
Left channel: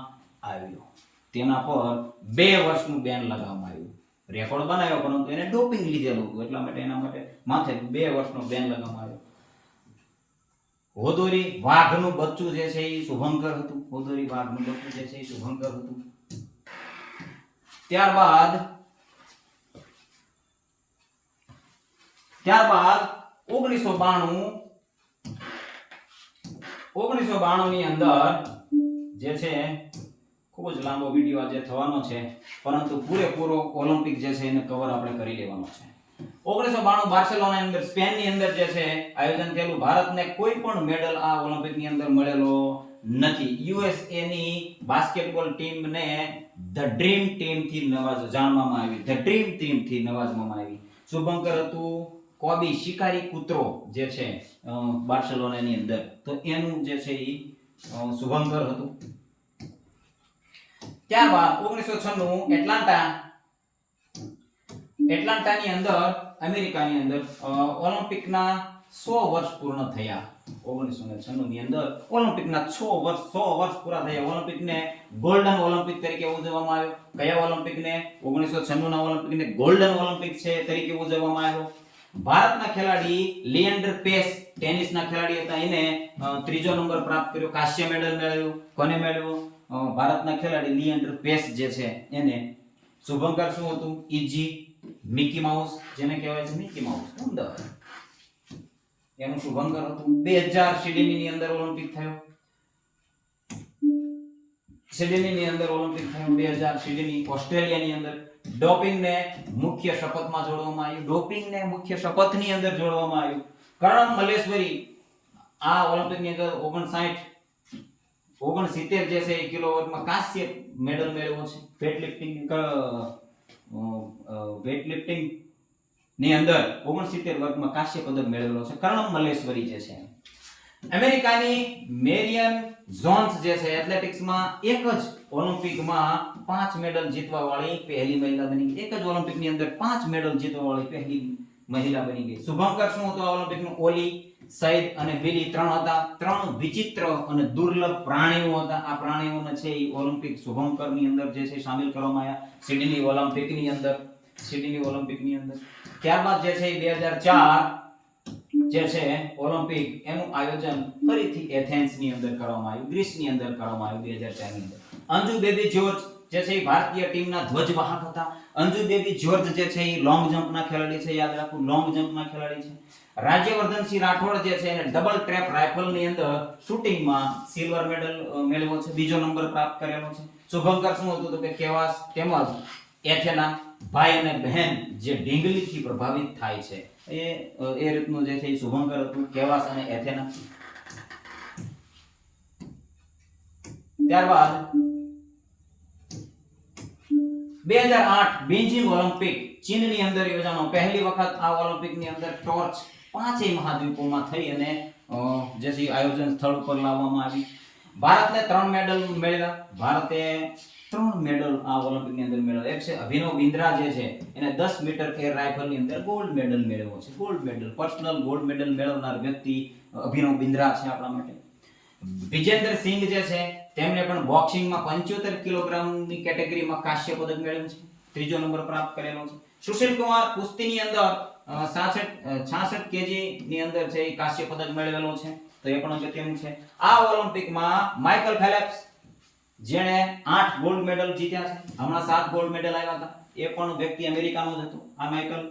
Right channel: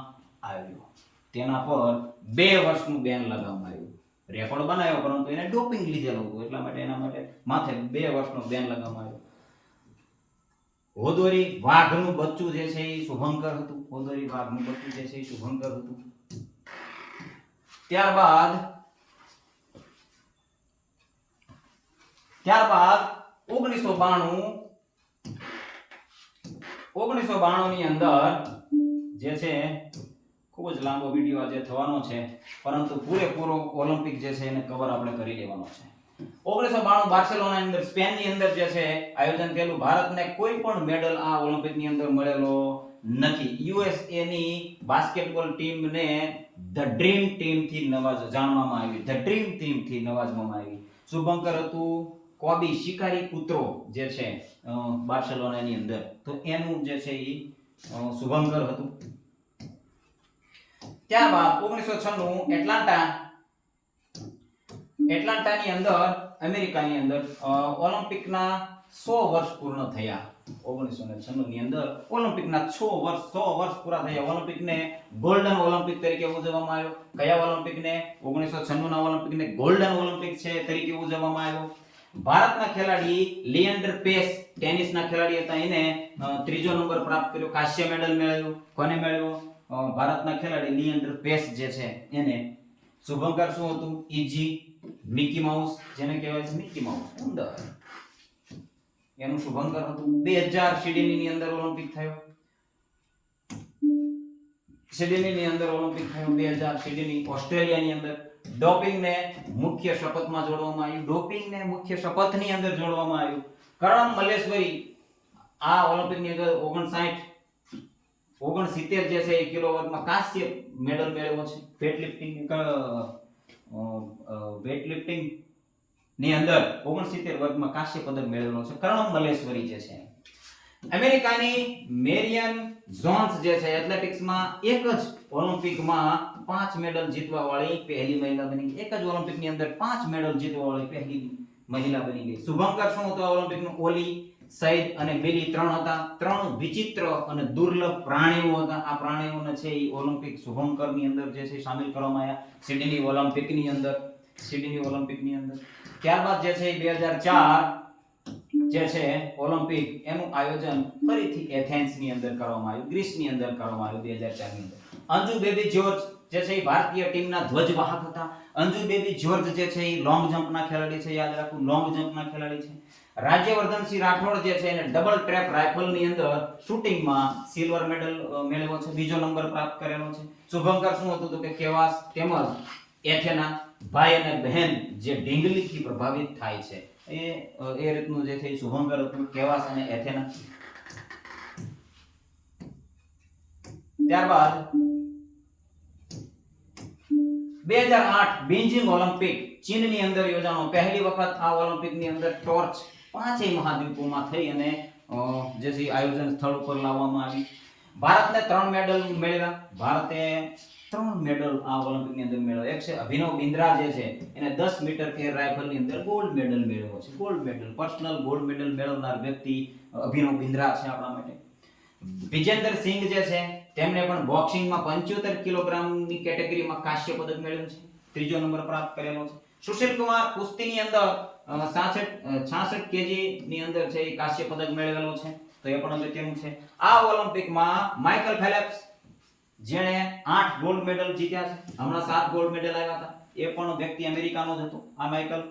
આવ્યો. તેના પર 2 વર્ષનું બેન લગાવવામાં આવ્યું. રેકોર્ડ બનાવ્યો પરંતુ એને ડોપિંગ લીધેલું હતું, એટલા માટે એના માટે માથે 2 વર્ષનો બેન લગાવવામાં આવ્યો. હોદોરી વાઘનું બચ્ચું જે છે એ શુભંકર હતું. હોદોરી વાઘનું બચ્ચું જે છે એ શુભંકર હતું. ત્યારબાદ 1992 ની અંદર જે છે ખૂબ જ લાંબો વિડિયો આજે થવાનો છે, પરંતુ પૂરેપૂરો ઓલિમ્પિક જે છે એને કવર આપણે કરી લેવાનો છે. 1992 બાર્સેલોનાની અંદર સ્પેનની અંદર જે છે આયોજન થયેલું. ભારતને કોઈ પણ મેડલ આ ઓલિમ્પિકની અંદર મળેલો નથી. યુએસએ ની બાસ્કેટબોલ ટીમને ધ ડ્રીમ ટીમ થી જાણવામાં આવી. ધ ડ્રીમ ટીમ થી નવાજવામાં આવી. શુભંકર હતું કોબી શિકારી કૂતરો જે છે બાર્સેલોનાની અંદર, તો એનું જે છે એ શુભંકર હતું. ત્યારબાદ 1996 એટલાન્ટાની અંદર અમેરિકાની અંદર ઓલિમ્પિકના 100 વર્ષ પૂર્ણ થયા. 1996 ની અંદર ઓલિમ્પિકના 100 વર્ષ પૂરા થયા. ઓલિમ્પિકને ગોલ્ડન ઓલિમ્પિક તરીકે ઉજવવામાં આવ્યો. કયા ઓલિમ્પિકને? 1996 ના ઓલિમ્પિકને ગોલ્ડન ઓલિમ્પિક છે તરીકે ઉજવવામાં આવ્યો. ભારતના ખેલાડી લિએન્ડર પેસ ટેનિસના ખેલાડી હતા, એને 3જો નંબર પ્રાપ્ત કર્યો. કાંસ્ય મેડલ મેળવ્યો. કોને મેળવ્યો? ભારતના ખેલાડી લિએન્ડર પેસ જે છે એને. શુભંકર શું હતું? ઈજી મિકી માઉસ, જેને કહેવાય છે મિકી માઉસ ઉંદર, એનું શુભંકર હતું. 2000 સિડની ની અંદર ઓલિમ્પિક થયો. સિડનીની અંદર ઓલિમ્પિક થયું 2000 સિડની ઓસ્ટ્રેલિયાની અંદર ડોપિંગને મુખ્ય શપથમાં જોડવામાં આવ્યું. ડોપિંગને મુખ્ય શપથની અંદર જોડવામાં આવ્યું. કરણમ મલ્લેશ્વરી આ ઓલિમ્પિકની અંદર 69 જે છે એ કિલો વર્ગમાં કાંસ્ય મેડલ મેળવ્યો છે. વેટલિફ્ટિંગ ની અંદર 69 વર્ગમાં કાંસ્ય પદક મેળવેલો છે કરણમ મલ્લેશ્વરી જે છે. અમેરિકાની મેરિયન જોન્સ જે છે એથ્લેટિક્સમાં એક જ ઓલિમ્પિકમાં 5 મેડલ જીતવા વાળી પહેલી મહિલા બની ગઈ. એક જ ઓલિમ્પિકની અંદર 5 મેડલ જીતવા વાળી પહેલી મહિલા બની ગઈ. શુભંકર શું હતો ઓલિમ્પિકનું? ઓલી, સઈદ અને મિલી 3 હતા. 3 વિચિત્ર અને દુર્લભ પ્રાણીઓ હતા. આ પ્રાણીઓને છે એ ઓલિમ્પિક શુભંકરની અંદર જે છે શામિલ કરવામાં આવ્યા સિડની ઓલિમ્પિકની અંદર. ત્યારબાદ જે છે 2004 જે છે ઓલિમ્પિક એનું આયોજન ફરીથી એથેન્સની અંદર કરવામાં આવ્યું, ગ્રીસની અંદર કરવામાં આવ્યું 2004 ની અંદર. અંજુ બેબી જ્યોર્જ જે છે એ ભારતીય ટીમના ધ્વજવાહક હતા. અંજુ બેબી જ્યોર્જ જે છે એ લોંગ જમ્પના ખેલાડી છે, યાદ રાખવું લોંગ જમ્પના ખેલાડી છે. રાજ્યવર્ધનસિંહ રાઠોડ જે છે એને ડબલ ટ્રેપ રાઇફલની અંદર શૂટિંગમાં સિલ્વર મેડલ મેળવ્યો છે, બીજો નંબર પ્રાપ્ત કરેલો છે. શુભંકર શું હતું તો કે કેવાસ તેમજ એથેના ભાઈ અને બહેન જે ઢીંગલીથી પ્રભાવિત થાય છે એ રીતનું જે છે એ શુભંકર હતું, કેવાસ અને એથેના. ત્યારબાદ 2008 બીજિંગ ઓલિમ્પિક ચીનની અંદર યોજાનો. પહેલી વખત આ ઓલિમ્પિકની અંદર ટોર્ચ 5 મહાદ્વીપોમાં થઈ અને જે છે આયોજન સ્થળ ઉપર લાવવામાં આવી. ભારતને 3 મેડલ મેળવ્યા. ભારતે 3 મેડલ આ ઓલિમ્પિકની અંદર મેળવ્યા. એક છે અભિનવ બિંદ્રા જે છે એને 10 મીટર એર રાઇફલની અંદર ગોલ્ડ મેડલ મેળવ્યો છે. Gold medal, personal gold medal મેળવનાર વ્યક્તિ અભિનવ બિંદ્રા છે આપણા માટે. વિજેન્દર સિંઘ જે છે તેમણે પણ બોક્સિંગમાં 75 કિલોગ્રામની કેટેગરીમાં કાંસ્ય પદક મેળવ્યું છે, ત્રીજો નંબર પ્રાપ્ત કરેલો છે. સુશીલ કુમાર કુસ્તીની અંદર 66 કેજી ની અંદર છે એ કાંસ્ય પદક મેળવેલો છે, તો એ પણ અગત્યનું છે. આ ઓલિમ્પિકમાં માઇકલ ફેલેપ્સ જેણે 8 ગોલ્ડ મેડલ જીત્યા છે, હમણાં 7 ગોલ્ડ મેડલ આવ્યા હતા, એ પણ વ્યક્તિ અમેરિકાનો જ હતો. આ માઇકલ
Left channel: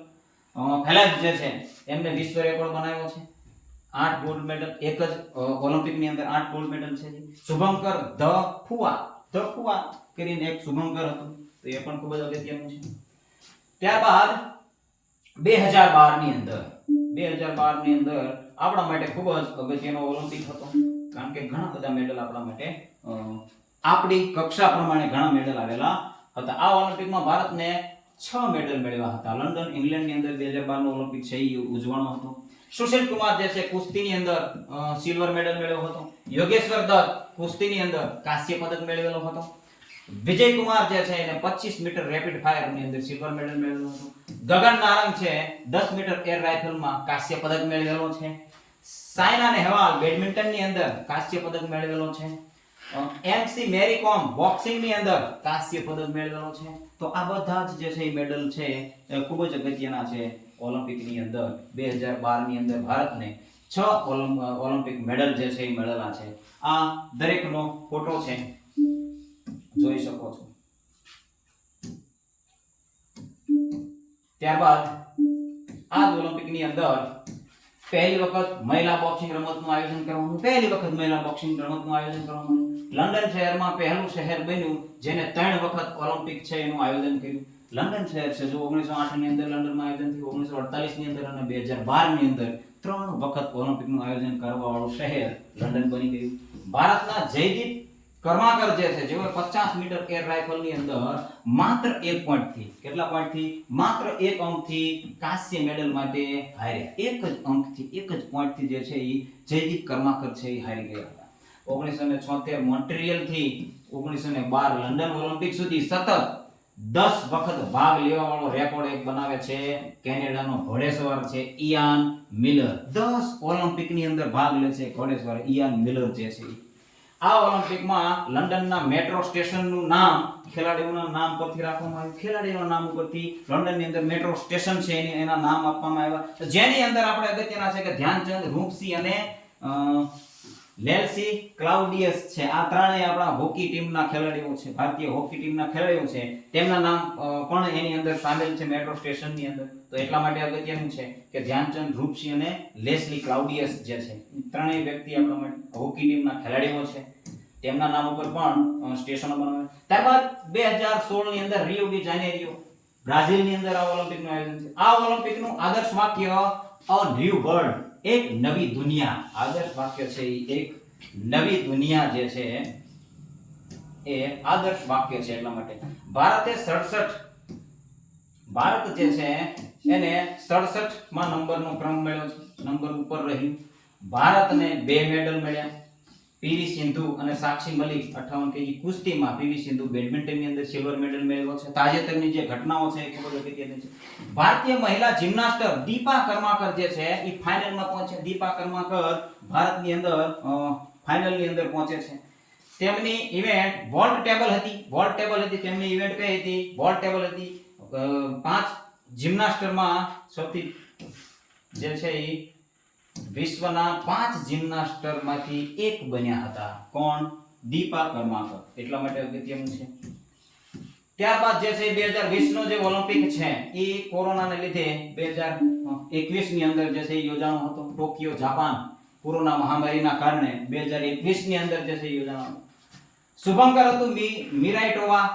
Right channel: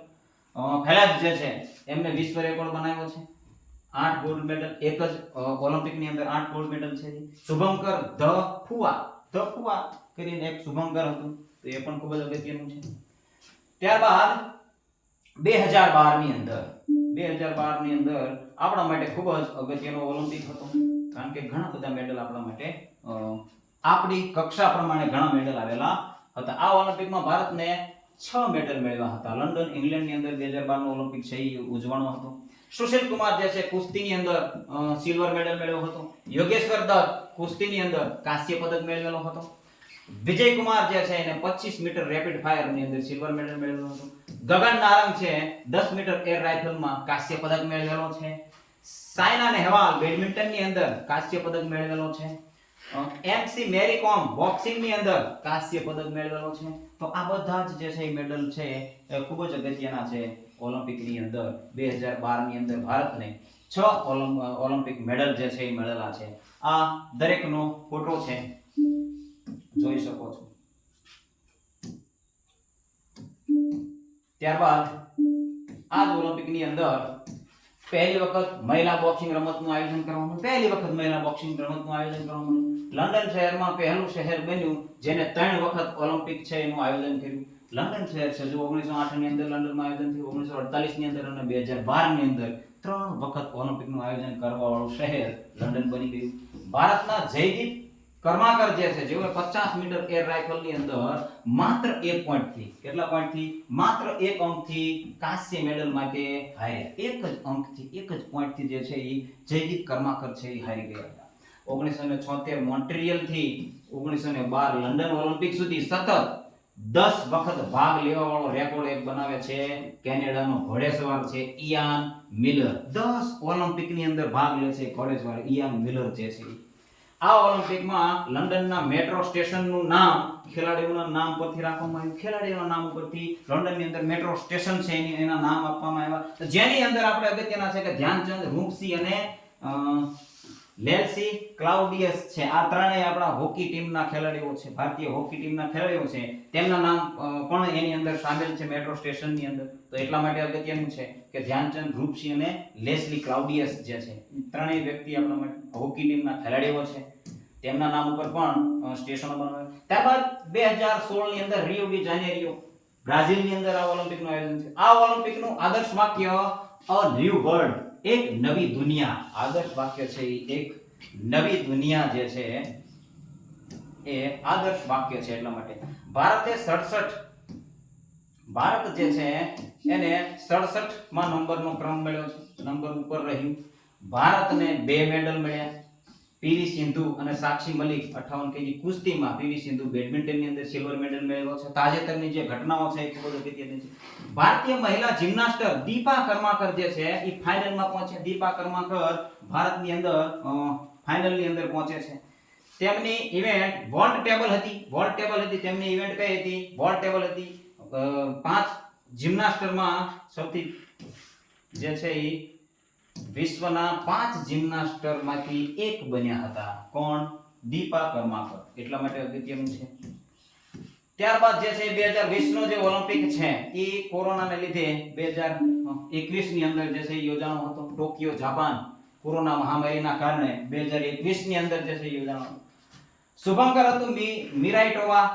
ફેલેપ્સ જે છે એમને વિશ્વ રેકોર્ડ બનાવ્યો છે. 8 ગોલ્ડ મેડલ એક જ ઓલિમ્પિકની અંદર 8 ગોલ્ડ મેડલ છે. શુભંકર ધ ફુઆ કરીને એક શુભંકર હતું, તો એ પણ ખૂબ જ અગત્યનું છે. ત્યારબાદ 2012 ની અંદર આપણા માટે ખૂબ જ અગત્યનો ઓલિમ્પિક હતો, કારણ કે ઘણા બધા મેડલ આપણા માટે આપણી કક્ષા પ્રમાણે ઘણા મેડલ આવેલા હતા. આ ઓલિમ્પિકમાં ભારતને 6 મેડલ મેળવ્યા હતા. લંડન ઇંગ્લેન્ડની અંદર 2012 નો ઓલિમ્પિક છે એ ઉજવવાનો હતો. સુશીલ કુમાર જે છે કુસ્તીની અંદર સિલ્વર મેડલ મેળવ્યો હતો. યોગેશ્વર દત્ત કુસ્તીની અંદર કાંસ્ય પદક મેળવેલો હતો. વિજય કુમાર જે છે એને 25 મીટર રેપિડ ફાયર ની અંદર સિલ્વર મેડલ મેળવેલો હતો. ગગન નારંગ છે 10 મીટર એર રાઇફલમાં કાંસ્ય પદક મેળવેલો છે. સાયના નેહવાલ બેડમિન્ટન ની અંદર કાંસ્ય પદક મેળવેલો છે. એમસી મેરી કોમ બોક્સિંગ ની અંદર કાંસ્ય પદક મેળવેલો છે. તો આ બધા જ જે છે એ મેડલ છે એ ખૂબ જ અગત્યના છે. ઓલિમ્પિક ની અંદર 2012 ની અંદર ભારતને 6 ઓલિમ્પિક મેડલ જે છે એ મેળવેલા છે. આ દરેકનો ફોટો છે, જોઈ શકો છો. ત્યારબાદ આ જ ઓલિમ્પિક ની અંદર પહેલી વખત મહિલા બોક્સિંગ રમતનું આયોજન કરવામાં આવ્યું. લંડન શહેરમાં પહેલું શહેર બન્યું જેને 3 વખત ઓલિમ્પિક છે એનું આયોજન કર્યું. લંડન શહેર છે જો 1908 ની અંદર લંડનમાં આયોજન થયું, 1948 ની અંદર અને 2012 ની અંદર 3 વખત ઓલિમ્પિકનું આયોજન કરવા વાળું શહેર લંડન બની ગયું. ભારતના જયદીપ કર્માકર જે છે જેઓ 50 મીટર એર રાઇફલની અંદર માત્ર 1 પોઈન્ટથી કેટલા પોઈન્ટથી માત્ર 1 અંકથી કાંસ્ય મેડલ માટે હાર્યા. 1 જ અંકથી 1 જ પોઈન્ટથી જે છે એ જયદીપ કર્માકર છે એ હારી ગયા હતા. 1976 મોન્ટ્રીયલ થી 1912 લંડન ઓલિમ્પિક સુધી સતત 10 વખત ભાગ લેવા વાળો રેકોર્ડ એક બનાવે છે કેનેડાનો ઘોડેસવાર છે ઇયાન મિલર. 10 ઓલિમ્પિકની અંદર ભાગ લે છે ઘોડેસવાર ઇયાન મિલર જે છે. આ ઓલિમ્પિકમાં લંડનના મેટ્રો સ્ટેશનનું નામ ખેલાડીઓના નામ પરથી રાખવામાં આવ્યું. ખેલાડીઓના નામ પરથી લંડનની અંદર મેટ્રો સ્ટેશન છે એના નામ આપવામાં આવ્યા. જેની અંદર આપણે અગત્યના છે કે ધ્યાનચંદ, રૂપસિંહ અને લેલ્સી ક્લાઉડિયસ છે. આ ત્રણેય આપણા હોકી ટીમના ખેલાડીઓ છે, ભારતીય હોકી ટીમના ખેલાડીઓ છે. તેમના નામ પણ એની અંદર સામેલ છે મેટ્રો સ્ટેશનની અંદર. તો એટલા માટે અગત્યનું છે કે ધ્યાનચંદ, રૂપસિંહ અને લેસ્લી ક્લાઉડિયસ જે છે ત્રણેય વ્યક્તિ આપણા માટે હોકી ટીમના ખેલાડીઓ છે. તેમના નામ ઉપર પણ સ્ટેશનો બનાવ્યા. ત્યારબાદ 2016 ની અંદર રિયો ડી જાનેરિયો બ્રાઝિલ ની અંદર આ ઓલિમ્પિકનું આયોજન છે. આ ઓલિમ્પિકનું આદર્શ વાક્ય અ ન્યૂ વર્લ્ડ, એક નવી દુનિયા. આદર્શ વાક્ય છે એક નવી દુનિયા જે છે એ આદર્શ વાક્ય છે. એટલા માટે ભારતે 67 ભારત જે છે એને 67માં નંબરનો ક્રમ મળ્યો છે, નંબર ઉપર રહ્યું. ભારતને 2 મેડલ મળ્યા. પીવી સિંધુ અને સાક્ષી મલિક 58 કેજી કુસ્તીમાં પીવી સિંધુ બેડમિન્ટનની અંદર સિલ્વર મેડલ મેળવ્યો છે. તાજેતરની જે ઘટનાઓ છે એ ખૂબ જ અગત્યની છે. ભારતીય મહિલા જિમ્નાસ્ટર દીપા કર્માકર જે છે એ ફાઇનલમાં પહોંચે. દીપા કર્માકર ભારતની અંદર ફાઇનલની અંદર પહોંચે છે. તેમની ઇવેન્ટ વોલ્ટ ટેબલ હતી. તેમની ઇવેન્ટ કઈ હતી? વોલ્ટ ટેબલ હતી. 5 જિમ્નાસ્ટરમાં સૌથી જે છે એ વિશ્વના 5 જિમ્નાસ્ટરમાંથી એક બન્યા હતા. કોણ? દીપા કર્માકર. એટલા માટે અગત્યનું છે. ત્યારબાદ જે છે 2020 નો જે ઓલિમ્પિક છે એ કોરોનાને લીધે 2021 ની અંદર જે છે એ યોજાનો હતો. ટોક્યો જાપાન કોરોના મહામારીના કારણે 2021 ની અંદર જે છે યોજાનો હતો. શુભંકર હતું મિરાઇટોવા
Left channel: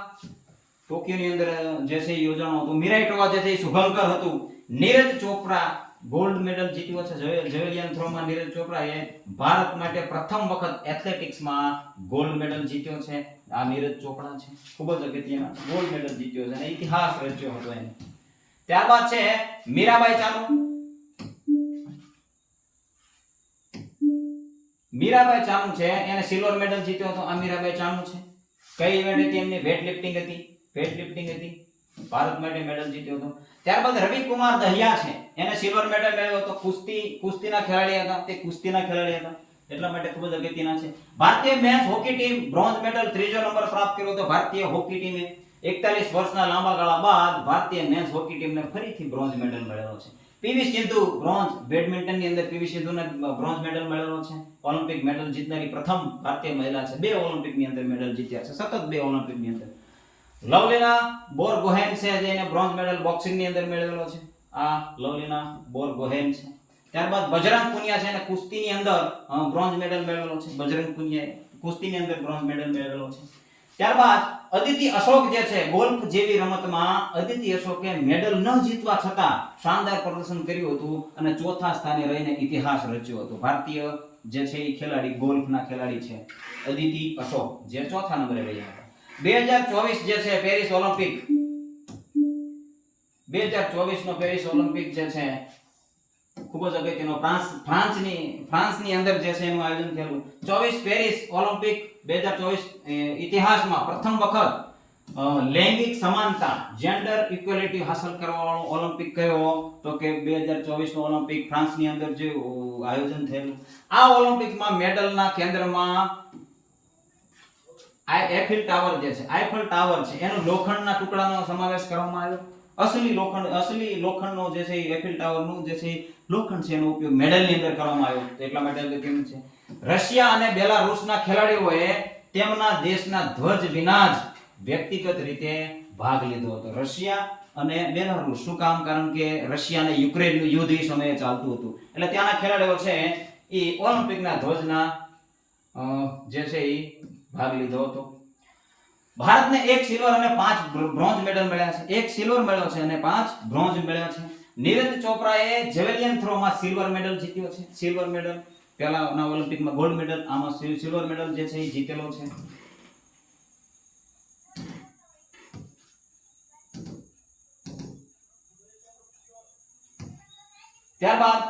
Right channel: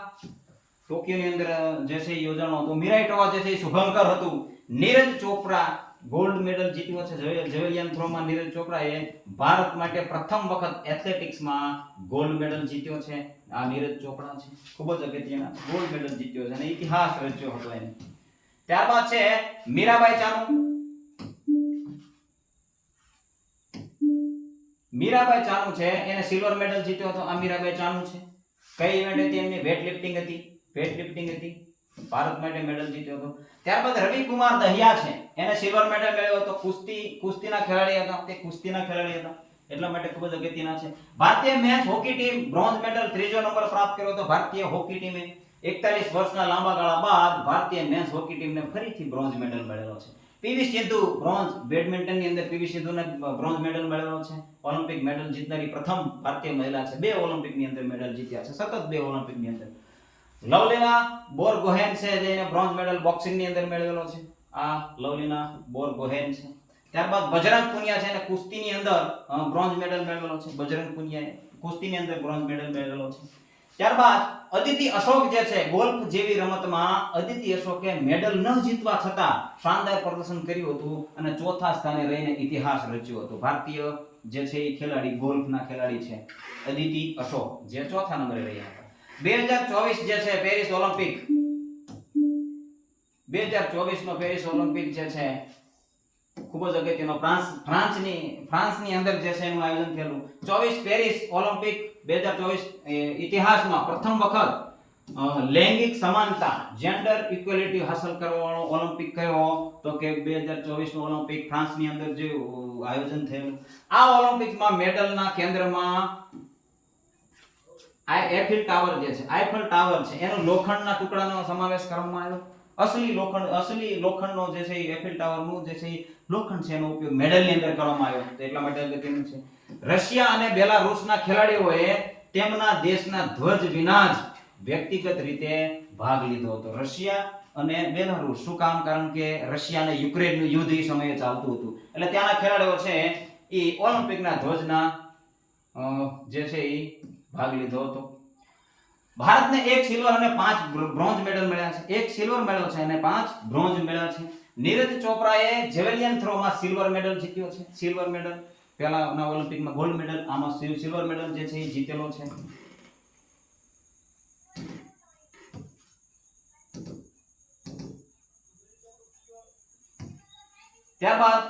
ટોક્યોની અંદર જે છે યોજાનો હતો. મિરાઇટોવા જે છે શુભંકર હતું. નીરજ ચોપરા ગોલ્ડ મેડલ જીત્યો છે. જેવેલિયન થ્રોમાં નીરજ ચોપરાએ ભારત માટે પ્રથમ વખત એથ્લેટિક્સમાં ગોલ્ડ મેડલ જીત્યો છે. આ નીરજ ચોપરા છે, ખૂબ જ અગત્યના ગોલ્ડ મેડલ જીત્યો છે અને ઇતિહાસ રચ્યો હતો એને. ત્યારબાદ છે મીરાબાઈ ચાનુ. મીરાબાઈ ચાનુ છે એને સિલ્વર મેડલ જીત્યો હતો. આ મીરાબાઈ ચાનુ છે. કઈ ઇવેન્ટ હતી એમની? વેટ લિફ્ટિંગ હતી. ભારત માટે મેડલ જીત્યો હતો. ત્યારબાદ રવિ કુમાર દહિયા છે, એને સિલ્વર મેડલ મેળવ્યો હતો. કુસ્તીના ખેલાડી હતા. એટલા માટે ખૂબ જ અગત્યના છે. ભારતીય men's hockey team bronze medal ત્રીજો નંબર પ્રાપ્ત કર્યો હતો. ભારતીય હોકી ટીમે 41 વર્ષના લાંબા ગાળા બાદ ભારતીય મેન્સ હોકી ટીમને ફરીથી બ્રોન્ઝ મેડલ મળેલો છે. પીવી સિંધુ બ્રોન્ઝ બેડમિન્ટનની અંદર પીવી સિંધુને બ્રોન્ઝ મેડલ મળેલો છે. ઓલિમ્પિક મેડલ જીતનારી પ્રથમ ભારતીય મહિલા છે. 2 ઓલિમ્પિકની અંદર મેડલ જીત્યા છે, સતત 2 ઓલિમ્પિકની અંદર. લવલીના બોરગોહેન છે જેને બ્રોન્ઝ મેડલ બોક્સિંગની અંદર મેળવેલો છે. આ લવલીના બોરગોહેન છે. ત્યારબાદ બજરંગ પુનિયા છે એને કુસ્તીની અંદર બ્રોન્ઝ મેડલ મેળવેલો છે. બજરંગ પુનિયાએ કુસ્તીની અંદર બ્રોન્ઝ મેડલ મેળવેલો છે. ત્યારબાદ અદિતિ અશોક જે છે ગોલ્ફ જેવી રમતમાં અદિતિ અશોકે મેડલ ન જીતવા છતાં શાનદાર પ્રદર્શન કર્યું હતું અને ચોથા સ્થાને રહીને ઇતિહાસ રચ્યો હતો. ભારતીય જે છે એ ખેલાડી, ગોલ્ફના ખેલાડી છે અદિતિ અશોક, જે ચોથા નંબરે રહ્યા હતા. 2024 જે છે પેરિસ ઓલિમ્પિક, 2024 નો પેરિસ ઓલિમ્પિક જે છે ખૂબ જ અગત્યનો ફ્રાન્સની અંદર જે છે એનું આયોજન થયેલું. 24 પેરિસ ઓલિમ્પિક 2024 ઇતિહાસમાં પ્રથમ વખત લૈંગિક સમાનતા, જેન્ડર ઇક્વેલિટી હાંસલ કરવાનો ઓલિમ્પિક કયો? તો કે 2024 નો ઓલિમ્પિક ફ્રાન્સની અંદર જે આયોજન થયેલું. આ ઓલિમ્પિકમાં મેડલના કેન્દ્રમાં આઈફેલ ટાવર છે એનો લોખંડના ટુકડાનો સમાવેશ કરવામાં આવ્યો. અસલી લોખંડનો જે છે આઈફેલ ટાવરનું જે છે લોખંડ છે એનો ઉપયોગ મેડલની અંદર કરવામાં આવ્યો. તો એટલા માટે અગત્યનું છે. રશિયા અને બેલારુસના ખેલાડીઓએ તેમના દેશના ધ્વજ વિના જ વ્યક્તિગત રીતે ભાગ લીધો હતો. રશિયા અને બેલારુસ. શું કામ? કારણ કે રશિયા અને યુક્રેનનું યુદ્ધ એ સમયે ચાલતું હતું, એટલે ત્યાંના ખેલાડીઓ છે એ ઓલિમ્પિકના ધ્વજના જે છે એ ભાગ લીધો હતો. ભારતને 1 સિલ્વર અને 5 બ્રોન્ઝ મેડલ મળ્યા છે. 1 સિલ્વર મળ્યો છે અને 5 બ્રોન્ઝ મળ્યા છે. નીરજ ચોપરાએ જેવેલિયન થ્રોમાં સિલ્વર મેડલ જીત્યો છે. સિલ્વર મેડલ પહેલાના ઓલિમ્પિકમાં ગોલ્ડ મેડલ, આમાં સિલ્વર મેડલ જે છે એ જીતેલો છે. ત્યારબાદ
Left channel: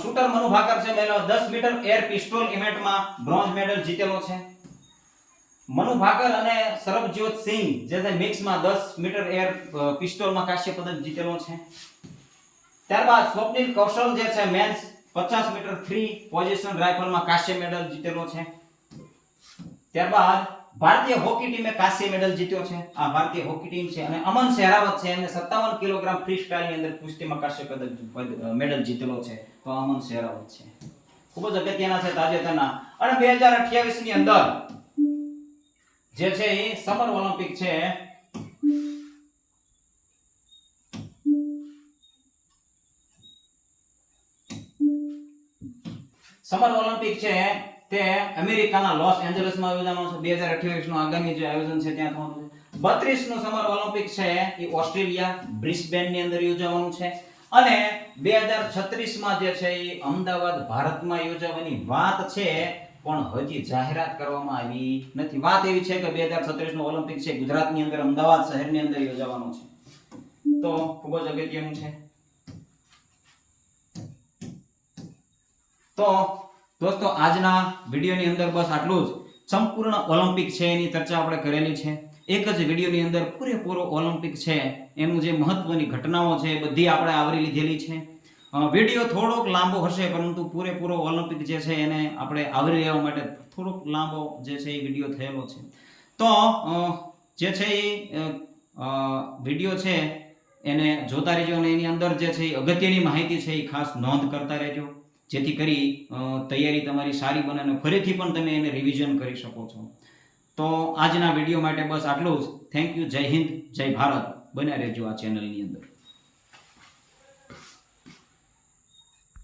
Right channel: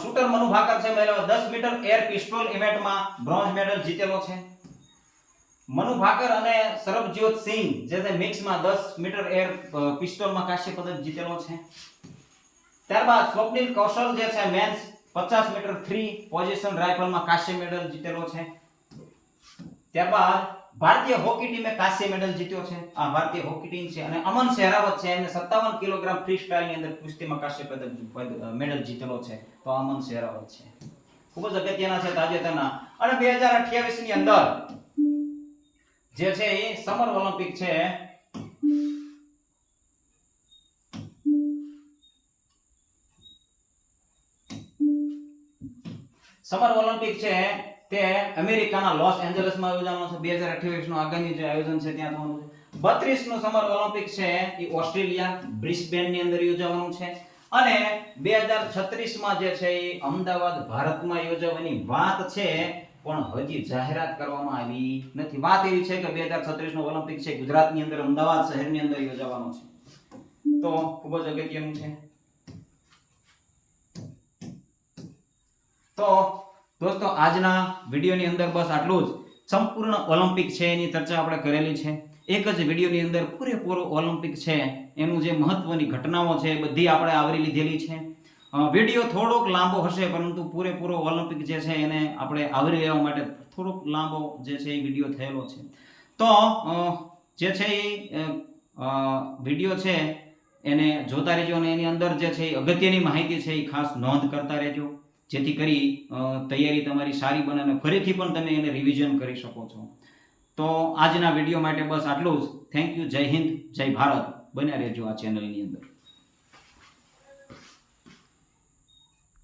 શૂટર મનુ ભાકર છે, 10 મીટર એર પિસ્તોલ ઇવેન્ટમાં બ્રોન્ઝ મેડલ જીતેલો છે. મનુ ભાકર અને સરબજોત સિંહ જે છે મિક્સમાં 10 મીટર એર પિસ્તોલમાં કાંસ્ય પદક જીતેલો છે. ત્યારબાદ સ્વપ્નિલ કૌશલ જે છે મેન્સ 50 મીટર ફ્રી પોઝિશન રાઇફલમાં કાંસ્ય મેડલ જીતેલો છે. ત્યારબાદ ભારતીય હોકી ટીમે કાંસ્ય મેડલ જીત્યો છે. આ ભારતીય હોકી ટીમ છે. અને અમન શેરાવત છે એને 57 કિલોગ્રામ ફ્રી સ્ટાઇલ ની અંદર કુસ્તીમાં કાંસ્ય પદક મેડલ જીતેલો છે. તો અમન શેરાવત છે, ખૂબ જ અગત્યના છે તાજેતરના. અને 2028 ની અંદર જે છે એ સમર ઓલિમ્પિક છે. સમર ઓલિમ્પિક છે તે અમેરિકાના લોસ એન્જલસમાં યોજાવાનો છે. 2028 નું આગામી જે આયોજન છે ત્યાં થવાનું છે. 32 નું સમર ઓલિમ્પિક છે એ ઓસ્ટ્રેલિયા બ્રિસ્બેન ની અંદર યોજાવાનું છે. અને 2036 માં જે છે એ અમદાવાદ ભારતમાં યોજાવાની વાત છે, પણ હજી જાહેરાત કરવામાં આવી નથી. વાત એવી છે કે 2036 નો ઓલિમ્પિક છે ગુજરાતની અંદર અમદાવાદ શહેરની અંદર યોજાવાનો છે. તો ખૂબ જ અગત્યનું છે. તો દોસ્તો આજના વિડીયોની અંદર બસ આટલું જ. સંપૂર્ણ ઓલિમ્પિક છે એની ચર્ચા આપણે કરેલી છે. એક જ વિડીયોની અંદર પૂરેપૂરો ઓલિમ્પિક છે એનું જે મહત્વની ઘટનાઓ છે એ બધી આપણે આવરી લીધેલી છે. વિડીયો થોડોક લાંબો હશે, પરંતુ પૂરેપૂરો ઓલિમ્પિક જે છે એને આપણે આવરી લેવા માટે થોડોક લાંબો જે છે એ વિડીયો થયેલો છે. તો જે છે એ વિડીયો છે એને જોતા રહેજો અને એની અંદર જે છે એ અગત્યની માહિતી છે એ ખાસ નોંધ કરતા રહેજો, જેથી કરી તૈયારી તમારી સારી બને અને ફરીથી પણ તમે એને રિવિઝન કરી શકો છો. તો આજના વિડીયો માટે બસ આટલું જ. Thank you. જય હિન્દ, જય ભારત. બન્યા રહેજો આ ચેનલની અંદર.